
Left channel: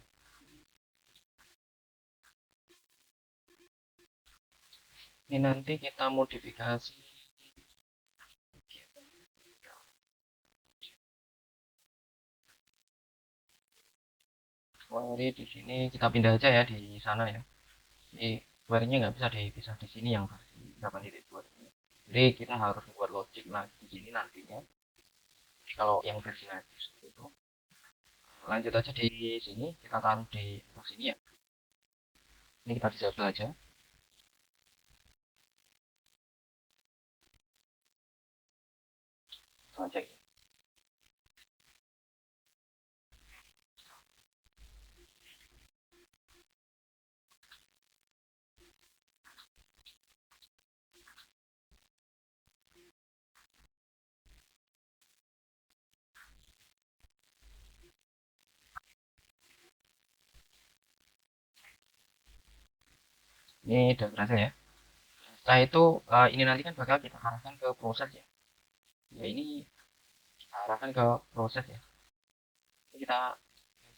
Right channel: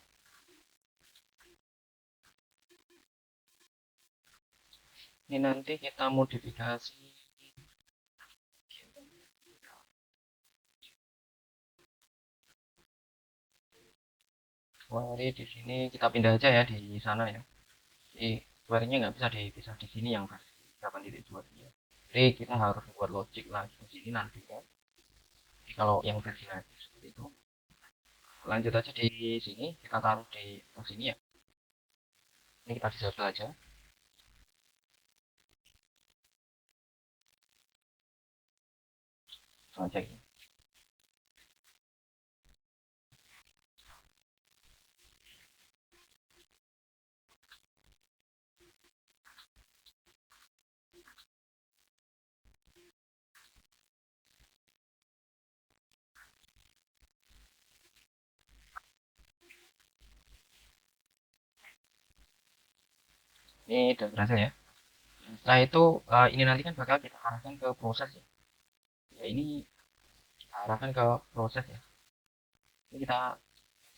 Ini nanti kita modifikasi. Query di sini kita pindah aja ya di sana ya. Jadi query-nya nggak bisa dipisah di sini yang versi 8.2 ini. Jadi kita harus buat logic lagi di sini nantinya. Jadi kalau yang versi nanti seperti itu, lanjut aja di sini, kita taruh di sini ya. Ini kita disable aja. Langsung aja gini. Ini udah berhasil ya. Setelah itu ini nanti kan bakal kita arahkan ke proses ya. Ya ini kita arahkan ke proses ya. Ini kita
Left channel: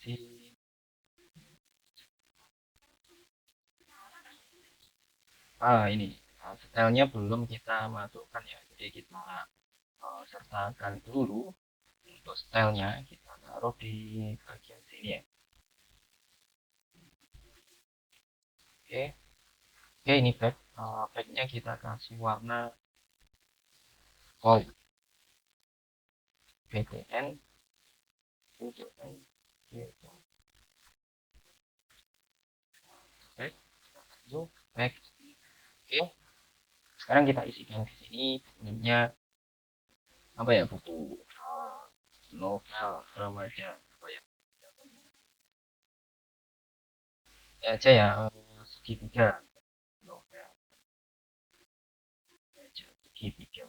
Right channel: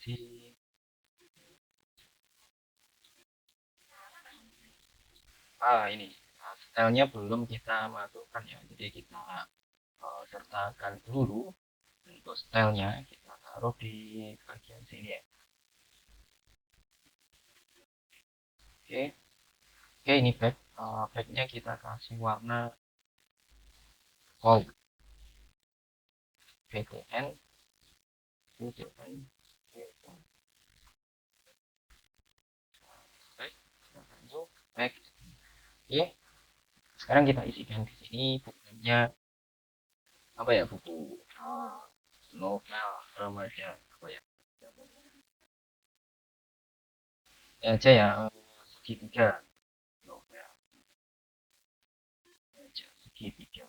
si ini stylenya belum kita masukkan ya. Jadi kita sertakan dulu untuk stylenya, kita taruh di bagian sini ya. Oke, oke ini backnya kita kasih warna gold. BTN, BTN, back, back. Oke, sekarang kita isikan di sini bukunya apa ya, buku novel remaja apa ya, ya aja ya, segitiga novel remaja segitiga,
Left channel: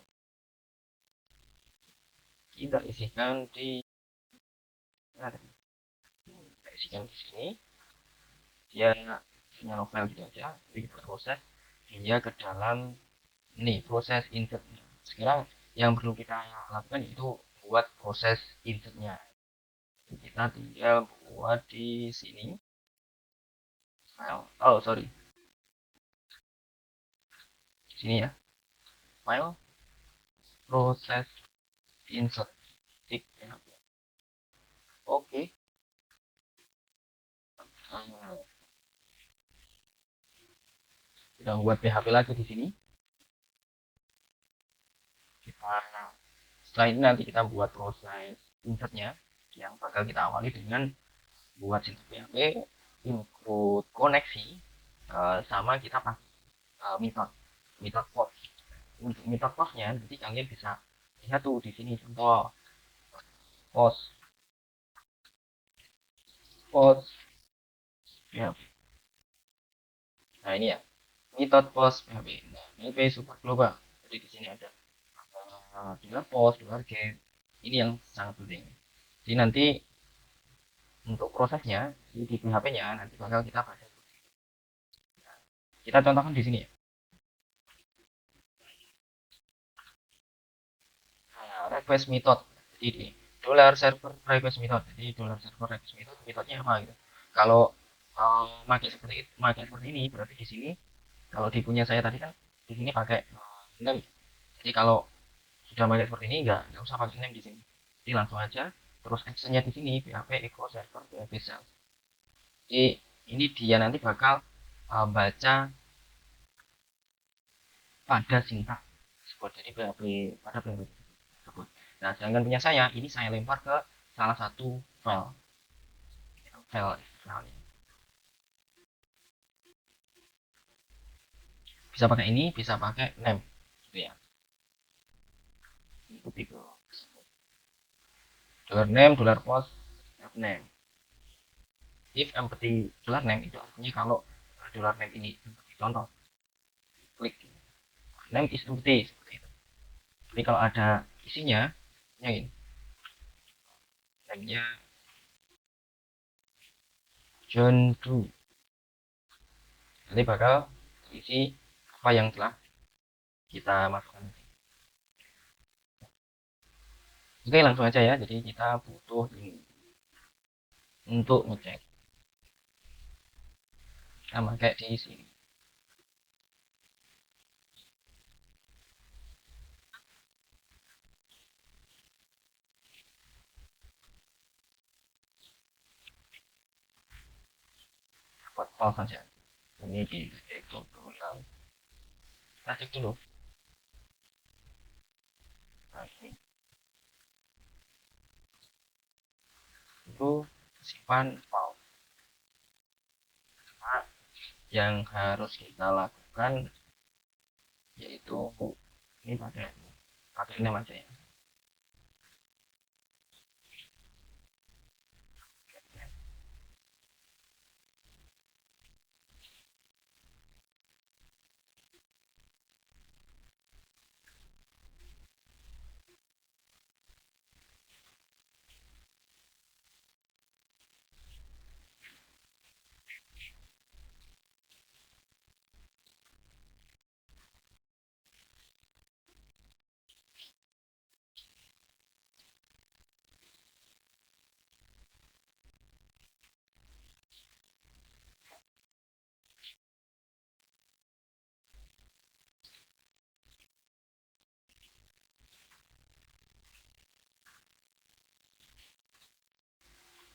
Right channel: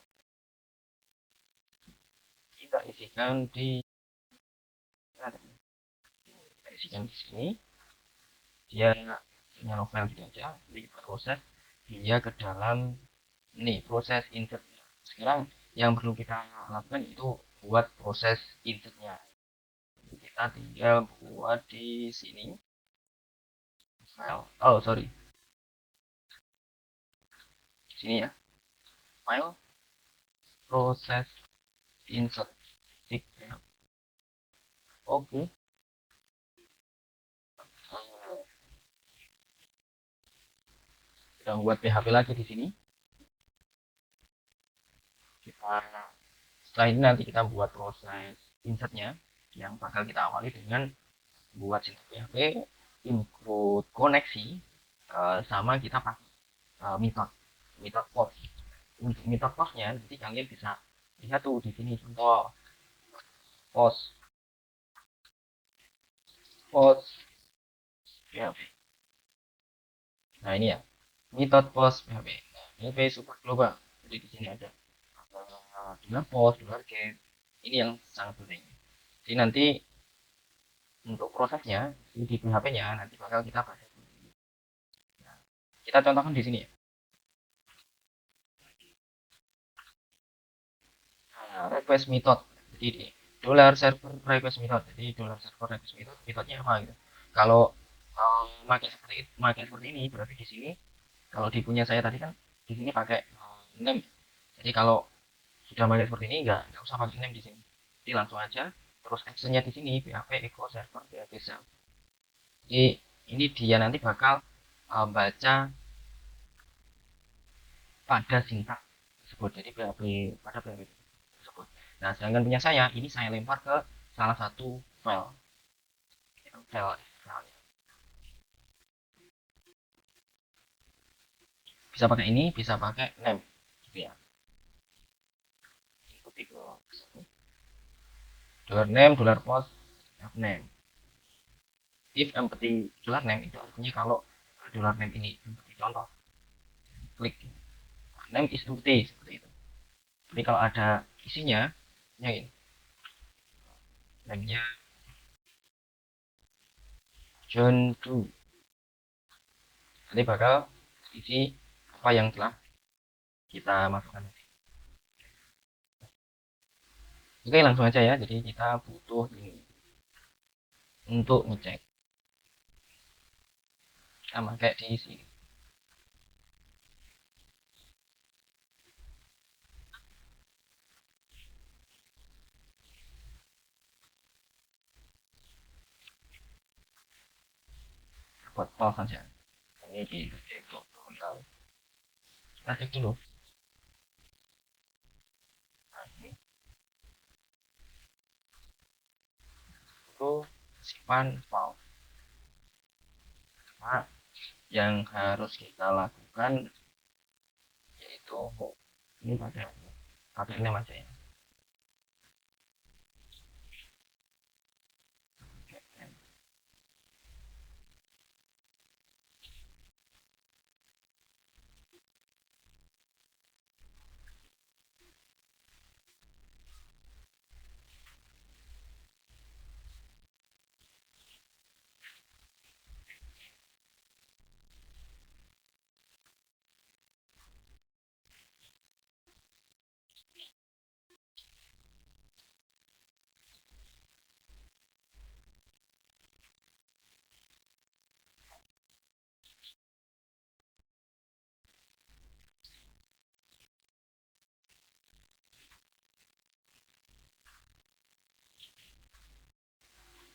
kita isikan di nah, kita isikan di sini dia hanya novel gitu aja, ini proses dia ke dalam ini proses insertnya. Sekarang yang perlu kita lakukan itu buat proses insertnya. Kita tinggal buat di sini file, oh sorry, di sini ya, file proses insert. Oke. Kita buat PHP lagi di sini. Kita setelah ini nanti kita buat proses insertnya yang bakal kita awali dengan buat situs PHP include koneksi sama kita pakai method post. Untuk method postnya nanti kalian bisa lihat tuh di sini contoh post post PHP. Nah ini ya method post PHP. Nah, ini super global. Jadi di sini ada dengan post, dengan get. Ini yang sangat penting. Jadi nanti untuk prosesnya di PHP-nya nanti bakal kita pakai. Nah, kita contohkan di sini ya. Request method. Jadi ini dollar server request method. Jadi dollar server request method metodenya apa gitu. Kalau pakai seperti ini berarti di sini kalau di punya saya tadi kan di sini pakai name. Jadi kalau sudah pakai seperti ini nggak usah pakai name di sini. Jadi langsung aja terus actionnya di sini PHP equal server PHP self. Jadi ini dia nanti bakal baca pada sintak tersebut. Jadi pada PHP tersebut. Nah, sedangkan punya saya ini saya lempar ke salah satu file bisa pakai ini, bisa pakai name gitu ya. Ikuti dollar name, dollar post, name. If empty dollar name itu artinya kalau dollar name ini contoh klik name is empty seperti itu. Jadi kalau ada isinya, ya ini namanya John Doe. Nanti bakal isi apa yang telah kita masukkan. Oke langsung aja ya. Jadi kita butuh ini untuk ngecek. Kita pakai di sini. Buat file saja. Ini di tutorial. Kita cek dulu. Nah, ini itu simpan file. Nah, yang harus kita lakukan yaitu ini pakai ini aja ya.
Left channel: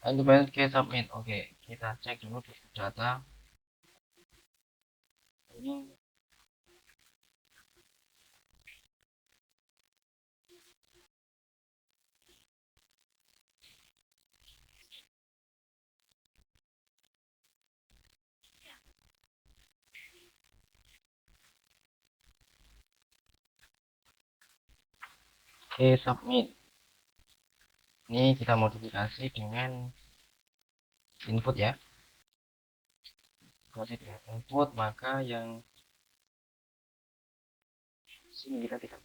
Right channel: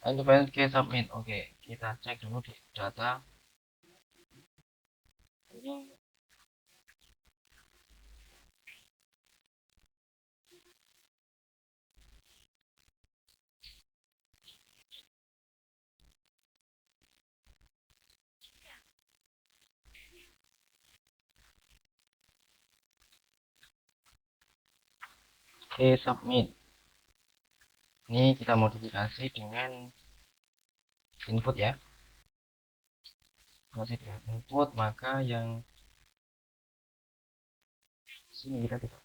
And kemudian kita submit. Oke, kita cek dulu di data ini submit. Ini kita modifikasi dengan input ya. Kasih input maka yang sini kita tidak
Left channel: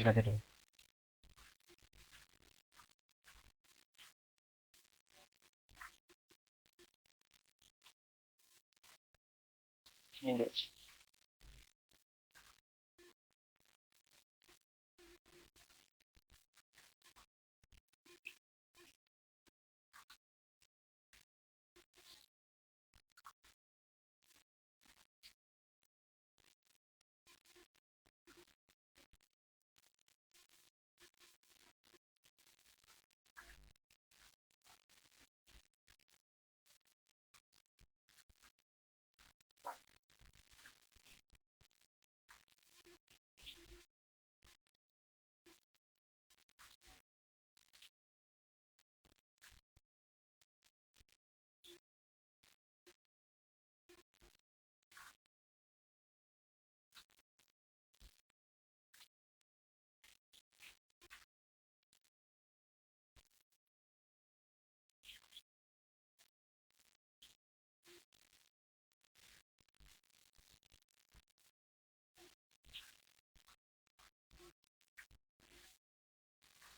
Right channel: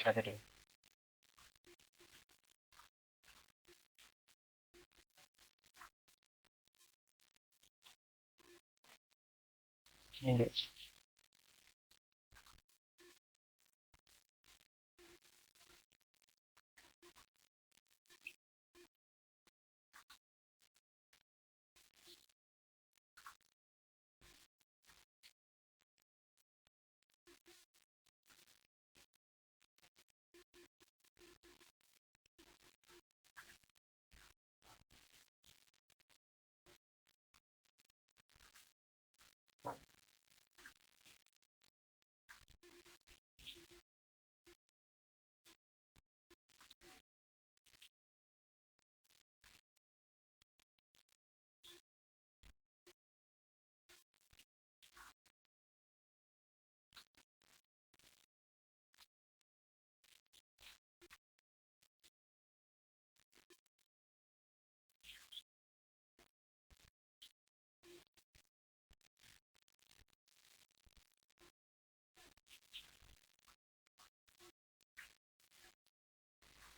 cek aja dulu. Ini deh.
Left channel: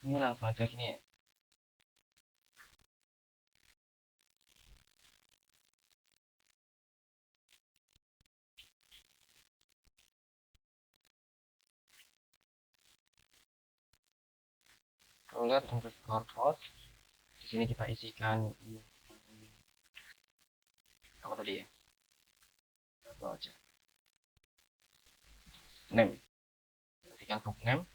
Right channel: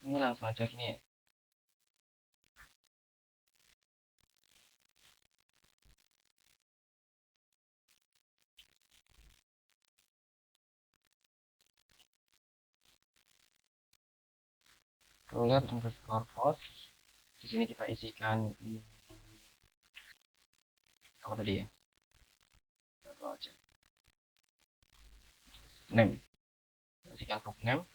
Ini langsung aja gini ya. Roller underscore post. Di sini kita isikan apa tadi ya? Apa aja? Name. Isikan book name.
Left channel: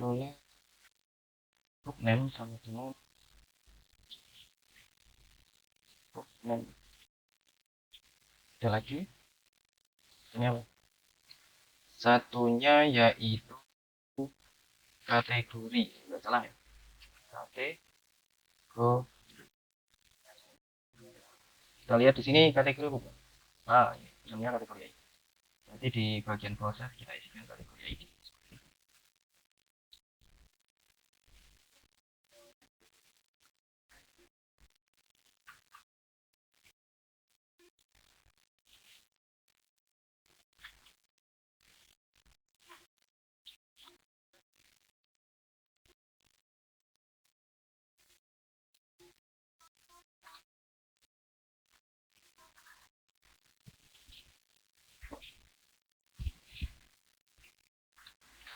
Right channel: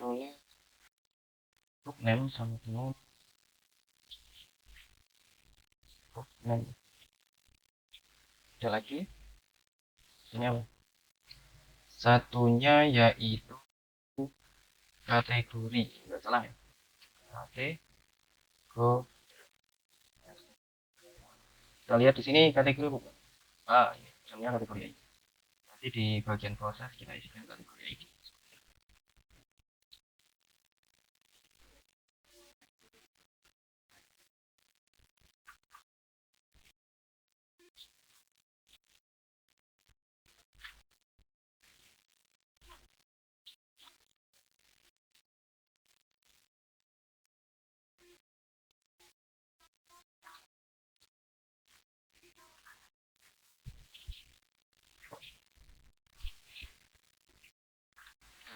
Tulis book name sama dengan book name. Ada lagi. Ini apa? Satunya yaitu kategori. Tidak salah ya. Kategori. Kita lihat di sini kategori bukan? Ah, ya. Namanya kategori ID. Nanti di bagian proses kita isikan kategori ID.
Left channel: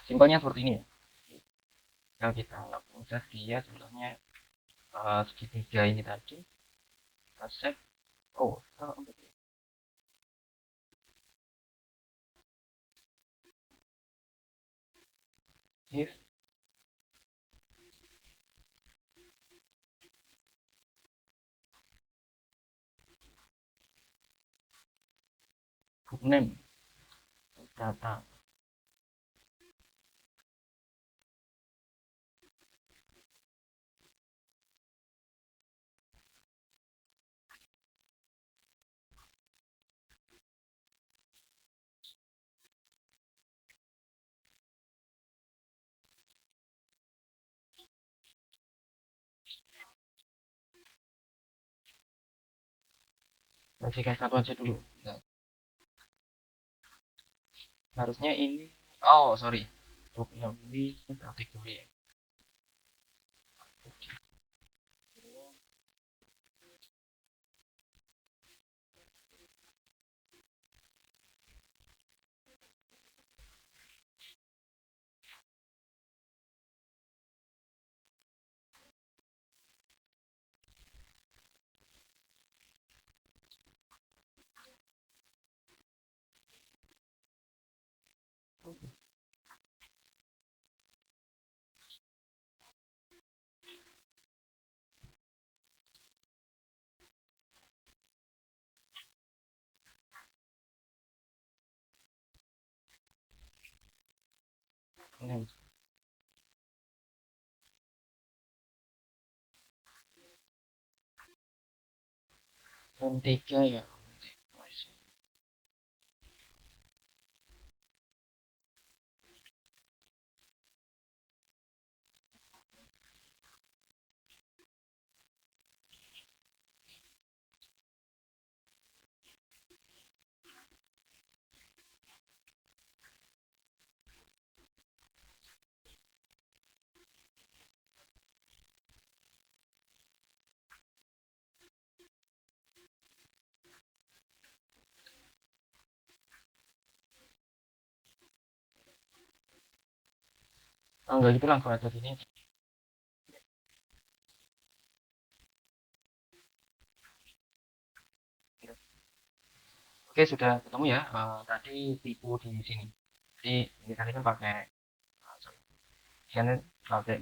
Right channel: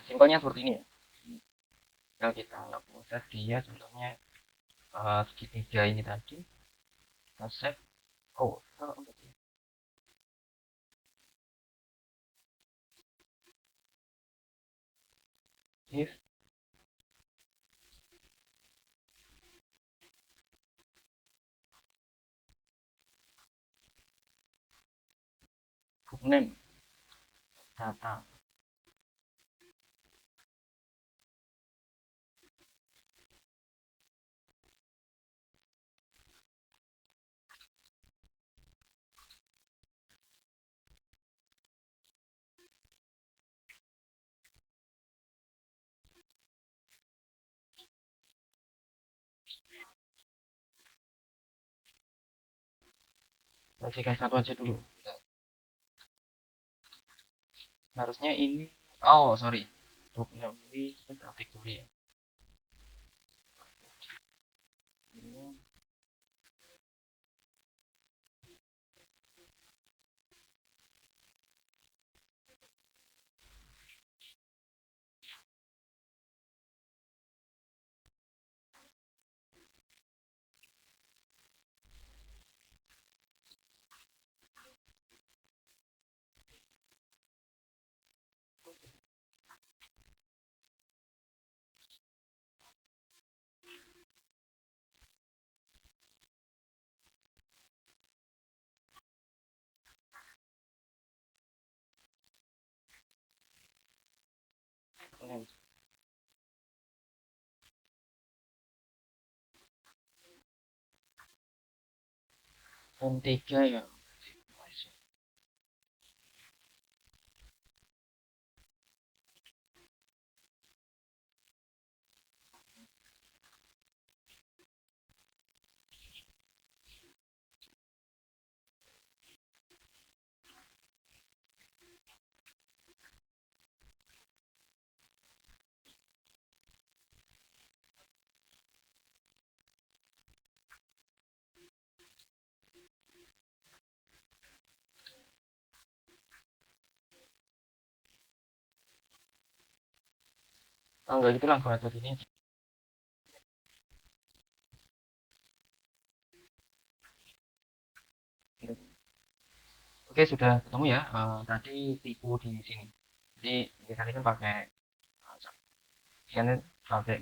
Simpelnya seperti ini ya. Nah, kita udah dia contohnya segitiga ini tadi. Kita set. Oh, if book name data. Masih kasih satu aja dulu. Harusnya ini. Oh, sorry. Book name ini kategori ya. Name. Form 3 ya. Oh enggak gitu langsung aja sini. Oke sudah ketemu ya. Tadi tipu di sini. Jadi di tadi kan pakai kan pakai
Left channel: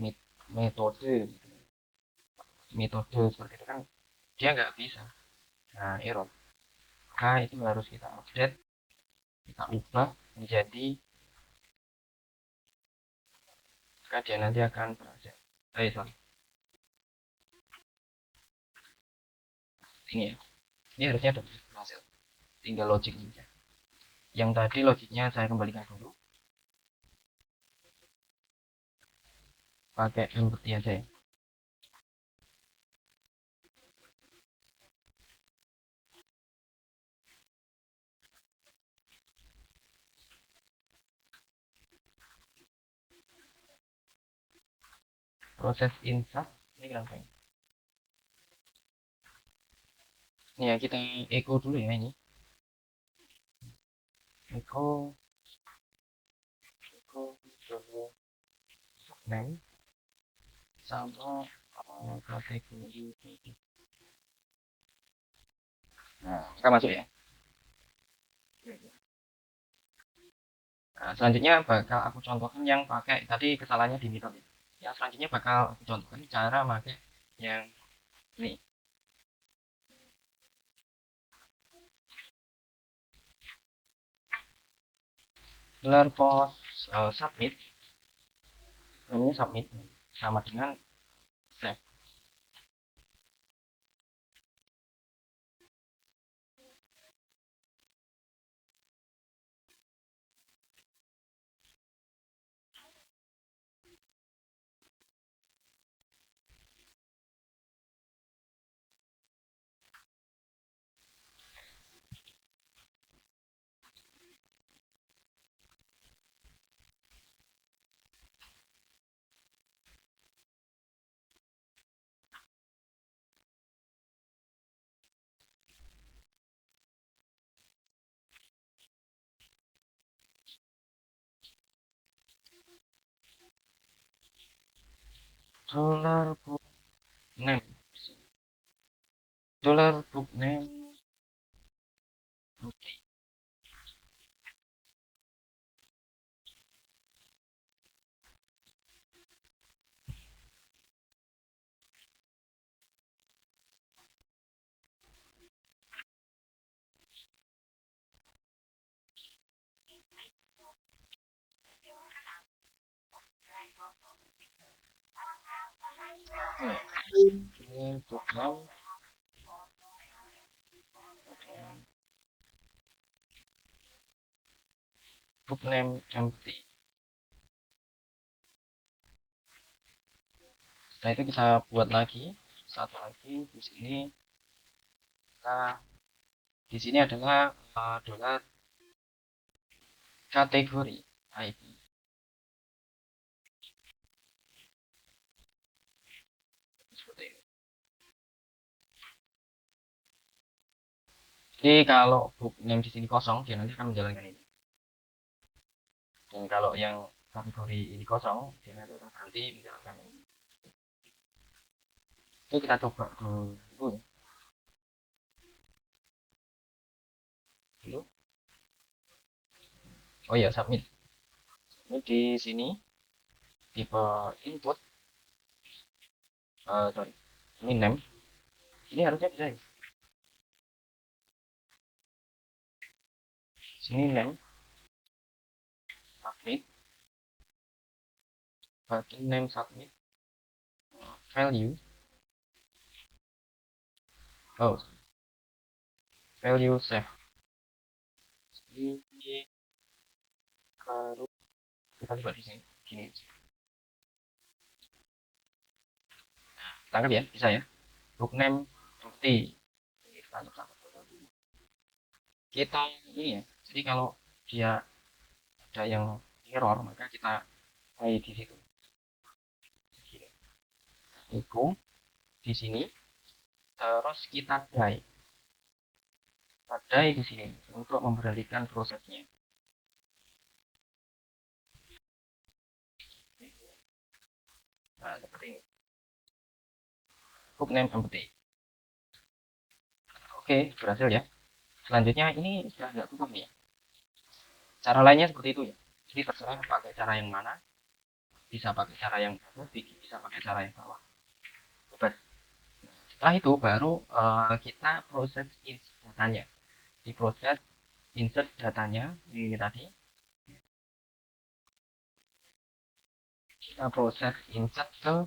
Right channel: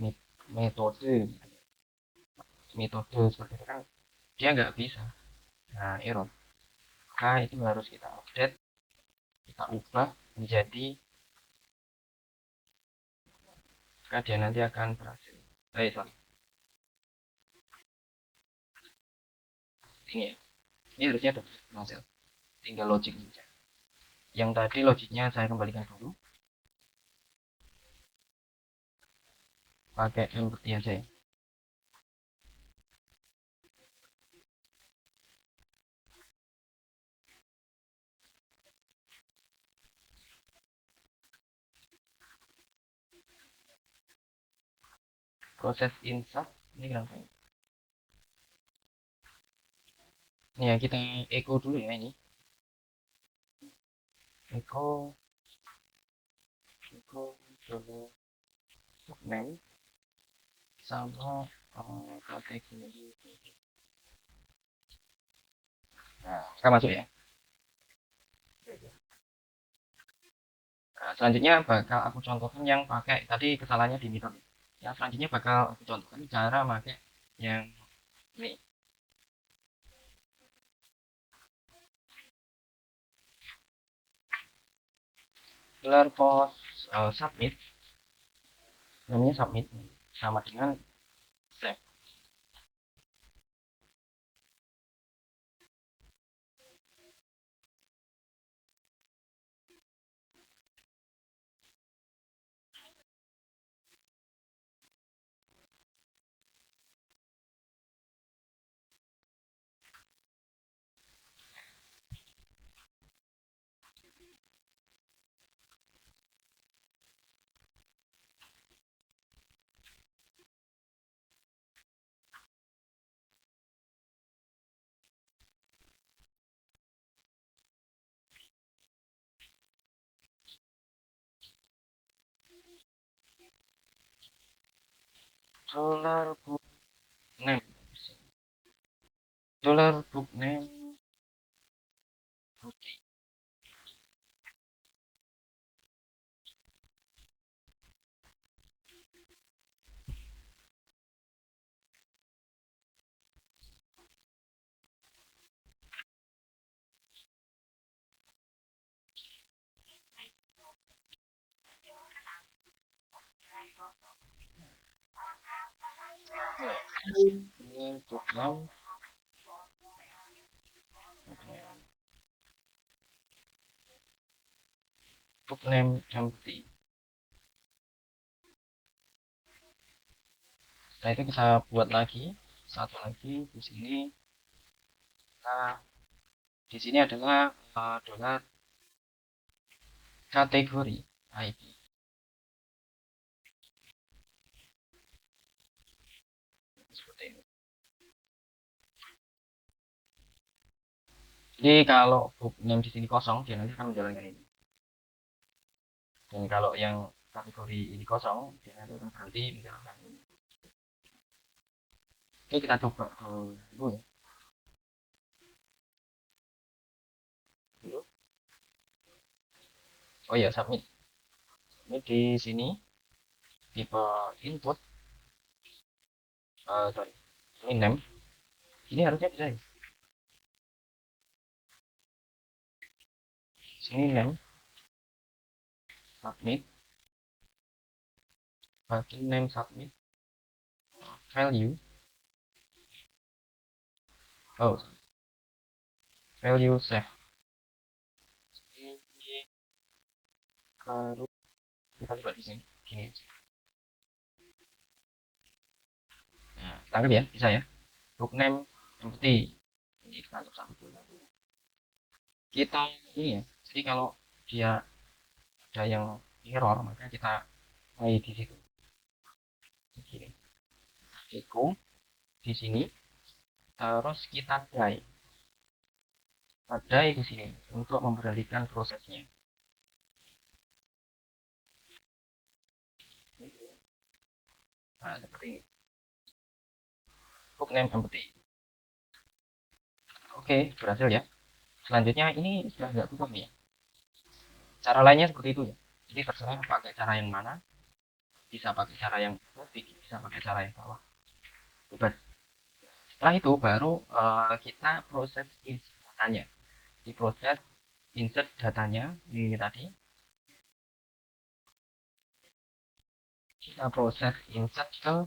metode metode seperti itu kan dia nggak bisa. Nah error. Nah itu harus kita update, kita ubah menjadi dia nanti akan berhasil. Sorry, ini ya. Ini harusnya ada berhasil. Tinggal logik saja. Yang tadi logiknya saya kembalikan dulu. Pakai input saja. Proses insert ini berapa ini? Ini ya kita echo dulu ya ini. Echo dulu name sama kategori. Nah, kita masuk ya. Nah, selanjutnya bakal aku contohkan yang pakai tadi kesalahannya di method. Ya, selanjutnya bakal aku contohkan cara pakai yang ini. Gelar post submit, namanya submit sama dengan save. Dollar book name, dollar book name. Ini book name, book name empty. Setelah itu kita buat lagi satu lagi di sini. Nah, di sini adalah dollar kategori IP. Seperti ini. Jadi kalau book name di sini kosong, dia nanti akan menjalankan ini. Dan kalau yang kategori ini kosong, dia akan berhenti menjalankan ini. Oke, kita coba dulu ya. Dulu. Oh iya, submit. Ini di sini tipe input, sorry, ini 6. Ini harusnya bisa ya. Sini name, submit, button name submit, value, oh, value save. Ini baru kita coba di sini, gini. Nah, tangkap ya, bisa ya. Book name bukti. Ini kita sama dulu. Kita ini ya. Jadi kalau dia ada yang error, maka kita beli di situ. Echo di sini, terus kita try di sini untuk memberhentikan prosesnya. seperti ini, book name empty. Oke, berhasil ya. Selanjutnya ini sudah tidak cukup nih. Cara lainnya seperti itu. Jadi terserah pakai cara yang mana. Bisa pakai cara yang bawah, bisa pakai cara yang bawah. Bebas. Setelah itu baru kita proses insert datanya. Di proses insert datanya ini tadi. Kita proses insert ke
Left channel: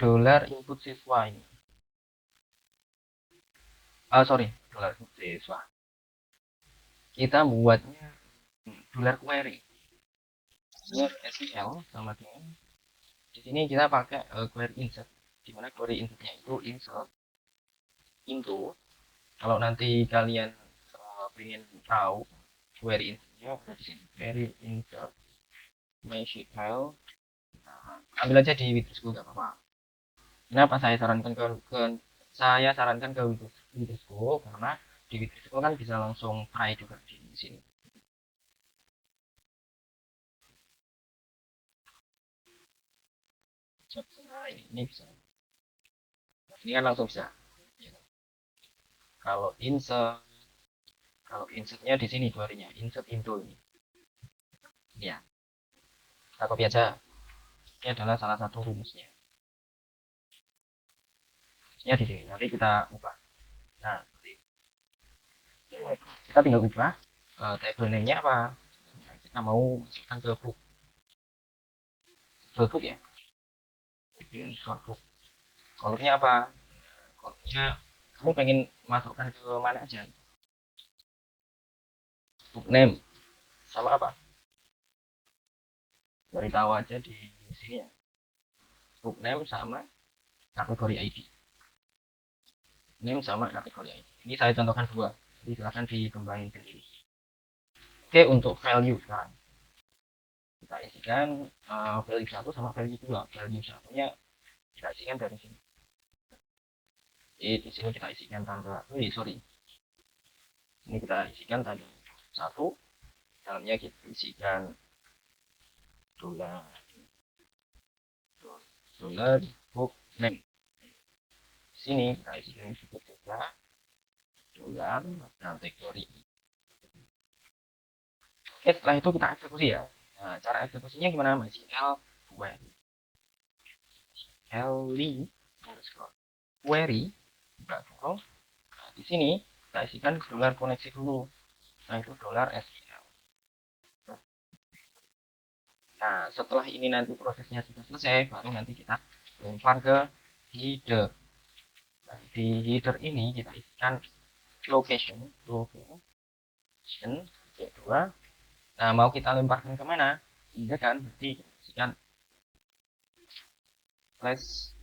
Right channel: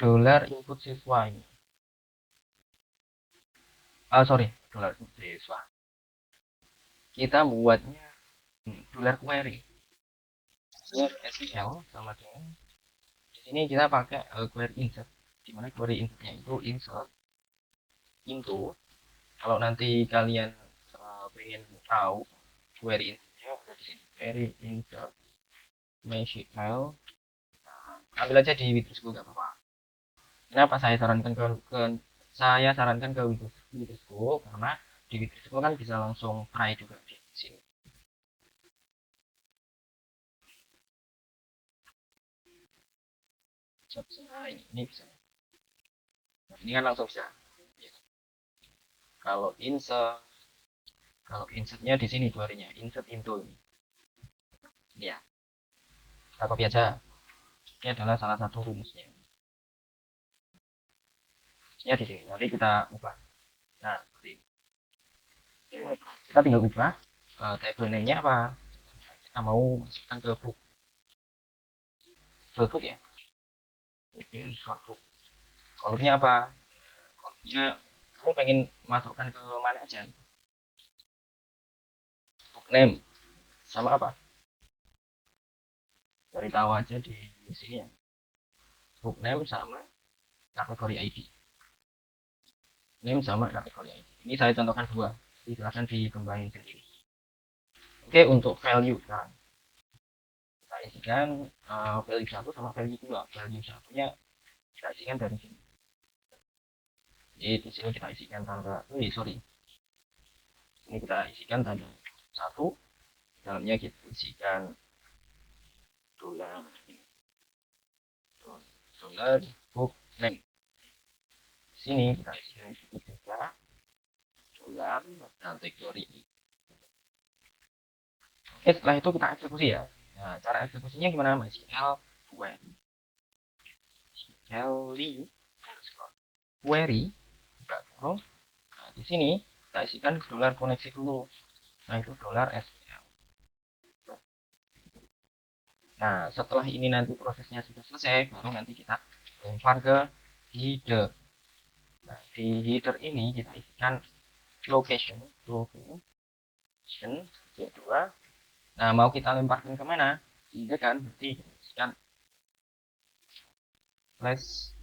dollar input siswa ini. Sorry, dollar input siswa. Kita buatnya dollar query. SQL sama dengan di sini kita pakai query insert. Dimana query insertnya itu insert into. Kalau nanti kalian pengen tahu query insertnya di sini, query insert MySQL, ambil aja di Witrisco nggak apa-apa. Kenapa saya sarankan ke Witrisco karena di Witrisco kan bisa langsung try juga di sini. Nah, ini bisa. Nah, ini kan langsung bisa. Ya. Kalau insertnya di sini query-nya insert into ini. Ya, kita copy aja. Ini adalah salah satu rumusnya. Ya di sini. Nanti kita ubah. Nah, kita tinggal ubah table name-nya apa. Nah, kita mau masukkan ke book. Book ya. Oke, book. Kodenya apa? Kodenya kamu pengen masukkan ke mana aja? Book name sama apa? Beritahu aja di sini ya. Book name sama kategori ID. Name sama kategori ID. Ini saya contohkan dua. Jadi silahkan dikembangin. Oke, untuk value. Nah, kita isikan value 1 sama value 2. Value 1-nya kita isikan dari sini. Jadi di sini kita isikan tanggal. Sorry. Ini kita isikan tanggal 1. Dalamnya kita isikan dollar book name. Sini kita isikan book juga dollar kategori. Oke, setelah itu kita eksekusi ya. Nah, cara eksekusinya gimana? MySQL query query di sini kita isikan dolar koneksi dulu, nah itu dolar SQL. Nah, setelah ini nanti prosesnya sudah selesai, baru nanti kita lempar ke header. Nah, di header ini kita isikan location kedua. Nah, mau kita lemparkan kemana? Itu kan nanti isikan flash.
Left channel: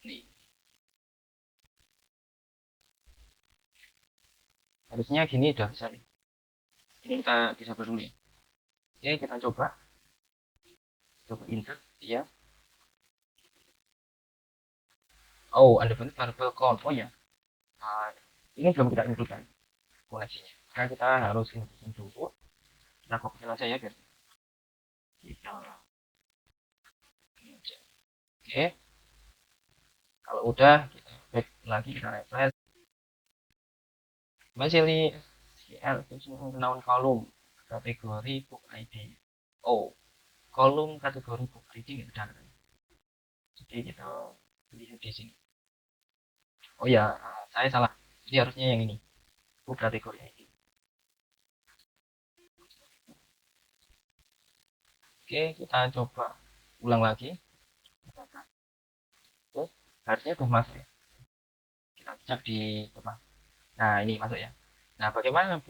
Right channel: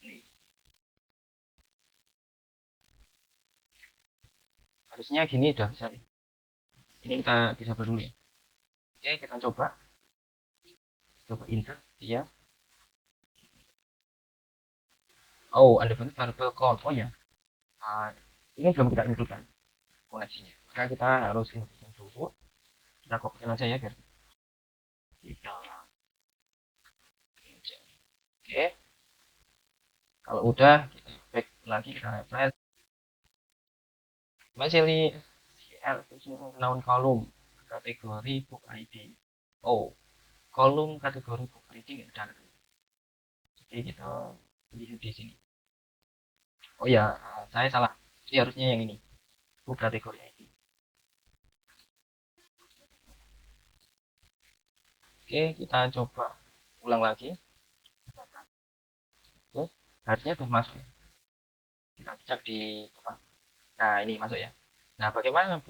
Nih. Harusnya gini udah bisa nih. Ini kita bisa dulu. Oke, kita coba insert ya. Oh, undefined variable count. Oh ya, ini belum kita tentukan koneksinya. Maka kita harus tentukan dulu. Kita kopikan aja ya biar kita oke. Kalau udah kita back lagi, kita refresh. Masih kita noun kolom kategori book ID. Oh, kolom kategori book ID nggak ada. Jadi kita lihat di sini. Oh ya, saya salah. Jadi harusnya yang ini. Book kategori ID. Oke, kita coba ulang lagi. Harusnya sudah masuk ya. Kita cek di depan. Nah, ini masuk ya. Nah, bagaimana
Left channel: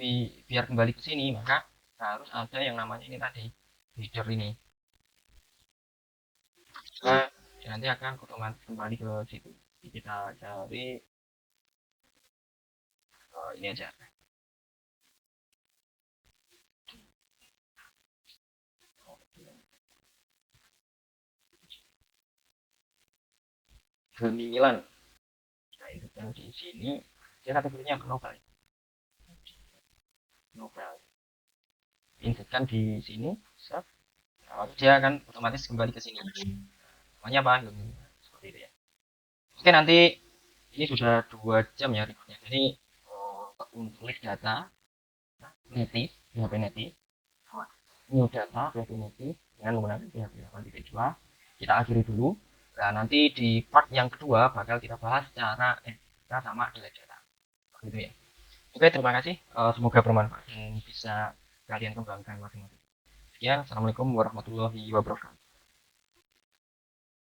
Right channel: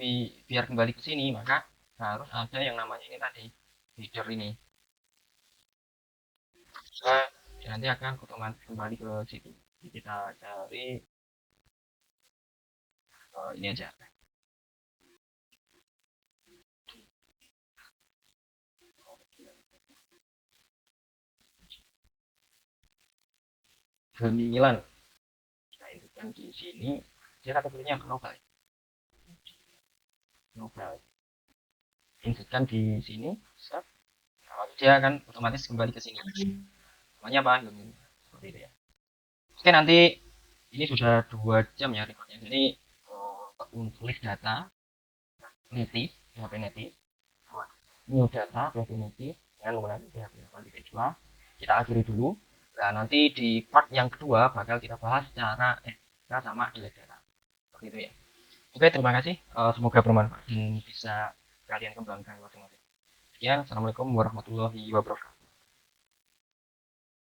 biar kembali ke sini? Maka harus ada yang namanya ini tadi, header ini. Nah, nanti akan otomatis kembali ke situ. Jadi kita cari ini aja. Gemilang. Nah, itu yang di sini. Kita kategorinya novel. Novel. injekan di sini, set, dia akan otomatis kembali ke sini. Namanya apa? Seperti itu ya. Oke, nanti ini sudah 2 jam ya recordnya. Jadi untuk list data native PHP native, new data PHP native dengan menggunakan PHP 8.2 kita akhiri dulu. Nah, nanti di part yang kedua bakal kita bahas cara kita sama delete data. Seperti itu ya. Oke, terima kasih. Semoga bermanfaat dan bisa kalian kembangkan masing-masing. Sekian, assalamualaikum warahmatullahi wabarakatuh.